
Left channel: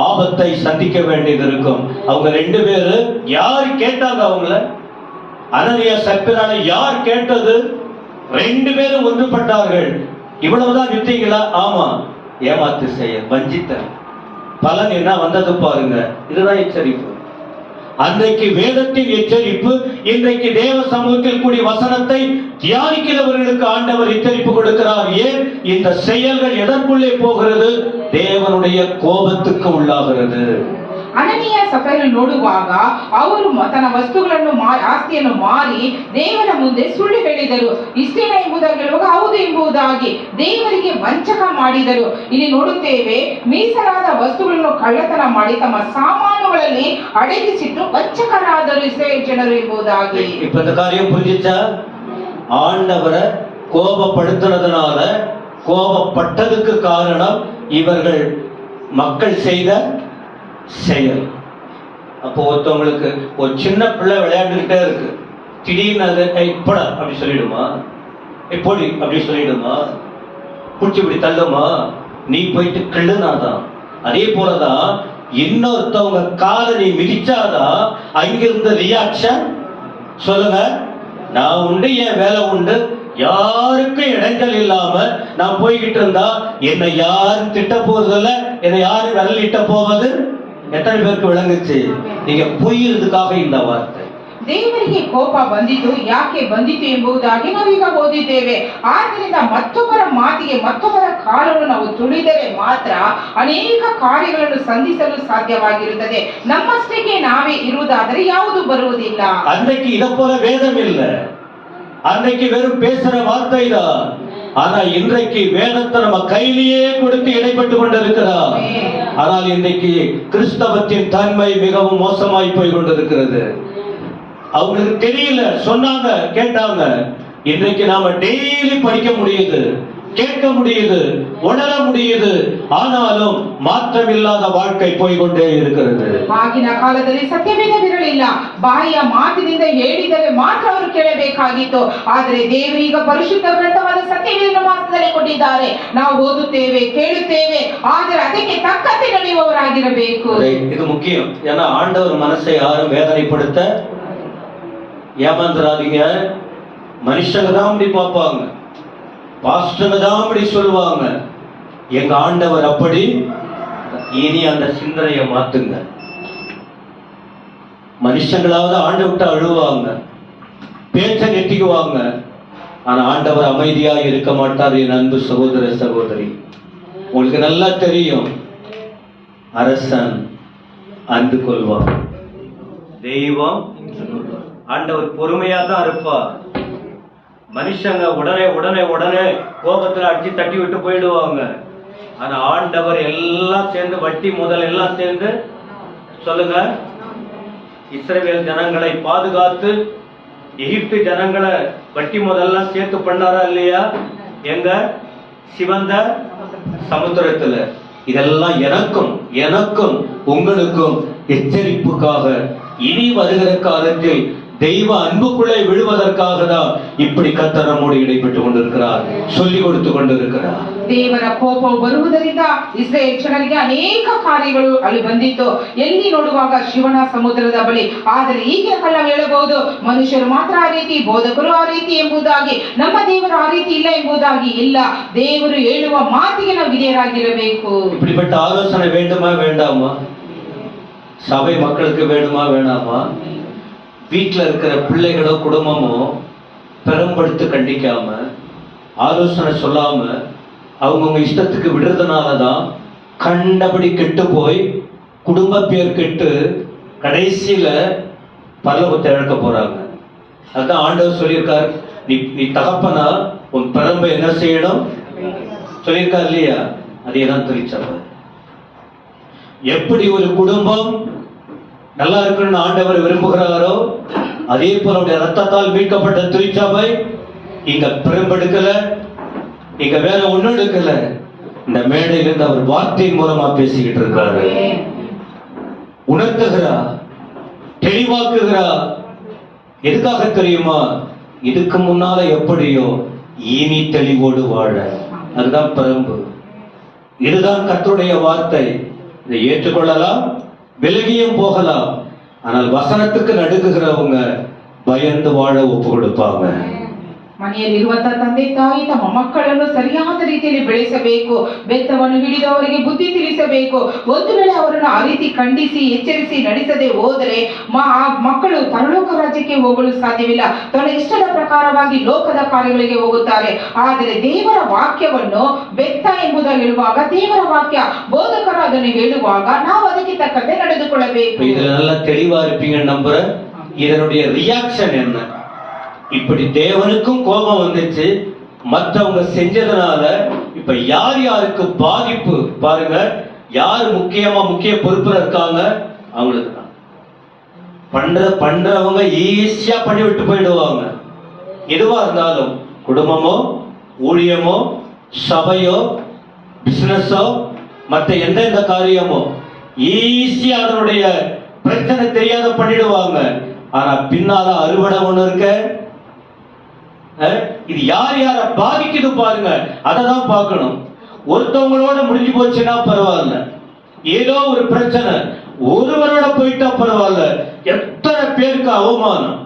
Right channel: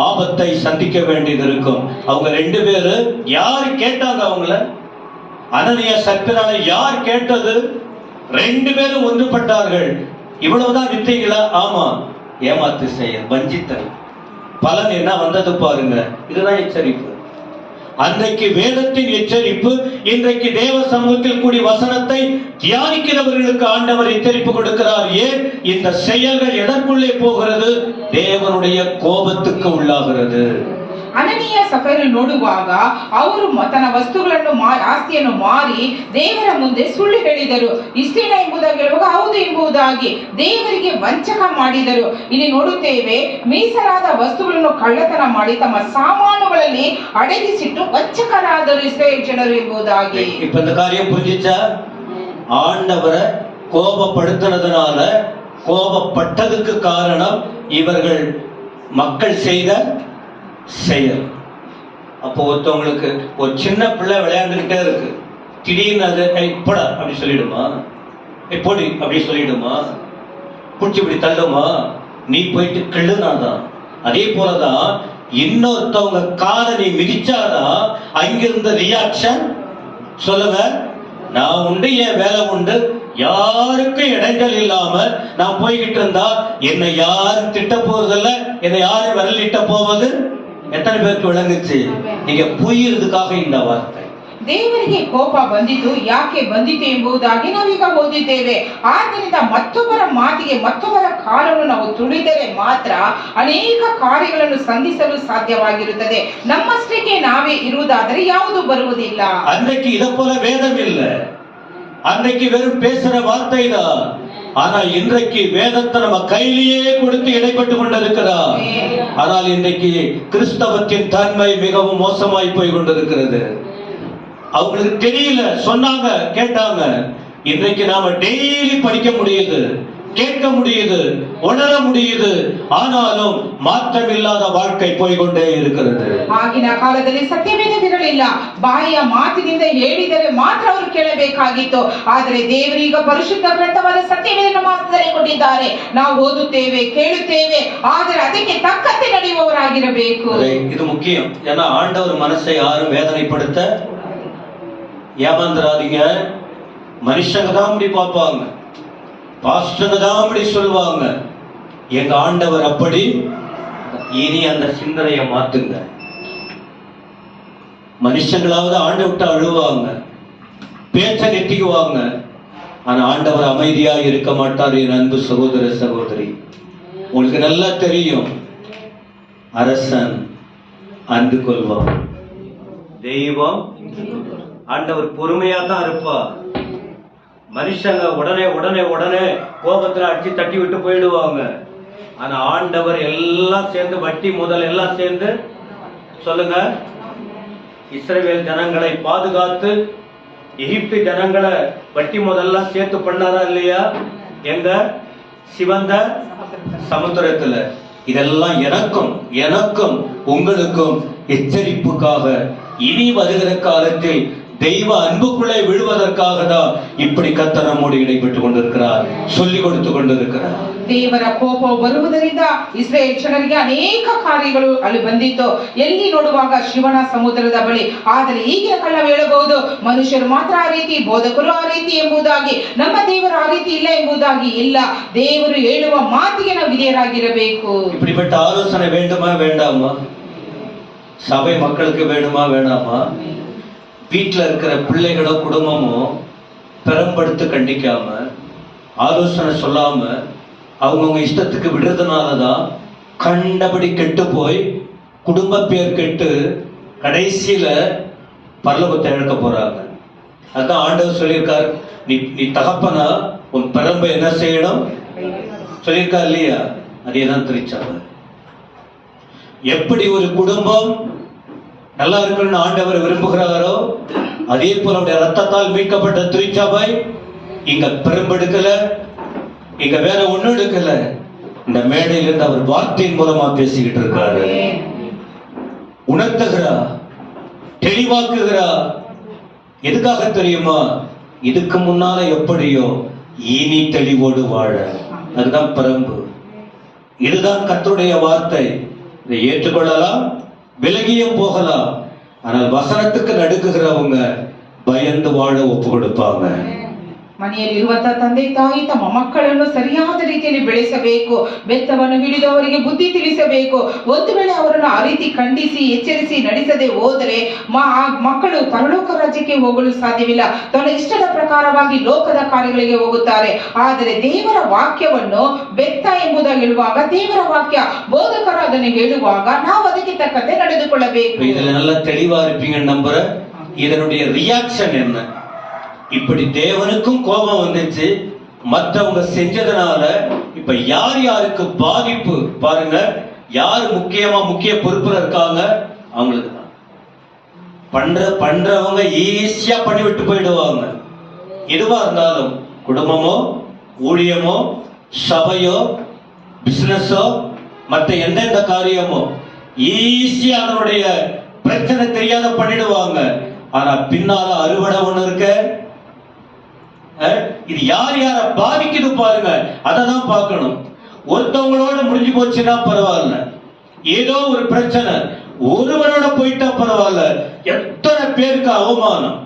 ஆபத்தை சந்திக்க வேண்டியது இருக்கும். அவங்க 2 பேரு யார் கேட்டாங்க? அவங்கள அனனியா சப்பிரால யார் கேட்டது? 2 பேரும் ஒன்றுபட்டார்கள். இவ்வளவுதான் வித்தீங்களா? ஆமா. ஏமாத்து செய்ய வஞ்சித்த பலன் என்ன வந்தது பாருங்க. இதுதான் எச்சரிப்பு. அன்றைக்கு வேதத்தின் எச்சரிப்பு, இன்றைக்கு தேவ சமூகத்தில் கூடிய வசனத்தை தியானிக்கிறவர்களுக்கு ஆண்டவர் எச்சரிப்பு கொடுக்கிறார். ஏன்? இந்த செயல்கள் எதற்குள்ளே போகிறது? தேவனுடைய கோபத்துக்கு உள்ளாகிறது. ಅನನೀಯ ಸಫೈರು ನೋಡುವಾಗ ಅವರು ತನ್ನ ವಸ್ತುಗಳನ್ನು ಆಸ್ತಿಯನ್ನು ಮಾರಿ ದೇವರ ಮುಂದೆ ಸುಳ್ಳು ಹೇಳಿದರು. ಇಷ್ಟೇನ ಎಂಬುದಾಗಿ ಹೇಳುವಾಗ ಹೌದು ಎಂಬುದಾಗಿ ದೇವರಿಗೆ ವಂಚಕ ಮಾಡಿದರು. ಇಲ್ಲಿ ನೋಡುತ್ತೇವೆ, ಮೀಸಲಾದ ವಸ್ತುಗಳನ್ನು ಕಳ್ಳತನ ಮಾಡಿ ತಮ್ಮ ಸಾಮಾನುಗಳಲ್ಲಿ ಅಡಗಿಸಿಟ್ಟು ವಂಚಕರಾದರು ಇಸ್ರಾಯೇಲ್ ಜನರು ಎಂಬುದಾಗಿ. இப்ப இந்த காரியம் புரிஞ்சிச்சா? ஆண்டவரை கோபப்படுத்துறதுனால, கோபப்பட்டதுக்கு காரணம் இவர்கள் மக்கள் செய்த செயல். அப்போ ஒருத்தவங்களுக்கு ஒரு சின்ன பிள்ளை விளையாண்டுகிட்டே இருக்கு, திடீர்னு அது போட அப்படி சொல்லிடுமா? பொடி அப்படி சொல்லிடுமா? குடிச்சு இப்படி தள்ளுமா? நீ போயிட்டு கிள்ளுனாதான். அதே போலதான் இன்னொருத்தவங்க காலை நீ மிதிச்சாதான் அங்கிருந்த ரியாக்ஷன். சொல்லுங்க, நான் உண்டு, என் வேலை உண்டு, யாருக்கும் இடைஞ்சல் இல்லாம நான் போய்கிட்டு இருந்தா என்னை யாரும் திட்ட போறதில்ல, என்னை யாரும் விரலிட்ட போவது. எத்தனை பேருக்கு விளங்குச்சு? நீங்க புரியுறதுக்காக இந்த வார்த்தை. ದೇವರಿಗೆ ಕೋಪ ಬಂದಿತು, ಯಾಕೆ ಬಂದಿತು ಎಂಬುದಾಗಿ ನಾವೀಗ ಓದಿದ್ದೇವೆ. ಆದ್ದರಿಂದ ಮತ್ತೊಬ್ಬರ ಮಾತಿಗೆ ಮತ್ತೊಬ್ಬರ ಕಾಲನ್ನು ನಾವು ತುಳಿದರೆ ಮಾತ್ರ ಅನೇಕ ಕಾರ್ಯಗಳನ್ನು ಸಂಧಿಸಲು ಸಾಧ್ಯವಾಗಿರುತ್ತದೆ. ನಮ್ಮಷ್ಟಕ್ಕೆ ನಾವೇ ಇರುವುದಾದರೆ ಯಾವುದು ಬರುವುದಿಲ್ಲ. அன்றைக்கு இதை போல வேதம் இல்ல, அன்றைக்கு வெறும் பேசுற வார்த்தை தான். ஆனா இன்றைக்கு வேதத்தை நம்ம கையிலேயே கொடுத்து இடைப்பட்டு கொண்டிருக்கிறார். ஆனால் இன்றைக்கு கிறிஸ்தவத்தின் தன்மை மிகவும் மோசமாய் போய் கொண்டிருக்கிறது. அவங்களுக்கு தெரியல, சொன்னாங்க, கேட்டாங்க. இன்றைக்கு நாம டெய்லி படிக்க முடியுது, கேட்க முடியுது, உணர முடியுது. ஆனாலும் மாற்றமில்லாத வாழ்க்கை போய்கொண்டே இருக்கிறது. ಆಗಿನ ಕಾಲದಲ್ಲಿ ಸತ್ಯವೇದವಿರಲಿಲ್ಲ. ಬಾಯಿಯ ಮಾತಿನಿಂದ ಹೇಳಿದರೆ ಮಾತ್ರ ಅವರು ಕೇಳಬೇಕಾಗಿತ್ತು. ಆದರೆ ದೇವರು ಈಗ ಪರಿಶುದ್ಧ ಗ್ರಂಥವಾದ ಸತ್ಯವೇದವನ್ನು ಮಾತ್ರದಲ್ಲಿ ಕೊಟ್ಟಿದ್ದಾರೆ. ನಾವು ಓದುತ್ತೇವೆ, ಕೇಳುತ್ತೇವೆ, ಆದರೆ ಅದಕ್ಕೆ ತಕ್ಕಂತೆ ನಡೆಯುವವರಾಗಿರಬೇಕು. இது முக்கியம். ஏன்னா ஆண்டவர் மனசை யாரும் வேதனைப்படுத்த ஏமாந்துராதீங்க. மனுஷங்க தான் அப்படி பார்ப்பாங்க, பாஸ்டர் தான் அப்படி சொல்லுவாங்க. எங்க ஆண்டவர் அப்படி. இனி அந்த சிந்தனையை மாத்துங்க. மனுஷங்களாவது ஆண்டு விட்டு அழுவாங்க, பேச்ச நெட்டிக்குவாங்க. ஆனா ஆண்டவர் அமைதியா இருக்க மாட்டார். என் அன்பு சகோதர சகோதரி, உங்களுக்கு நல்லா தெரியும், அரசன் அன்பு கொள்வார், தெய்வம் ஆண்டவர் பொறுமையா தான் இருப்பார். மனுஷங்க உடனே உடனே உடனே கோபத்துல அடிச்சு தட்டி விட்டு போயிடுவாங்க. ஆனா ஆண்டவர் எல்லாம் சேர்ந்து, வட்டி முதல் எல்லாம் சேர்ந்து, சொல்லுங்க, இஸ்ரவேல் ஜனங்களை பாதுகாத்து எகிப்து ஜனங்களை வட்டி முதல்லாம் சேர்த்து பண்ணாரா இல்லையா? எங்க? சிவந்த சமுத்திரத்துல. இதெல்லாம் எனக்கும் எனக்கும் உங்களுக்கும் எச்சரிப்புக்காக, இனி வருகிற காலத்தில் தெய்வ அன்புக்குள்ளே விழுவதற்காக தான் இப்படி கர்த்தர் நம்மோடு இடைப்பட்டு கொண்டிருக்கிறார், சொல்லிக் கொடுத்து கொண்டிருக்கிறார். ದೇವರ ಕೋಪ ಬರುವುದರಿಂದ ಇಸ್ರಾಯೇಲ್ ಜನರಿಗೆ ಅನೇಕ ಕಾರ್ಯಗಳು ಅಲ್ಲಿ ಬಂದಿತ್ತು. ಎಲ್ಲಿ ನೋಡುವಾಗ ಶಿವನ ಸಮುದ್ರದ ಬಳಿ. ಆದರೆ ಈಗಿನ ಕಾಲ ಹೇಳಬಹುದು, ಮನುಷ್ಯರು ಮಾತ್ರ ಆ ರೀತಿ, ಬೋಧಕರು ಆ ರೀತಿ ಎಂಬುದಾಗಿ, ನಮ್ಮ ದೇವರು ಆ ರೀತಿ ಇಲ್ಲ ಎಂಬುದಾಗಿ ಇಲ್ಲ. ದೇವರು ಹೇಳುವ ಮಾತಿಗೆ ನಾವು ವಿಧೇಯರಾಗಿರಬೇಕು. இப்படிப்பட்ட ஆலோசனை வேண்டுமா வேண்டாமா? சபை மக்களுக்கு வேணுமா வேணாமா? வீட்டில் இருக்கிற பிள்ளைகளோ குடும்பமோ பெரும்படுத்து கண்டிக்காம, ஆலோசனை சொல்லாம அவங்கவுங்க இஷ்டத்துக்கு விடுறதுனாலதான் கண்டபடி கெட்டு போய் குடும்ப பேர் கெட்டு கடைசியில பரலோகத்தை இழக்க போறாங்க. அதான் ஆண்டவர் சொல்லியிருக்கார், நீ தகப்பனா உன் பிறம்ப என்ன செய்யணும் சொல்லியிருக்கார் இல்லையா? அதேதான் திருச்சபை. எப்படி ஒரு குடும்பம் நல்லா இருக்கணும்னு ஆண்டவர் விரும்புகிறாரோ, அதே போல அவருடைய ரத்தத்தால் மீட்கப்பட்ட திருச்சபை இங்க பெரும்பெடுக்கல, இங்க வேற ஒண்ணும் எடுக்கல. இந்த மேடையிலிருந்து அவர் வார்த்தையின் மூலமா பேசிக்கிட்டு இருக்காரு, உணர்த்துகிறார். தெளிவாக்குகிறார். எதுக்காக தெரியுமா? இதுக்கு முன்னால எப்படியோ இனி தெளிவோடு வாழ. அதுதான் பரம்பு. இதுதான் கர்த்தருடைய வார்த்தை. இதை ஏற்றுக்கொள்ளலாம், விலகியும் போகலாம். ஆனால் வசனத்துக்கு நடுக்குகிறவங்க பயந்து வாழ ஒப்பு கொடுப்பாங்க. ಮನೆಯಲ್ಲಿರುವಂತ ತಂದೆ ತಾಯಿ ತಮ್ಮ ಮಕ್ಕಳನ್ನು ಸರಿಯಾದ ರೀತಿಯಲ್ಲಿ ಬೆಳೆಸಬೇಕು. ಬೆತ್ತವನ್ನು ಹಿಡಿದು ಅವರಿಗೆ ಬುದ್ಧಿ ತಿಳಿಸಬೇಕು. ಒಂದು ವೇಳೆ ಅವರನ್ನು ಆ ರೀತಿ ಖಂಡಿಸಿ ಎಚ್ಚರಿಸಿ ನಡೆಸದೆ ಹೋದರೆ ಮಕ್ಕಳು ಪರಲೋಕ ರಾಜ್ಯಕ್ಕೆ ಹೋಗಲು ಸಾಧ್ಯವಿಲ್ಲ. ತನ್ನ ಇಷ್ಟದ ಪ್ರಕಾರವಾಗಿ ಲೋಕದ ಕಾರ್ಯಗಳಿಗೆ ಹೋಗುತ್ತಾರೆ. ಆದರೆ ದೇವರ ವಾಕ್ಯವನ್ನು ಬೆತ್ತ ಎಂಬುದಾಗಿ ಹೇಳುವಾಗ, ದೇವರ ವಾಕ್ಯ ಬೋಧಕರು ಅದನ್ನು ಹೇಳುವಾಗ ನಾವು ಅದಕ್ಕೆ ತಕ್ಕಂತೆ ನಡೆದುಕೊಳ್ಳಬೇಕು. ಇದೆಲ್ಲ தெளிவா இருப்பீங்க நம்புறேன். இதனுடைய ரியாக்ஷன் என்ன? இப்படி தேவனுக்கும் கோபம் வந்துச்சு, மற்றவங்க செஞ்சதுனால இப்ப யார் யாருக்கு பாதிப்பு பாருங்க. யார் முக்கிய பொறுப்புல இருக்காங்க? அவங்களுக்கு தான். பண்றவங்க ஈஸியா பண்ணி விட்டு போயிடுவாங்க. எதுவா இருந்தாலும், குடும்பமோ ஊழியமோ சபையோ பிசினஸோ மற்ற எந்தெந்த காரியமோ ஈஸியா அதனுடைய பிரச்சனை தெரியாத பண்ணிடுவாங்க. ஆனா பின்னால அறுவடை ஒண்ணு இருக்க. இது யார் யார பாதிக்குது பாருங்க, அததான் பார்க்கணும். ஒருத்தவங்களோட முடிஞ்சு போச்சுன்னா பரவாயில்ல, ஏதோ ஒரு பிரச்சனை ஒருவரோட போயிட்டா பரவாயில்ல, எத்தனை பேருக்கு அவமானம்,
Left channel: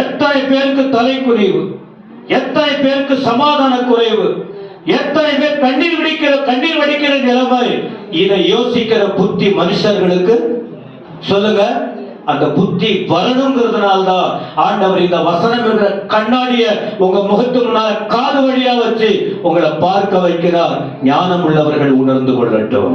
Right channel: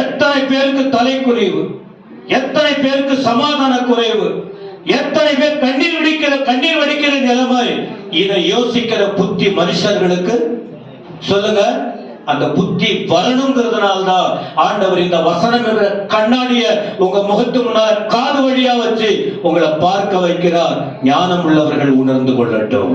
எத்தனை பேருக்கு தலைக்குறைவு, எத்தனை பேருக்கு சமாதான குறைவு, எத்தனை பேர் கண்ணீர் வடிக்கிற நிலைமை. இதை யோசிக்கிற புத்தி மனுஷர்களுக்கு சொல்லுங்க. அந்த புத்தி வரணுங்கிறதுனால்தான் ஆண்டவர் இந்த வசனம் என்ற கண்ணாடிய உங்க முகத்து முன்னால காது வழியா வச்சு உங்களை பார்க்க வைக்கிறார். ஞானம் உள்ளவர்கள் உணர்ந்து கொள்ளட்டும்.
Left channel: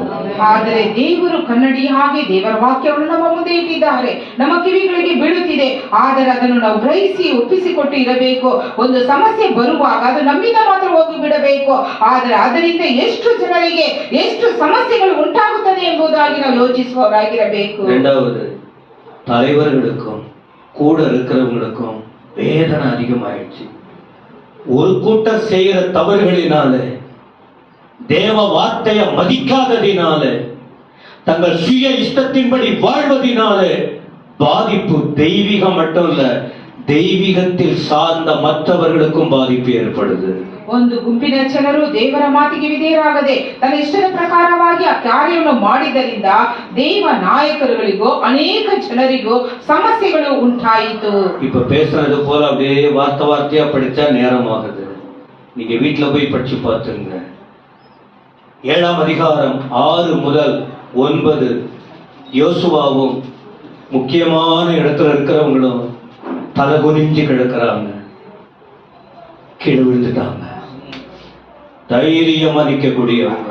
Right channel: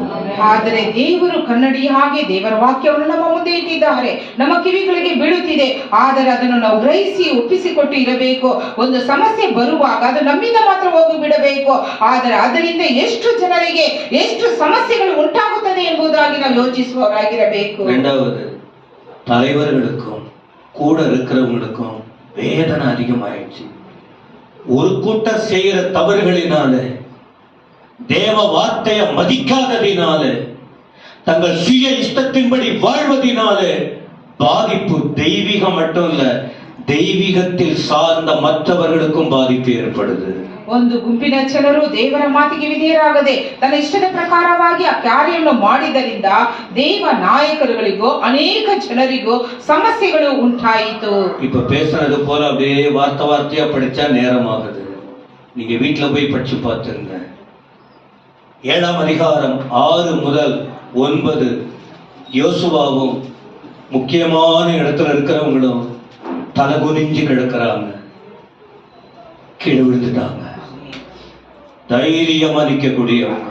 ಆದರೆ ದೇವರು ಕನ್ನಡಿಯಾಗಿ ದೇವರ ವಾಕ್ಯವನ್ನು ನಮ್ಮ ಮುಂದೆ ಇಟ್ಟಿದ್ದಾರೆ, ನಮ್ಮ ಕಿವಿಗಳಿಗೆ ಬೀಳುತ್ತಿದೆ. ಆದರೆ ಅದನ್ನು ನಾವು ಗ್ರಹಿಸಿ ಒಪ್ಪಿಸಿಕೊಟ್ಟು ಇರಬೇಕು. ಒಂದು ಸಮಸ್ಯೆ ಬರುವಾಗ ಅದು ನಮ್ಮಿಂದ ಮಾತ್ರ ಹೋಗಿ ಬಿಡಬೇಕು. ಆದರೆ ಅದರಿಂದ ಎಷ್ಟು ಜನರಿಗೆ ಎಷ್ಟು ಸಮಸ್ಯೆಗಳು ಉಂಟಾಗುತ್ತದೆ ಎಂಬುದಾಗಿ ನಾವು ಯೋಚಿಸುವವರಾಗಿರಬೇಕು. இரண்டாவது, தலைவர்களுக்கும் கூட இருக்கிறவங்களுக்கும் வேதனை அதிகமாயிடுச்சு. ஒரு கூட்டம் செய்கிற தவறுகளினால, தேவ வார்த்தையை மதிக்காததினால, தங்கள் சுய இஷ்டத்தின்படி வாழ்வதினால பாதிப்பு தெய்வீகம் மட்டும் இல்ல, தெய்வீகத்தில் சார்ந்த மற்றவர்களுக்கும் பாதிப்பு ஏற்படுது. ಒಂದು ಗುಂಪಿನ ಜನರು ದೇವರ ಮಾತಿಗೆ ವಿಧೇಯರಾಗದೆ ತನ್ನ ಇಷ್ಟದ ಪ್ರಕಾರವಾಗಿ ಆ ಕಾರ್ಯವನ್ನು ಮಾಡಿದ್ದರಿಂದ ದೇವ ನಾಯಕರುಗಳಿಗೂ ಅನೇಕ ಜನರಿಗೂ ಸಮಸ್ಯೆಗಳು ಉಂಟಾಯಿತು. இப்ப பேசுறது போல அப்படியே வார்த்தையா படிச்சா நேரம் ஆகுது. நீங்க வீட்டுல போய் படிச்சு பார்த்துங்க. 7ஆம் அதிகாரம் 6 முதல் 9. யோசுவாவும் முக்கியமான இடத்துல இருக்கிறவங்களும் தலை குனிஞ்சு கிடக்கிறாங்க, கீழே விழுந்துட்டாங்க. தைரியமா நிற்கக்கூடியவங்க,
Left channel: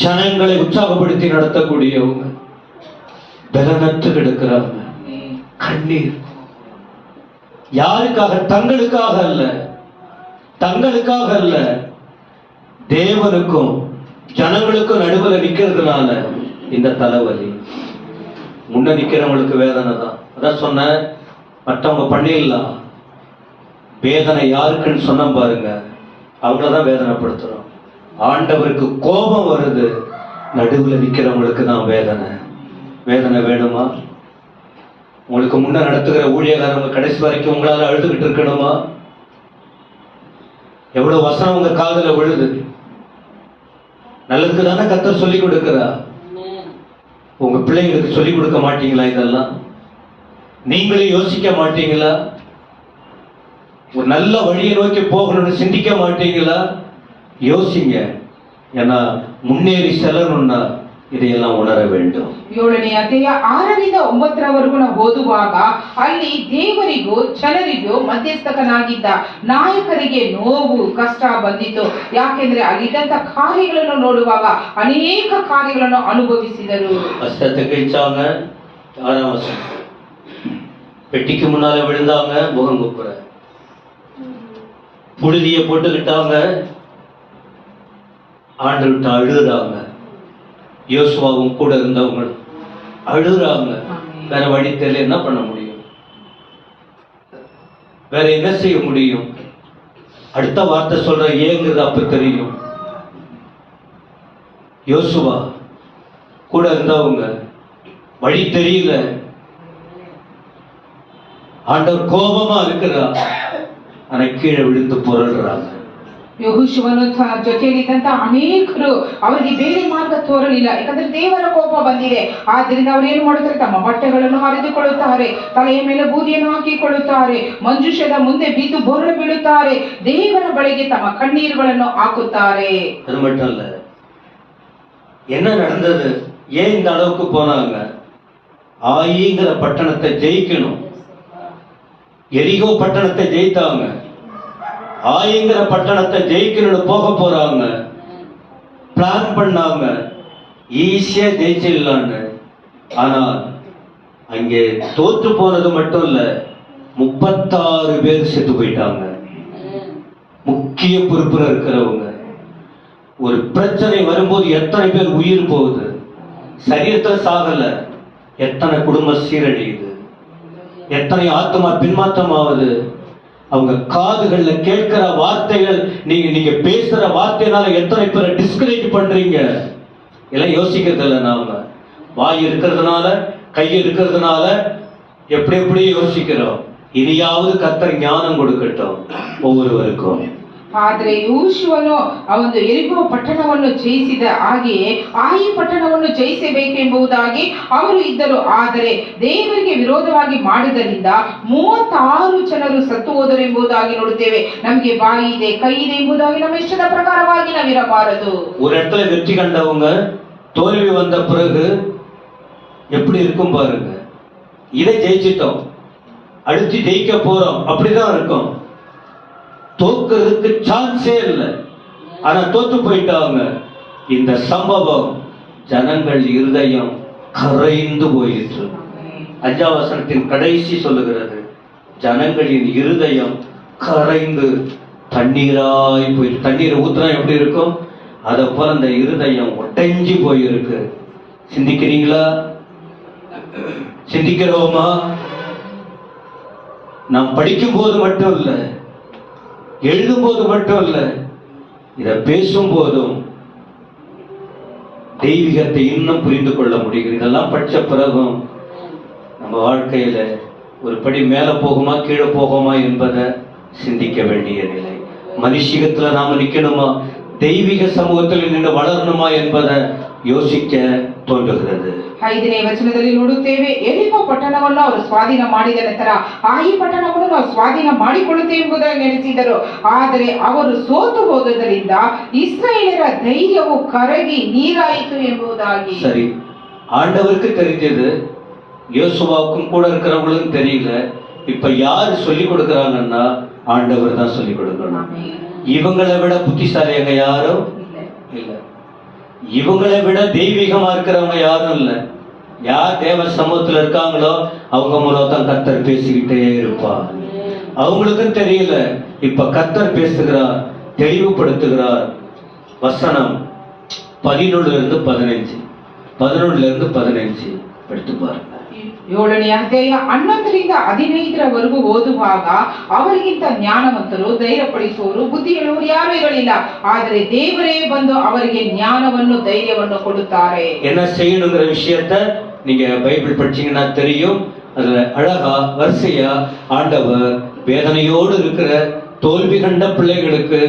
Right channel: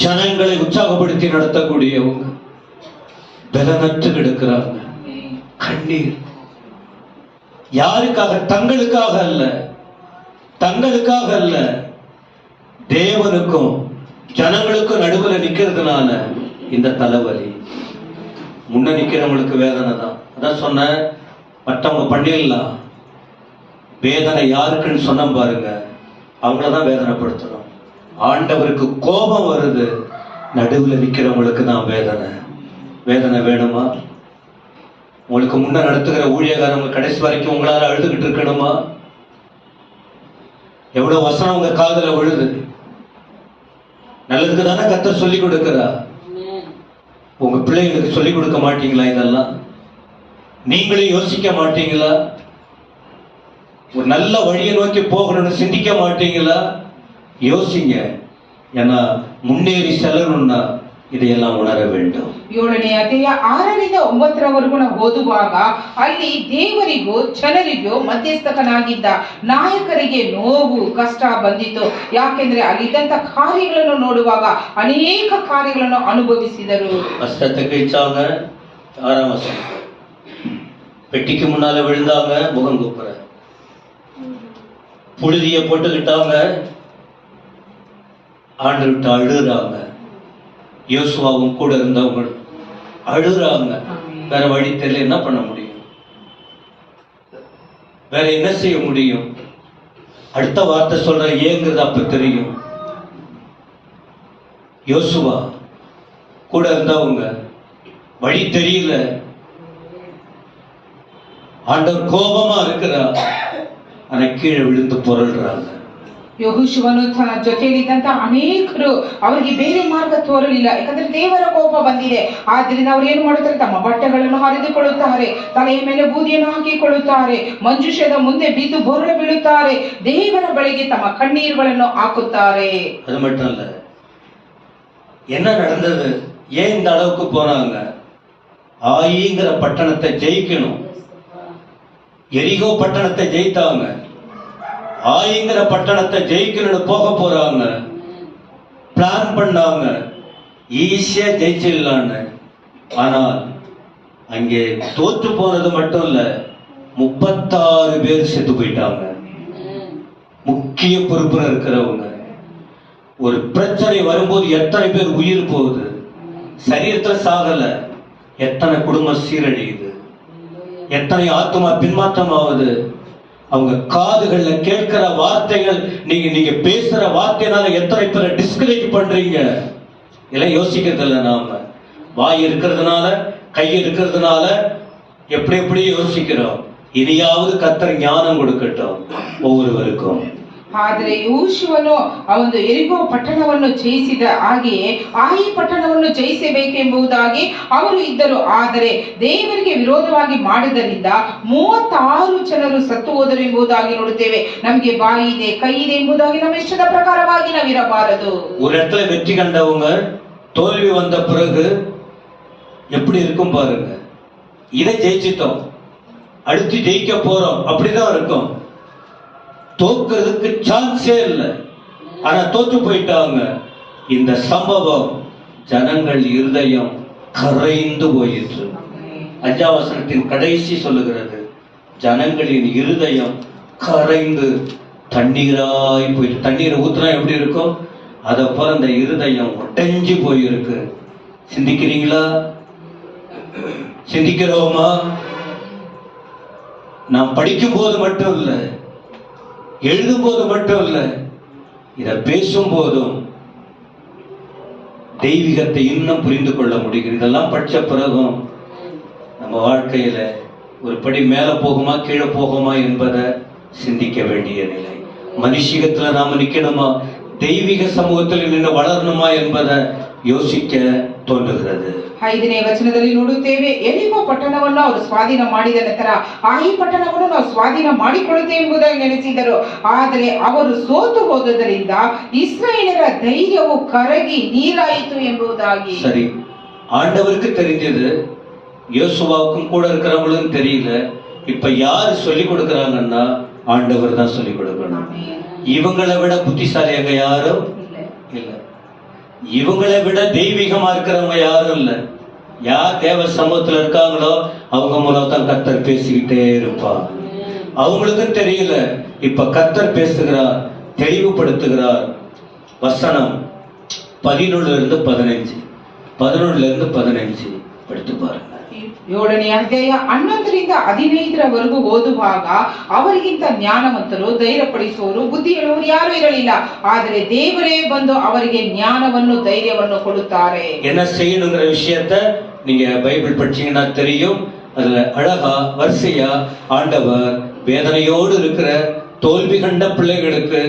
ஜனங்களை உற்சாகப்படுத்தி நடத்தக்கூடியவங்க பலனற்று கிடக்கிறாங்க. கண்ணீர். யாருக்காக? தங்களுக்காக அல்ல, தேவனுக்கும் ஜனங்களுக்கும் நடுவில் நிக்கிறதுனால இந்த தலைவலி. முன்ன நிக்கிறவங்களுக்கு வேதனை தான். அதான் சொன்ன, மற்றவங்க பண்ணிடலாம். வேதனை யாருக்குன்னு சொன்ன பாருங்க, அவங்களதான் வேதனைப்படுத்துறோம். ஆண்டவருக்கு கோபம் வருது, நடுவில் நிற்கிறவங்களுக்கு தான் வேதனை வேணுமா? உங்களுக்கு முன்ன நடத்துகிற ஊழியக்காரங்க கடைசி வரைக்கும் உங்களால அழுதுகிட்டு இருக்கணுமா? எவ்வளவு வசனம் உங்க காதுல விழுது. நல்லதுக்கு தானே கர்த்தர் சொல்லி கொடுக்கிறா. உங்க பிள்ளைங்களுக்கு சொல்லி கொடுக்க மாட்டீங்களா? இதெல்லாம் நீங்களே யோசிக்க மாட்டீங்களா? ஒரு நல்ல வழியை நோக்கி போகணும்னு சிந்திக்க மாட்டீங்களா? யோசிங்க. ஏன்னா முன்னேறி செல்லணும்னா இதையெல்லாம் உணர வேண்டும். 7ನೇ ಅಧ್ಯಾಯ 6ರಿಂದ 9ರವರೆಗೂ ನಾವು ಓದುವಾಗ ಅಲ್ಲಿ ದೇವರಿಗೂ ಜನರಿಗೂ ಮಧ್ಯಸ್ಥಕನಾಗಿದ್ದ ನಾಯಕರಿಗೆ ನೋವು ಕಷ್ಟ ಬಂದಿತ್ತು. ಯಾಕೆಂದ್ರೆ ಅಲ್ಲಿದ್ದಂತ ಕಾರ್ಯಗಳನ್ನು ನೋಡುವಾಗ ಅನೇಕ ಕಾರ್ಯಗಳನ್ನು ಅನುಭವಿಸಿದರು. கஷ்டத்தை கழிச்சாங்க. 6ஆம் வசனம். பெட்டிக்கு முன்னால விழுந்தாங்க, முகம் குப்புற. புழுதிய போட்டுக்கிட்டாங்க, ஆண்டு விட்டு அழுறாங்க. யோசுவாவும் கூட இருந்தவங்க அழுறாங்க. வேற வழி தெரியல, என்ன பண்ண முடியும்? வேற என்ன செய்ய முடியும்? அடுத்த வார்த்தை சொல்ற ஏங்குது. அப்ப தெரியும். யோசுவா கூட இருந்தவங்க வழி தெரியல, ஆண்டவர் கோபமா இருக்கிறார். ஆனா கீழே விழுந்து புரள்றாங்க. ಯೆಹೋಶುವನು ಜೊತೆಯಲ್ಲಿದ್ದಂತ ಅನೇಕರು ಅವರಿಗೆ ಬೇರೆ ಮಾರ್ಗ ತೋರಲಿಲ್ಲ, ಯಾಕಂದ್ರೆ ದೇವರ ಕೋಪ ಬಂದಿದೆ. ಆದ್ರಿಂದ ಅವರು ಏನು ಮಾಡುತ್ತಾರೆ, ತಮ್ಮ ಬಟ್ಟೆಗಳನ್ನು ಹರಿದುಕೊಳ್ಳುತ್ತಾರೆ, ತಲೆಯ ಮೇಲೆ ಬೂದಿಯನ್ನು ಹಾಕಿಕೊಳ್ಳುತ್ತಾರೆ, ಮಂಜುಷದ ಮುಂದೆ ಬಿದ್ದು ಬೊರಳು ಬೀಳುತ್ತಾರೆ, ದೇವರ ಬಳಿಗೆ ತಮ್ಮ ಕಣ್ಣೀರುಗಳನ್ನು ಹಾಕುತ್ತಾರೆ. அது மட்டும் இல்ல, என்ன நடந்தது, ஏன் இந்த அளவுக்கு போனாங்க? ஆயிங்கிற பட்டணத்தை ஜெயிக்கணும். எரிகோ பட்டணத்தை ஜெயித்தாங்க. ஆயிங்கிற பட்டணத்தை ஜெயிக்கணும்னு போக போறாங்க. பிளான் பண்ணாங்க, ஈஸியா ஜெயிச்சிடலான்னு. ஆனால் அங்கே தோற்று போனது மட்டும் இல்ல, 36 பேர் செத்து போயிட்டாங்க. முக்கிய பொறுப்புல இருக்கிறவங்க. ஒரு பிரச்சனை வரும்போது எத்தனை பேர் உயிர் போகுது, சரீரத்துல சாகல, எத்தனை குடும்பம் சீரழியுது, எத்தனை ஆத்மா பின்மாற்றம் ஆகுது. அவங்க காதுகள்ல கேட்கிற வார்த்தைகள், நீங்க பேசுற வார்த்தையினால எத்தனை பேரை டிஸ்கரேஜ் பண்றீங்க. இதெல்லாம் யோசிக்கிறது இல்லை. நாம வாய் இருக்கிறதுனால, கை இருக்கிறதுனால எப்படி எப்படி யோசிக்கிறோம். இனியாவது கர்த்தர் ஞானம் கொடுக்கட்டும் ஒவ்வொருவருக்கும். ಆದ್ರೆ ಯೆಹೋಶುವನು ಅವನು ಎರಿಕೋ ಪಟ್ಟಣವನ್ನು ಜಯಿಸಿದ ಹಾಗೆಯೇ ಆಯಿ ಪಟ್ಟಣವನ್ನು ಜಯಿಸಬೇಕೆಂಬುದಾಗಿ ಅವರು ಇದ್ದರು. ಆದರೆ ದೇವರಿಗೆ ವಿರೋಧವಾಗಿ ಮಾಡಿದ್ದರಿಂದ 36 ಜನರು ಸತ್ತು ಹೋದರು ಎಂಬುದಾಗಿ ನೋಡುತ್ತೇವೆ. ನಮಗೆ ಬಾಯಿ ಇದೆ, ಕೈ ಇದೆ ಎಂಬುದಾಗಿ ನಮ್ಮ ಇಷ್ಟದ ಪ್ರಕಾರವಾಗಿ ನಾವಿರಬಾರದು. ஒரு இடத்துல வெற்றி கண்டவங்க தோல்வி வந்த பிறகு எப்படி இருக்கும் பாருங்க. இதை ஜெயிச்சிட்டோம், அடுத்து ஜெயிக்க போறோம், அப்படிதான் இருக்கும். தோக்கிறதுக்கு சான்ஸே இல்லை. ஆனா தோற்று போயிட்டாங்க. இந்த சம்பவம் ஜனங்கள் இருதயம் கரைந்து போயிற்று. 5ஆம் வசனத்தின் கடைசி சொல்லுகிறது, ஜனங்களின் இருதயம் கரைந்து தண்ணீராய் போயிட்டு. தண்ணீரை ஊத்துனா எப்படி இருக்கும், அதை போல அந்த இருதயம் ஒட்டஞ்சி போயிருக்கு. சிந்திக்கிறீங்களா? சிந்திக்கிறோமா? நாம் படிக்கும் போது மட்டும் இல்லை, எழுதும் போது மட்டும் இல்ல, இத பேசும் போதும் தெய்வீகத்தை இன்னும் புரிந்து கொள்ள முடியும். இதெல்லாம் படிச்ச பிறகும் நம்ம வாழ்க்கையில ஒரு படி மேல போகுமா கீழே போகுமா என்பதை சிந்திக்க வேண்டிய நிலை. மனுஷிகத்துல நாம நிக்கணுமா, தெய்வீக சமூகத்தில் நின்று வளரணுமா என்பதை யோசிக்க ತೋಂಡುತ್ತದೆ. 5ನೇ ವಚನದಲ್ಲಿ ನೋಡುತ್ತೇವೆ, ಎರಿಕೋ ಪಟ್ಟಣವನ್ನು ಅವರು ಸ್ವಾಧೀನ ಮಾಡಿದ ನಂತರ ಆಯಿ ಪಟ್ಟಣವನ್ನು ನಾವು ಸ್ವಾಧೀನ ಮಾಡಿಕೊಳ್ಳುತ್ತೇವೆ ಎಂಬುದಾಗಿ ನೆನೆಸಿದರು. ಆದರೆ ಅವರು ಸೋತು ಹೋದದರಿಂದ ಇಸ್ರಾಯೇಲರ ಧೈರ್ಯವು ಕರಗಿ ನೀರಾಯಿತು ಎಂಬುದಾಗಿ. சரி, ஆண்டவருக்கு தெரிஞ்சது, யோசுவாவுக்கும் கூட இருக்கிறவங்களுக்கும் தெரியல. இப்ப யாரு சொல்லி கொடுக்கறாங்கன்னா ஆண்டவர் தான் சொல்லி கொடுக்கணும். இவங்களை விட புத்திசாலியாக யாரும் இல்ல, இவங்களை விட தெய்வீகமா இருக்கிறவங்க யாரும் இல்ல. யார் தேவ சமூகத்துல இருக்காங்களோ அவங்க மூலம் தான் கர்த்தர் பேசிக்கிட்டே இருப்பா. அவங்களுக்கும் தெரியல, இப்ப கர்த்தர் பேசுகிறார், தெளிவுபடுத்துகிறார். வசனம் 11-15 படித்து பாருங்க. 7ನೇ ಅಧ್ಯಾಯ 11-15 ಓದುವಾಗ, ಅವರಿಗಿಂತ ಜ್ಞಾನವಂತರು, ಧೈರ್ಯಪಡಿಸುವವರು, ಬುದ್ಧಿ ಹೇಳುವವರು ಯಾರು ಇರಲಿಲ್ಲ. ಆದರೆ ದೇವರೇ ಬಂದು ಅವರಿಗೆ ಜ್ಞಾನವನ್ನು, ಧೈರ್ಯವನ್ನು ಕೊಡುತ್ತಾರೆ. என்ன செய்யணுங்கிற விஷயத்த நீங்க பைபிள் படிச்சீங்கன்னா தெரியும். அதுல அழகா வரிசையா ஆண்டவர் வேதனையோடு இருக்கிற தோல்வி கண்ட பிள்ளைகளுக்கு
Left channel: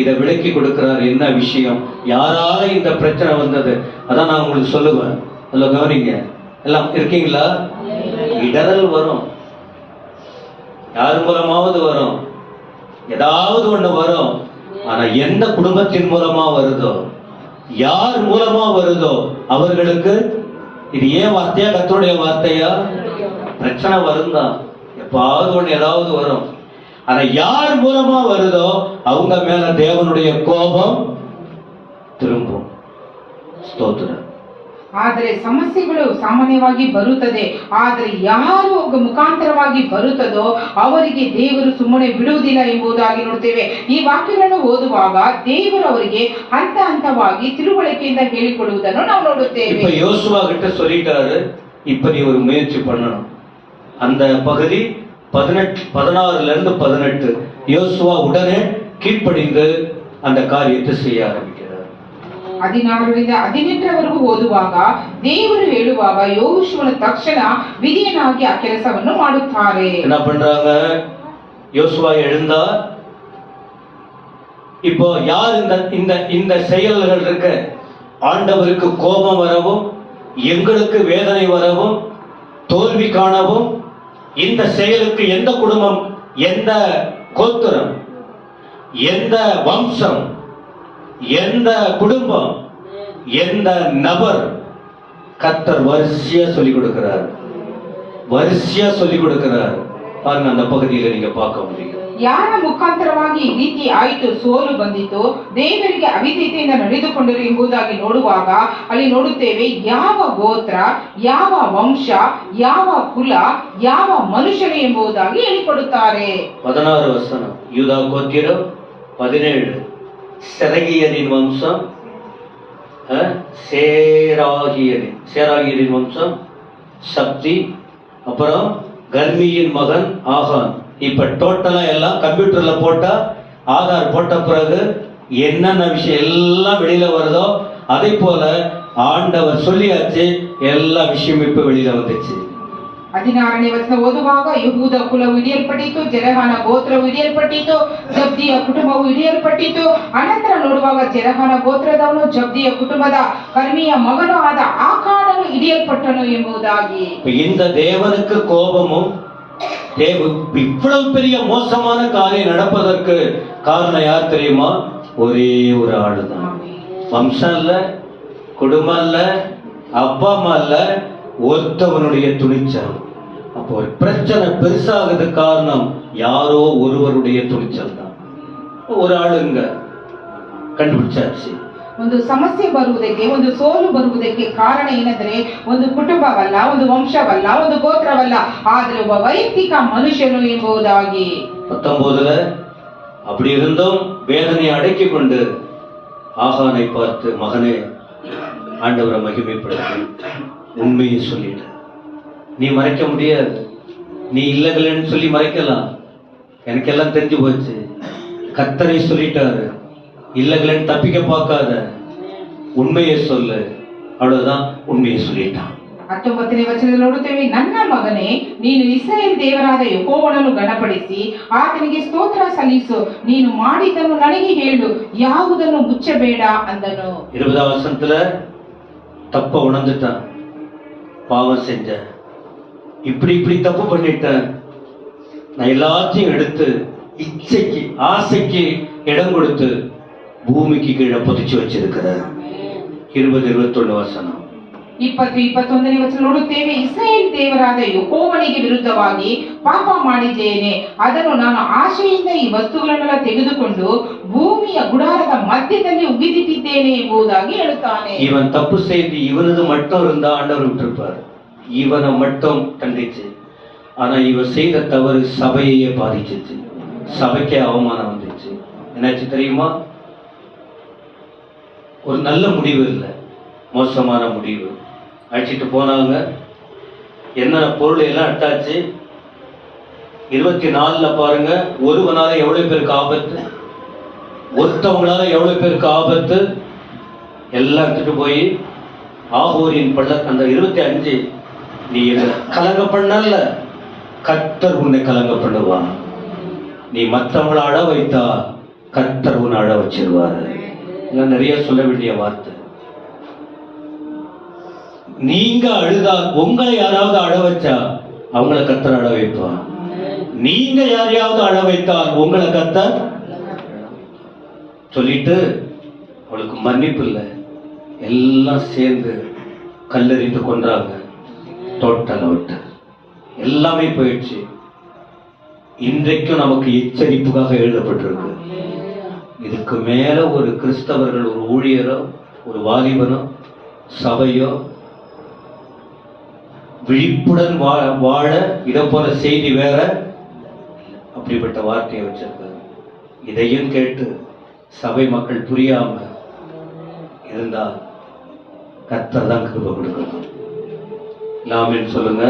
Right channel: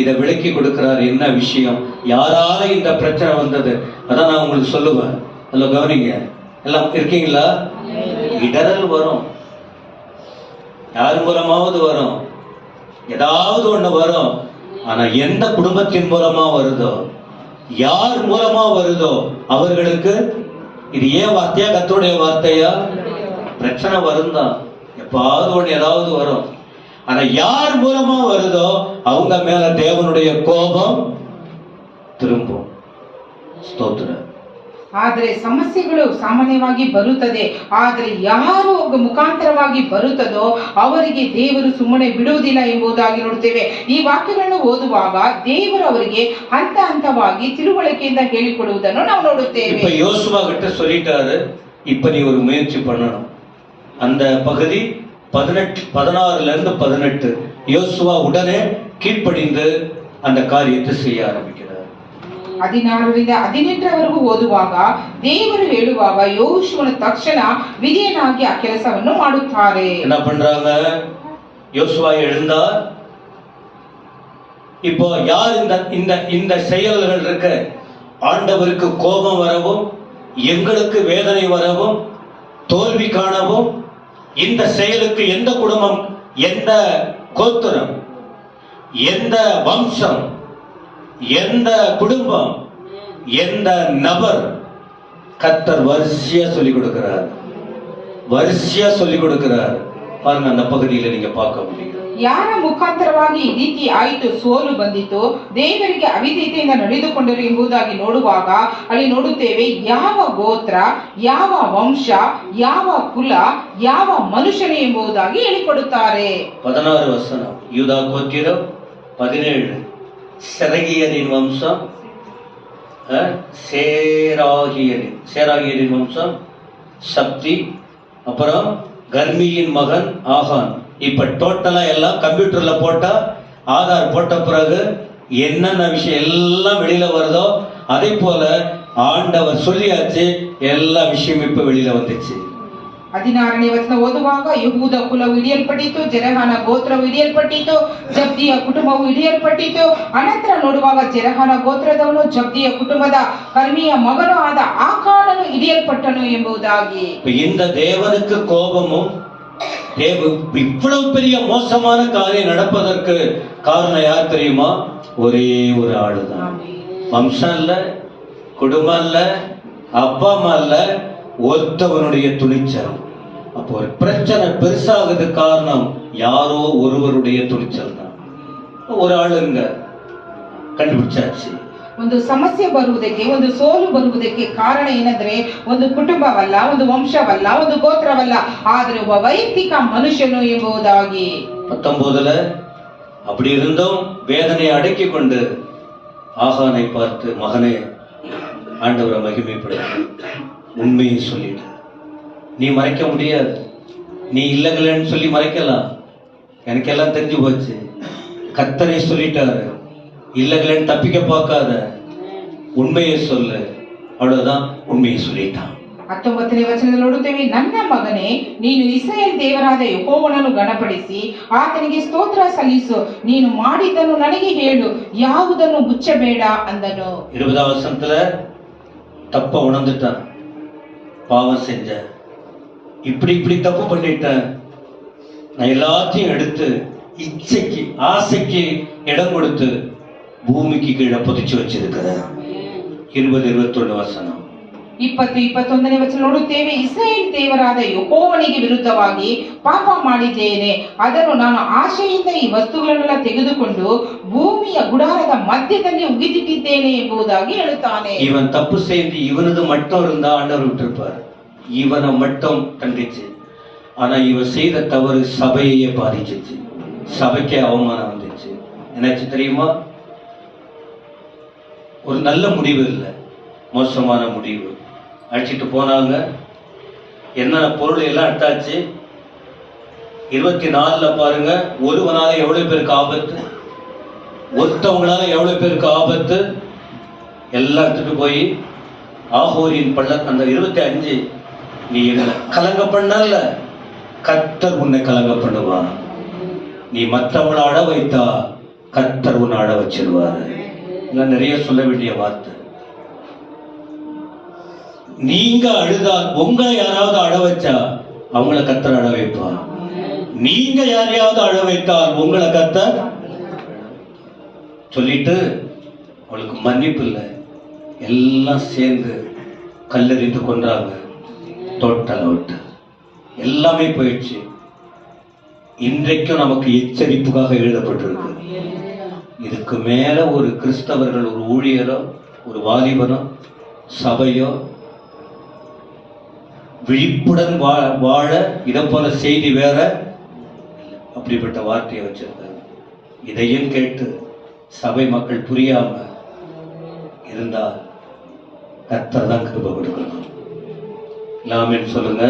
இதை விளக்கி கொடுக்கிறார். என்ன விஷயம், யாரால இந்த பிரச்சனை வந்தது, அதான் நான் உங்களுக்கு சொல்லுவேன். அதுல கவனிங்க. எல்லாம் இருக்கீங்களா? இடரல் வரும், யார் மூலமாவது வரும், ஏதாவது ஒண்ணு வரும். ஆனா எந்த குடும்பத்தின் மூலமா வருதோ, யார் மூலமா வருதோ அவர்களுக்கு இது ஏன் வார்த்தையா, கர்த்தருடைய வார்த்தையா? பிரச்சனை வரும் தான், எப்பாவது ஒண்ணு ஏதாவது வரும். ஆனா யார் மூலமா வருதோ அவங்க மேல தேவனுடைய கோபம் திரும்பும். ஸ்தோத்திரம். ಆದರೆ ಸಮಸ್ಯೆಗಳು ಸಾಮಾನ್ಯವಾಗಿ ಬರುತ್ತದೆ. ಆದರೆ ಯಾರು ಮುಖಾಂತರವಾಗಿ ಬರುತ್ತದೋ ಅವರಿಗೆ ದೇವರು ಸುಮ್ಮನೆ ಬಿಡುವುದಿಲ್ಲ ಎಂಬುದಾಗಿ ನೋಡ್ತೇವೆ. ಈ ವಾಕ್ಯಗಳನ್ನು ಓದುವಾಗ ದೇವರು ಅವರಿಗೆ ಹಂತ ಹಂತವಾಗಿ ತಿಳುವಳಿಕೆಯಿಂದ ಹೇಳಿಕೊಡುವುದನ್ನು ನಾವು ನೋಡುತ್ತೇವೆ. இப்ப யோசுவா கிட்ட சொல்லிட்டாரு, இப்ப நீ ஒரு முயற்சி பண்ணணும். அந்த பகுதி 14-18 யோசுவா உடனே கீழ்ப்படிந்து அந்த காரியத்தை செய்ய ஆரம்பிக்கிறார். 16ರಿಂದ 18ರವರೆಗೂ ಓದುವಾಗ ದೇವರು ಹೇಳುವಾಗ ಯೋಶುವನು ತಕ್ಷಣ ವಿಧೇಯನಾಗಿ ಆ ಕೆಲಸವನ್ನು ಮಾಡುತ್ತಾರೆ. என்ன பண்றாங்க? யோசுவா எழுந்தார். இப்போ யார் இந்த செயல்கள் இருக்க ஆண்டவருக்கு கோபம் வரவும் எங்களுக்கு வேதனை வரவும் தோல்வி காணவும் இந்த செயலுக்கு எந்த குடும்பம், எந்த கோத்திரம், எந்த வம்சம், எந்த குடும்பம், எந்த நபர் கர்த்தர் வரிசையா சொல்லிக் கொடுக்கிறார். பாருங்க, அந்த பகுதியில நீங்க பார்க்க முடியும். ಯಾರ ಮುಖಾಂತರವಾಗಿ ಈ ರೀತಿ ಆಯಿತು, ಸೋಲು ಬಂದಿತು, ದೇವರಿಗೆ ಅವಿಧೇಯತೆಯಿಂದ ನಡೆದುಕೊಂಡರು ಎಂಬುದಾಗಿ ನೋಡುವಾಗ ಅಲ್ಲಿ ನೋಡುತ್ತೇವೆ ಯಾವ ಗೋತ್ರ, ಯಾವ ವಂಶ, ಯಾವ ಕುಲ, ಯಾವ ಮನುಷ್ಯನು ಎಂಬುದಾಗಿ ಹೇಳಿಕೊಡುತ್ತಾರೆ. 16 வசனம் யூதா கோத்திரம், 17 செரகியரின் வம்சம், சேராகியரின் வம்சம் சப்தி, அப்புறம் கர்மியின் மகன் ஆகான். இப்ப டோட்டலா எல்லாம் கம்ப்யூட்டர்ல போட்டா, ஆதார் போட்ட பிறகு என்னென்ன விஷயம் எல்லாம் வெளியில வருதோ அதே போல ஆண்டவர் சொல்லியாச்சு, எல்லா விஷயமும் இப்ப வெளியில வந்துச்சு. 16ನೇ ವಚನ ಓದುವಾಗ ಯಹೂದ ಕುಲವು ಹಿಡಿಯಲ್ಪಟ್ಟಿತು, ಜೆರಹನ ಗೋತ್ರವು ಹಿಡಿಯಲ್ಪಟ್ಟಿತು, ಜಬ್ದಿಯ ಕುಟುಂಬವು ಹಿಡಿಯಲ್ಪಟ್ಟಿತು. ಅನಂತರ ನೋಡುವಾಗ ಜೆರಹನ ಗೋತ್ರದವನು ಜಬ್ದಿಯ ಕುಟುಂಬದ ಕರ್ಮಿಯ ಮಗನೂ ಆದ ಆಕಾನನು ಹಿಡಿಯಲ್ಪಟ್ಟನು ಎಂಬುದಾಗಿ. இந்த தேவனுக்கு கோபமும் இவ்வளவு பெரிய மோசமான காரியம் நடப்பதற்கு காரணம் யார் தெரியுமா? ஒரே ஒரு ஆளுதான். வம்சம் இல்ல, குடும்பம் இல்ல, அப்பா அம்மா இல்ல, ஒருத்தவனுடைய துணிச்சல். அப்போ ஒரு பிரச்சனை பெருசாகுது காரணம் யாரோ ஒருவருடைய துணிச்சல் தான். ஒரு ஆளுங்க ಕಂಡುಬಿಡ್ಚಾಚಿ. ಒಂದು ಸಮಸ್ಯೆ ಬರುವುದಕ್ಕೆ, ಒಂದು ಸೋಲು ಬರುವುದಕ್ಕೆ ಕಾರಣ ಏನಂದ್ರೆ ಒಂದು ಕುಟುಂಬವಲ್ಲ, ಒಂದು ವಂಶವಲ್ಲ, ಒಂದು ಗೋತ್ರವಲ್ಲ, ಆದರೆ ಒಬ್ಬ ವೈಯಕ್ತಿಕ ಮನುಷ್ಯನು ಎಂಬುದಾಗಿ. 19 அப்படி இருந்தும் வேதனையை அடக்கி கொண்டு ஆகானை பார்த்து, மகனே ஆண்டவரை மகிமைப்படுத்து, உண்மையை சொல்லிடு. நீ மறைக்க முடியாது, நீ இல்லைன்னு சொல்லி மறைக்கலாம், எனக்கெல்லாம் தெரிஞ்சு போச்சு, கர்த்தரே சொல்லிட்டாரு, இல்லைன்னு தப்பிக்க பார்க்காத, உண்மையை சொல்லு. அவ்வளவுதான், உண்மையை சொல்லிட்டான். 19ನೇ ವಚನದಲ್ಲಿ ನೋಡುತ್ತೇವೆ, ನನ್ನ ಮಗನೇ, ನೀನು ಇಸ್ರಾಯೇಲ್ ದೇವರಾದ ಯೆಹೋವನನ್ನು ಗಣಪಡಿಸಿ ಆತನಿಗೆ ಸ್ತೋತ್ರ ಸಲ್ಲಿಸು, ನೀನು ಮಾಡಿದ್ದನ್ನು ನನಗೆ ಹೇಳು, ಯಾವುದನ್ನು ಮುಚ್ಚಬೇಡ ಅಂದನು. 20வது வசனத்துல தப்ப உணர்ந்துட்டான், பாவம் செஞ்ச, இப்படி தப்பு பண்ணிட்டேன், நான் எல்லாத்தையும் எடுத்து இச்சைக்கு ஆசைக்கு இடம் கொடுத்து பூமிக்கு கீழே புதைச்சு வச்சிருக்கிறேன். 20-21 வசனம். 20-21ನೇ ವಚನ ನೋಡುತ್ತೇವೆ, ಇಸ್ರಾಯೇಲ್ ದೇವರಾದ ಯೆಹೋವನಿಗೆ ವಿರುದ್ಧವಾಗಿ ಪಾಪ ಮಾಡಿದ್ದೇನೆ, ಅದನ್ನು ನಾನು ಆಶೆಯಿಂದ ಈ ವಸ್ತುಗಳನ್ನೆಲ್ಲ ತೆಗೆದುಕೊಂಡು ಭೂಮಿಯ ಗುಡಾರದ ಮಧ್ಯದಲ್ಲಿ ಉಗಿದಿಟ್ಟಿದ್ದೇನೆ ಎಂಬುದಾಗಿ ಹೇಳುತ್ತಾನೆ. இவன் தப்பு செய்து இவனது மட்டும் இருந்தா ஆண்டவர் விட்டிருப்பார், இவனை மட்டும் தண்டிச்சு. ஆனா இவன் செய்த தவறு சபையே பாதிச்சிச்சு, சபைக்கே அவமானம் வந்துச்சு. என்னாச்சு தெரியுமா? ஒரு நல்ல முடிவு இல்லை, மோசமான முடிவு. அழைச்சிட்டு போனாங்க, என்னென்ன பொருள் எல்லாம் எடுத்தாச்சு. 24 பாருங்க, ஒருவனால எவ்வளவு பேருக்கு ஆபத்து, ஒருத்தவங்களால எவ்வளவு பேருக்கு ஆபத்து, எல்லாம் எடுத்துட்டு போய் ஆகோரின் அந்த 25, நீ என்ன கலங்க பண்ணல, கர்த்தர் உன்னை கலங்க பண்ணுவா. நீ மற்றவங்களை அழ வைத்தா கர்த்தர் உன்னை அழ வச்சிருவாரு. நிறைய சொல்ல வேண்டிய வார்த்தை. நீங்க அழுதால், உங்களை யாராவது அழ வச்சா அவங்கள கர்த்தர் அழ வைப்பார். நீங்க யாரையாவது அழ வைத்தால் உங்களை கர்த்தர் சொல்லிட்டு, அவளுக்கு மன்னிப்பு இல்லை, எல்லாம் சேர்ந்து கல்லெறிந்து கொன்றாங்க. டோட்டல் அவுட், எல்லாமே போயிடுச்சு. இன்றைக்கும் நமக்கு எச்சரிப்புக்காக எழுதப்பட்டிருக்கு. இதுக்கு மேல ஒரு கிறிஸ்தவர்கள், ஒரு ஊழியரோ, ஒரு வாலிபனோ, சபையோ விழிப்புடன் வாழ இதை போல செய்தி வேற அப்படிப்பட்ட வார்த்தையை வச்சிருக்காரு. இதையும் கேட்டு சபை மக்கள் புரியாம இருந்தால் கர்த்தர் தான் கிருபை கொடுக்கணும். ஆமென் சொல்லுங்க.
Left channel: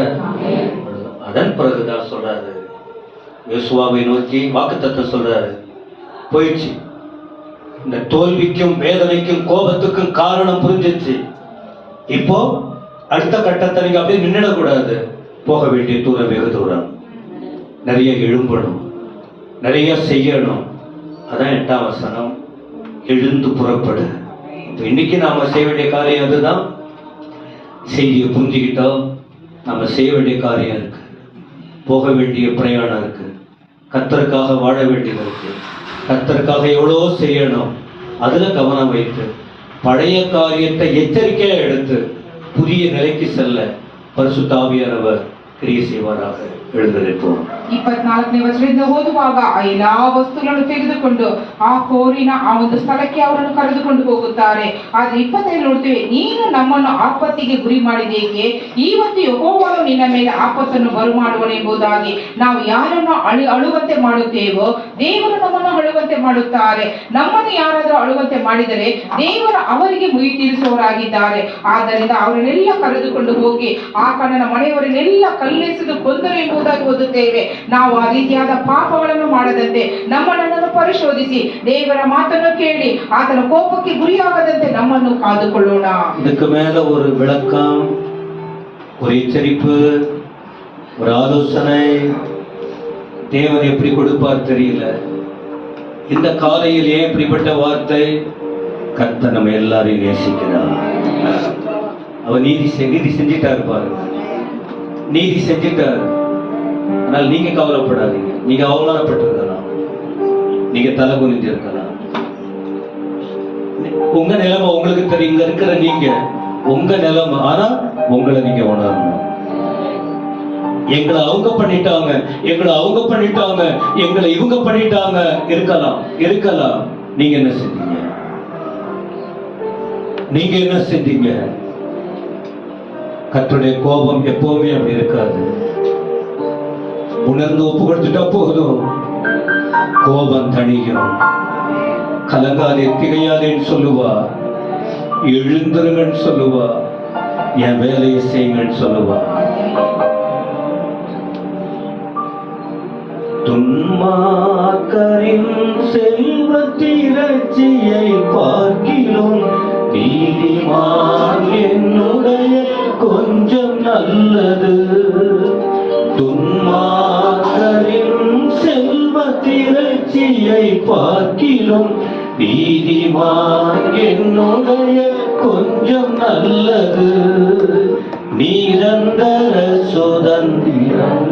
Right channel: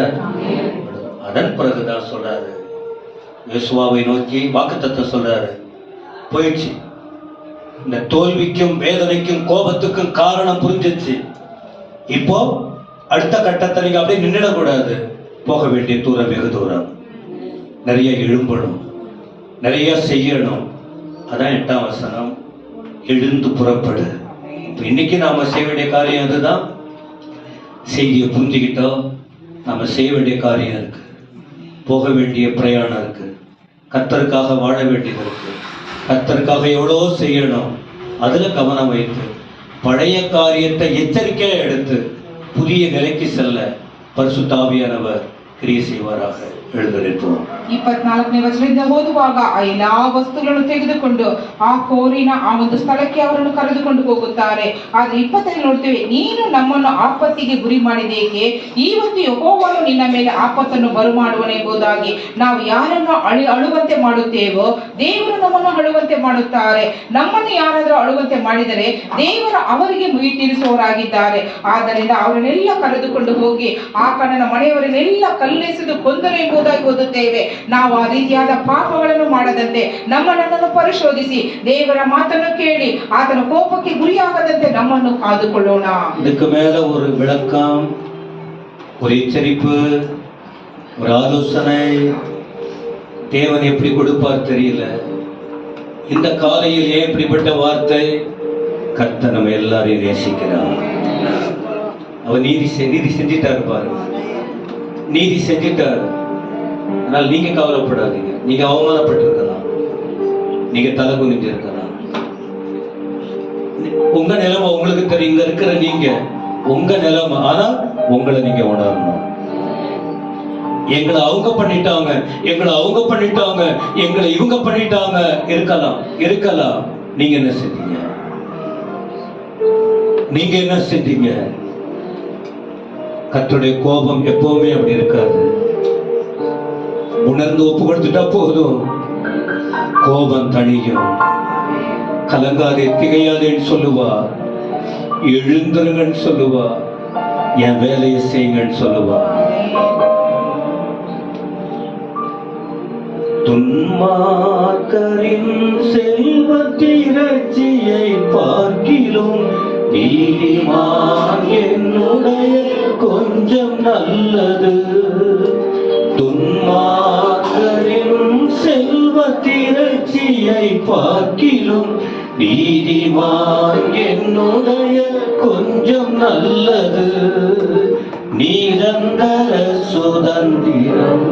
அதன் பிறகுதான் சொல்றாரு, யோசுவாவை நோக்கி வாக்குத்தத்தம் சொல்றாரு. போயிடுச்சு, இந்த தோல்விக்கும் வேதனைக்கும் கோபத்துக்கும் காரணம் புரிஞ்சிச்சு. இப்போ அடுத்த கட்டத்தை நீங்க அப்படியே நின்றுடக்கூடாது. போக வேண்டிய தூரம் வெகு தூரம். நிறைய எழும்பணும், நிறைய செய்யணும். அதான் 8ஆம் வசனம், எழுந்து புறப்படு. இன்னைக்கு நாம செய்ய வேண்டிய காரியம் அதுதான். செய்தியை புரிஞ்சுக்கிட்டோம். நாம செய்ய வேண்டிய காரியம் இருக்கு, போக வேண்டிய பிரயாணம் இருக்கு, கர்த்தருக்காக வாழ வேண்டியது இருக்கு, கர்த்தருக்காக எவ்வளோ செய்யணும். அதுல கவனம் வைத்து பழைய காரியத்தை எச்சரிக்கையா எடுத்து புதிய நிலைக்கு செல்ல பரிசுத்த ஆவியானவர் கிரியை செய்வாராக. எழுந்து நிற்போம். 24ನೇ ವಚನದಿಂದ ಓದುವಾಗ ಆ ಎಲ್ಲಾ ವಸ್ತುಗಳನ್ನು ತೆಗೆದುಕೊಂಡು ಆ ಕೋರಿನ ಆ ಒಂದು ಸ್ಥಳಕ್ಕೆ ಅವರನ್ನು ಕರೆದುಕೊಂಡು ಹೋಗುತ್ತಾರೆ. ಆದ್ರೆ 25 ನೋಡ್ತೇವೆ, ನೀನು ನಮ್ಮನ್ನು ಆಪತ್ತಿಗೆ ಗುರಿ ಮಾಡಿದೇಕೆ? ಇವತ್ತು ಯೆಹೋವನು ನಿನ್ನ ಮೇಲೆ ಆಪತ್ತನ್ನು ಬರುಮಾಡುವನು ಎಂಬುದಾಗಿ ನಾವು ಯಾರನ್ನು ಅಳುವಂತೆ ಮಾಡುತ್ತೇವೋ ದೇವರು ನಮ್ಮನ್ನು ಅಳುವಂತೆ ಮಾಡುತ್ತಾರೆ. ನಮ್ಮನ್ನು ಯಾರಾದರೂ ಅಳುವಂತೆ ಮಾಡಿದರೆ ದೇವರ ಅವರಿಗೆ ಮುಯಿ ತೀರಿಸುವವರಾಗಿದ್ದಾರೆ. ಆದ್ದರಿಂದ ಅವರನ್ನೆಲ್ಲ ಕರೆದುಕೊಂಡು ಹೋಗಿ ಆ ಕಣ್ಣನ ಮನೆಯವರನ್ನೆಲ್ಲ ಕಲ್ಲೆಸೆದು ಕೊಂದರು ಎಂಬುದಾಗಿ ಓದುತ್ತೇವೆ. ನಾವು ಆ ರೀತಿಯಾದ ಪಾಪಗಳನ್ನು ಮಾಡದಂತೆ ನಮ್ಮನ್ನು ಪರಿಶೋಧಿಸಿ ದೇವರ ಮಾತನ್ನು ಕೇಳಿ ಆತನ ಕೋಪಕ್ಕೆ ಗುರಿಯಾಗದಂತೆ ನಮ್ಮನ್ನು ಕಾದುಕೊಳ್ಳೋಣ. இதுக்கு மேல ஒரு விளக்கம், ஒரு எச்சரிப்பு, ஒரு ஆலோசனை தேவன் எப்படி கொடுப்பார் தெரியல. இந்த காலையில் ஏன் இப்படிப்பட்ட வார்த்தை? கர்த்தர் நம்ம எல்லாரையும் நேசிக்கிறார். அவர் நீதி செஞ்சிட்டாரு பாருங்க, நீதி செஞ்சிட்டாரு. ஆனால் நீங்க கவலைப்படாதீங்க. நீங்க அவமானப்பட்டு இருக்கலாம், நீங்க தலை குனிஞ்சு இருக்கலாம். உங்க நிலைமை உங்களுக்கு தெரியும். இங்க இருக்கிற நீங்க உங்க நிலைமை, ஆனா உங்களை நீங்க உணரணும். எங்களை அவங்க பண்ணிட்டாங்க, எங்களை அவங்க பண்ணிட்டாங்க, எங்களை இவங்க பண்ணிட்டாங்க. இருக்கலாம். நீங்க என்ன செஞ்சீங்க? நீங்க என்ன செஞ்சீங்க? கர்த்தருடைய கோபம் எப்பவுமே அப்படி இருக்காது. உணர்ந்து ஒப்பு கொடுத்துட்டா போதும், கோபம் தணியும். கலங்காதே திகையாதேன்னு சொல்லுவா, எழுந்துருங்கன்னு சொல்லுவா, என் வேலையை செய்யுங்கன்னு சொல்லுவா. துன்மார்க்கரின் செல்வத்திரட்சியை பார்க்கிலும் நீதிமான் என்னுடைய கொஞ்சம் நல்லது. துன்மார்க்கரின் செல்வத்திரட்சியை பார்க்கிலும் நீதிமான் என்னுடைய கொஞ்சம் நல்லது. நிரந்தர சுதந்திரம்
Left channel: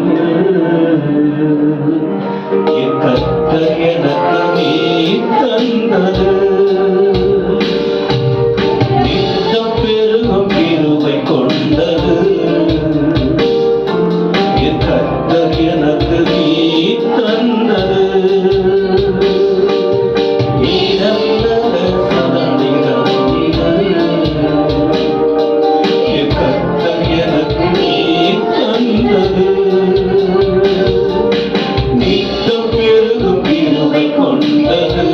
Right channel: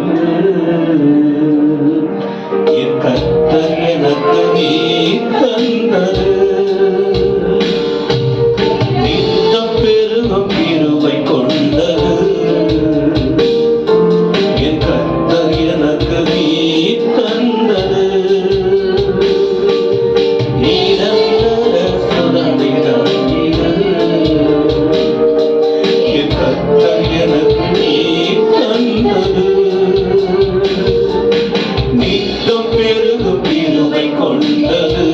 கர்த்தர் எனக்கு நீ தந்தது. நித்தம் பெருகும் கிருபை கொண்டது. என் கர்த்தர் எனக்கு நீ தந்தது. நிரந்தர சுதந்திரம் என் கர்த்தர் எனக்கு நீ தந்தது. நித்தம் பெருகும் கிருபை கொண்டது.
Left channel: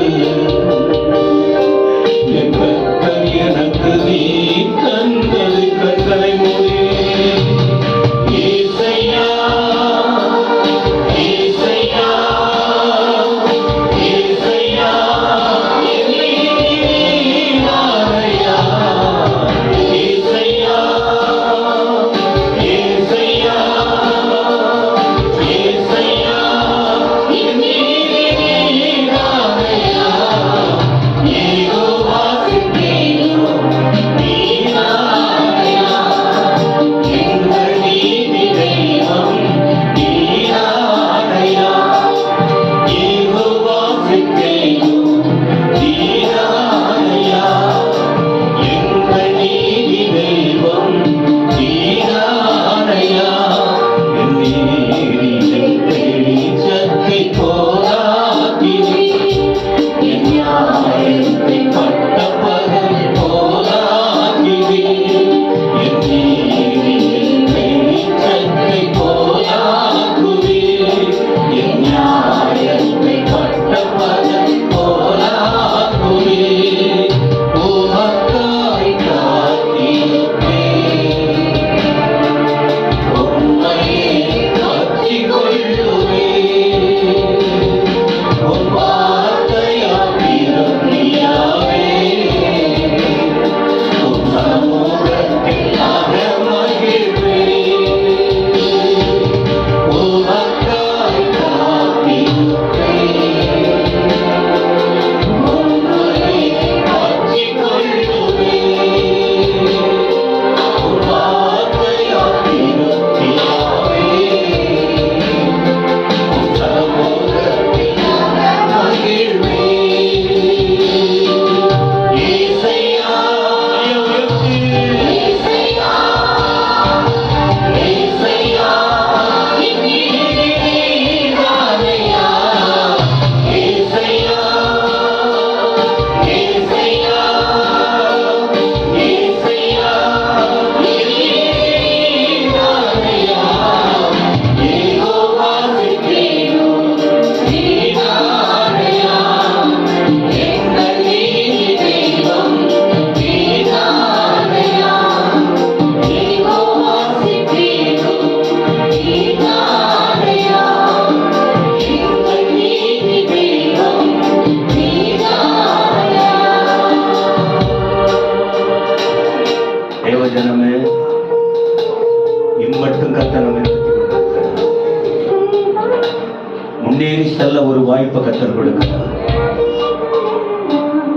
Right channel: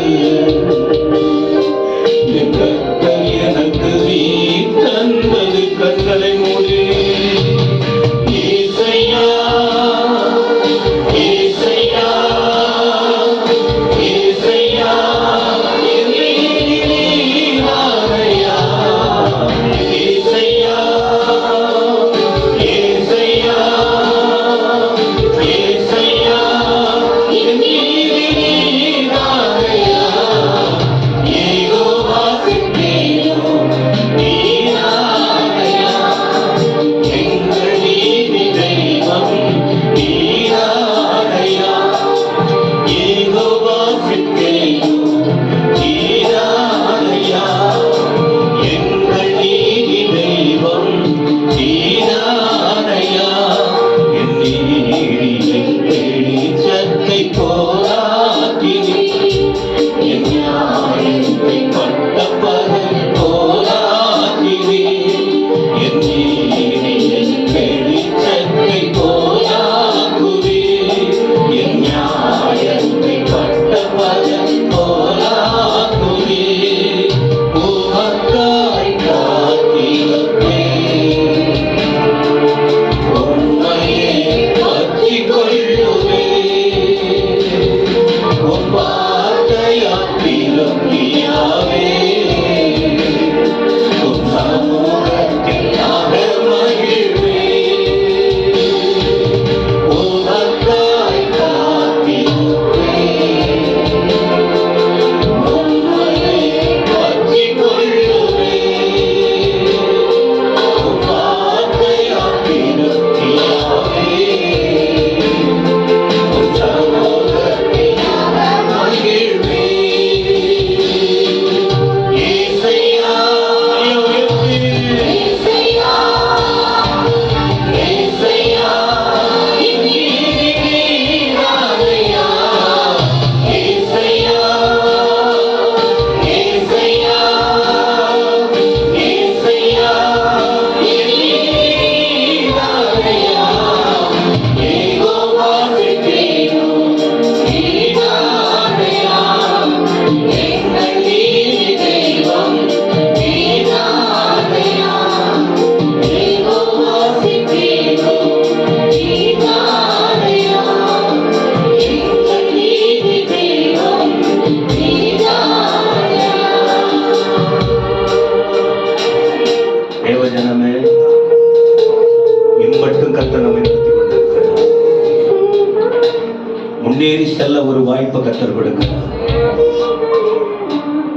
கொடுக்கிறார்.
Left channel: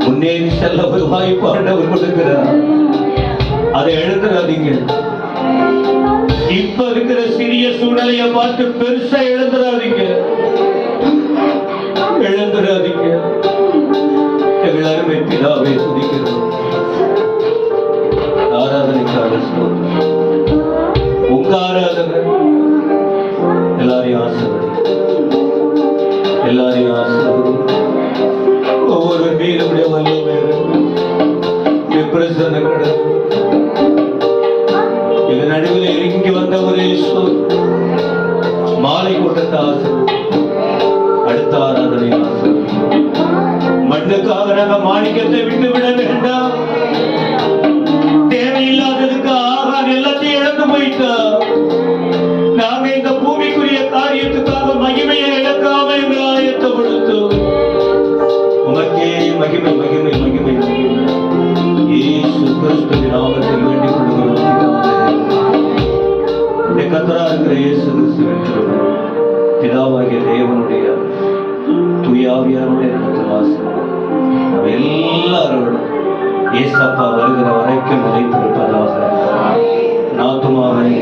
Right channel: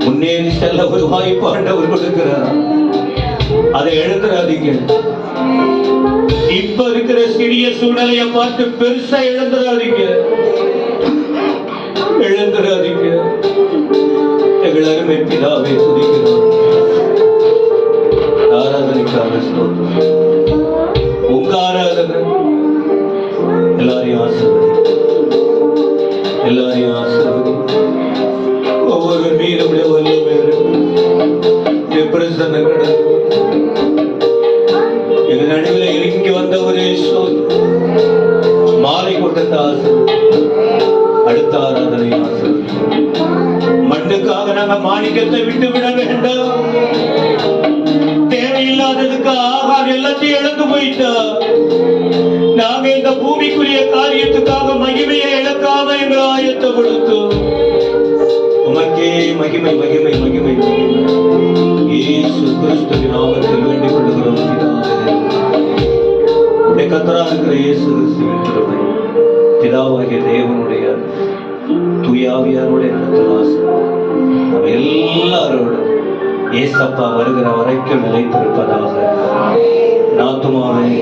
முன்னேறி செல்ல ஒரு வாய்ப்பு ஆண்டவர் கொடுக்கிறார். அதை எழுந்துடாதீங்க. இப்ப இருக்கிற சிறிய சூழ்நிலையை பார்த்து பெருசா எழுந்துடாதீங்க. எழுந்துடாதீங்க. எங்களாருமே பிதாவை துதிக்கிறோம். ஆராதனைக்காக ஸ்தோத்திரம். உங்க ஆராதனை எல்லாரையும் ஆசீர்வதி, எல்லாரையும் ஆசீர்வதி. ஒவ்வொரு மீதுடைய வல்லமை பிரசன்ன எங்க நடுவில் இறங்கி வந்தவரே மாலை கூட்டத்தை ஆசீர்வதி. அடுத்த ஆராதனை ஆசீர்வதி. மண்ணுக்காக நாங்க மாணிக்கத்தை விட்டு விட வேண்டாம். தேவையில்லாததுக்கு ஆகாத எல்லாத்தையும் இழந்து போயிட்டா நாங்க இந்த பூமிக்குரிய காரியத்துக்காக மகிமையை இழக்காம எங்களை ஆயத்தப்படுத்தும். உமக்கே மகிமை மகிமை மகிமை மகிமை. இயேசு கிறிஸ்துவின் நாமத்தில் வேண்டிக் கொள்கிறோம் பிதாவே. கர்த்தரா இருக்கிற இயேசு கிறிஸ்துவின் கிருபை, பிதாவாகிய தேவனுடைய தூயாவியாருடைய நடத்துவாசம் எல்லாரோடும் ஏசப்பா வருகிற வரைக்கும் நிலைத்திருப்பதாக. நாத்துமாவை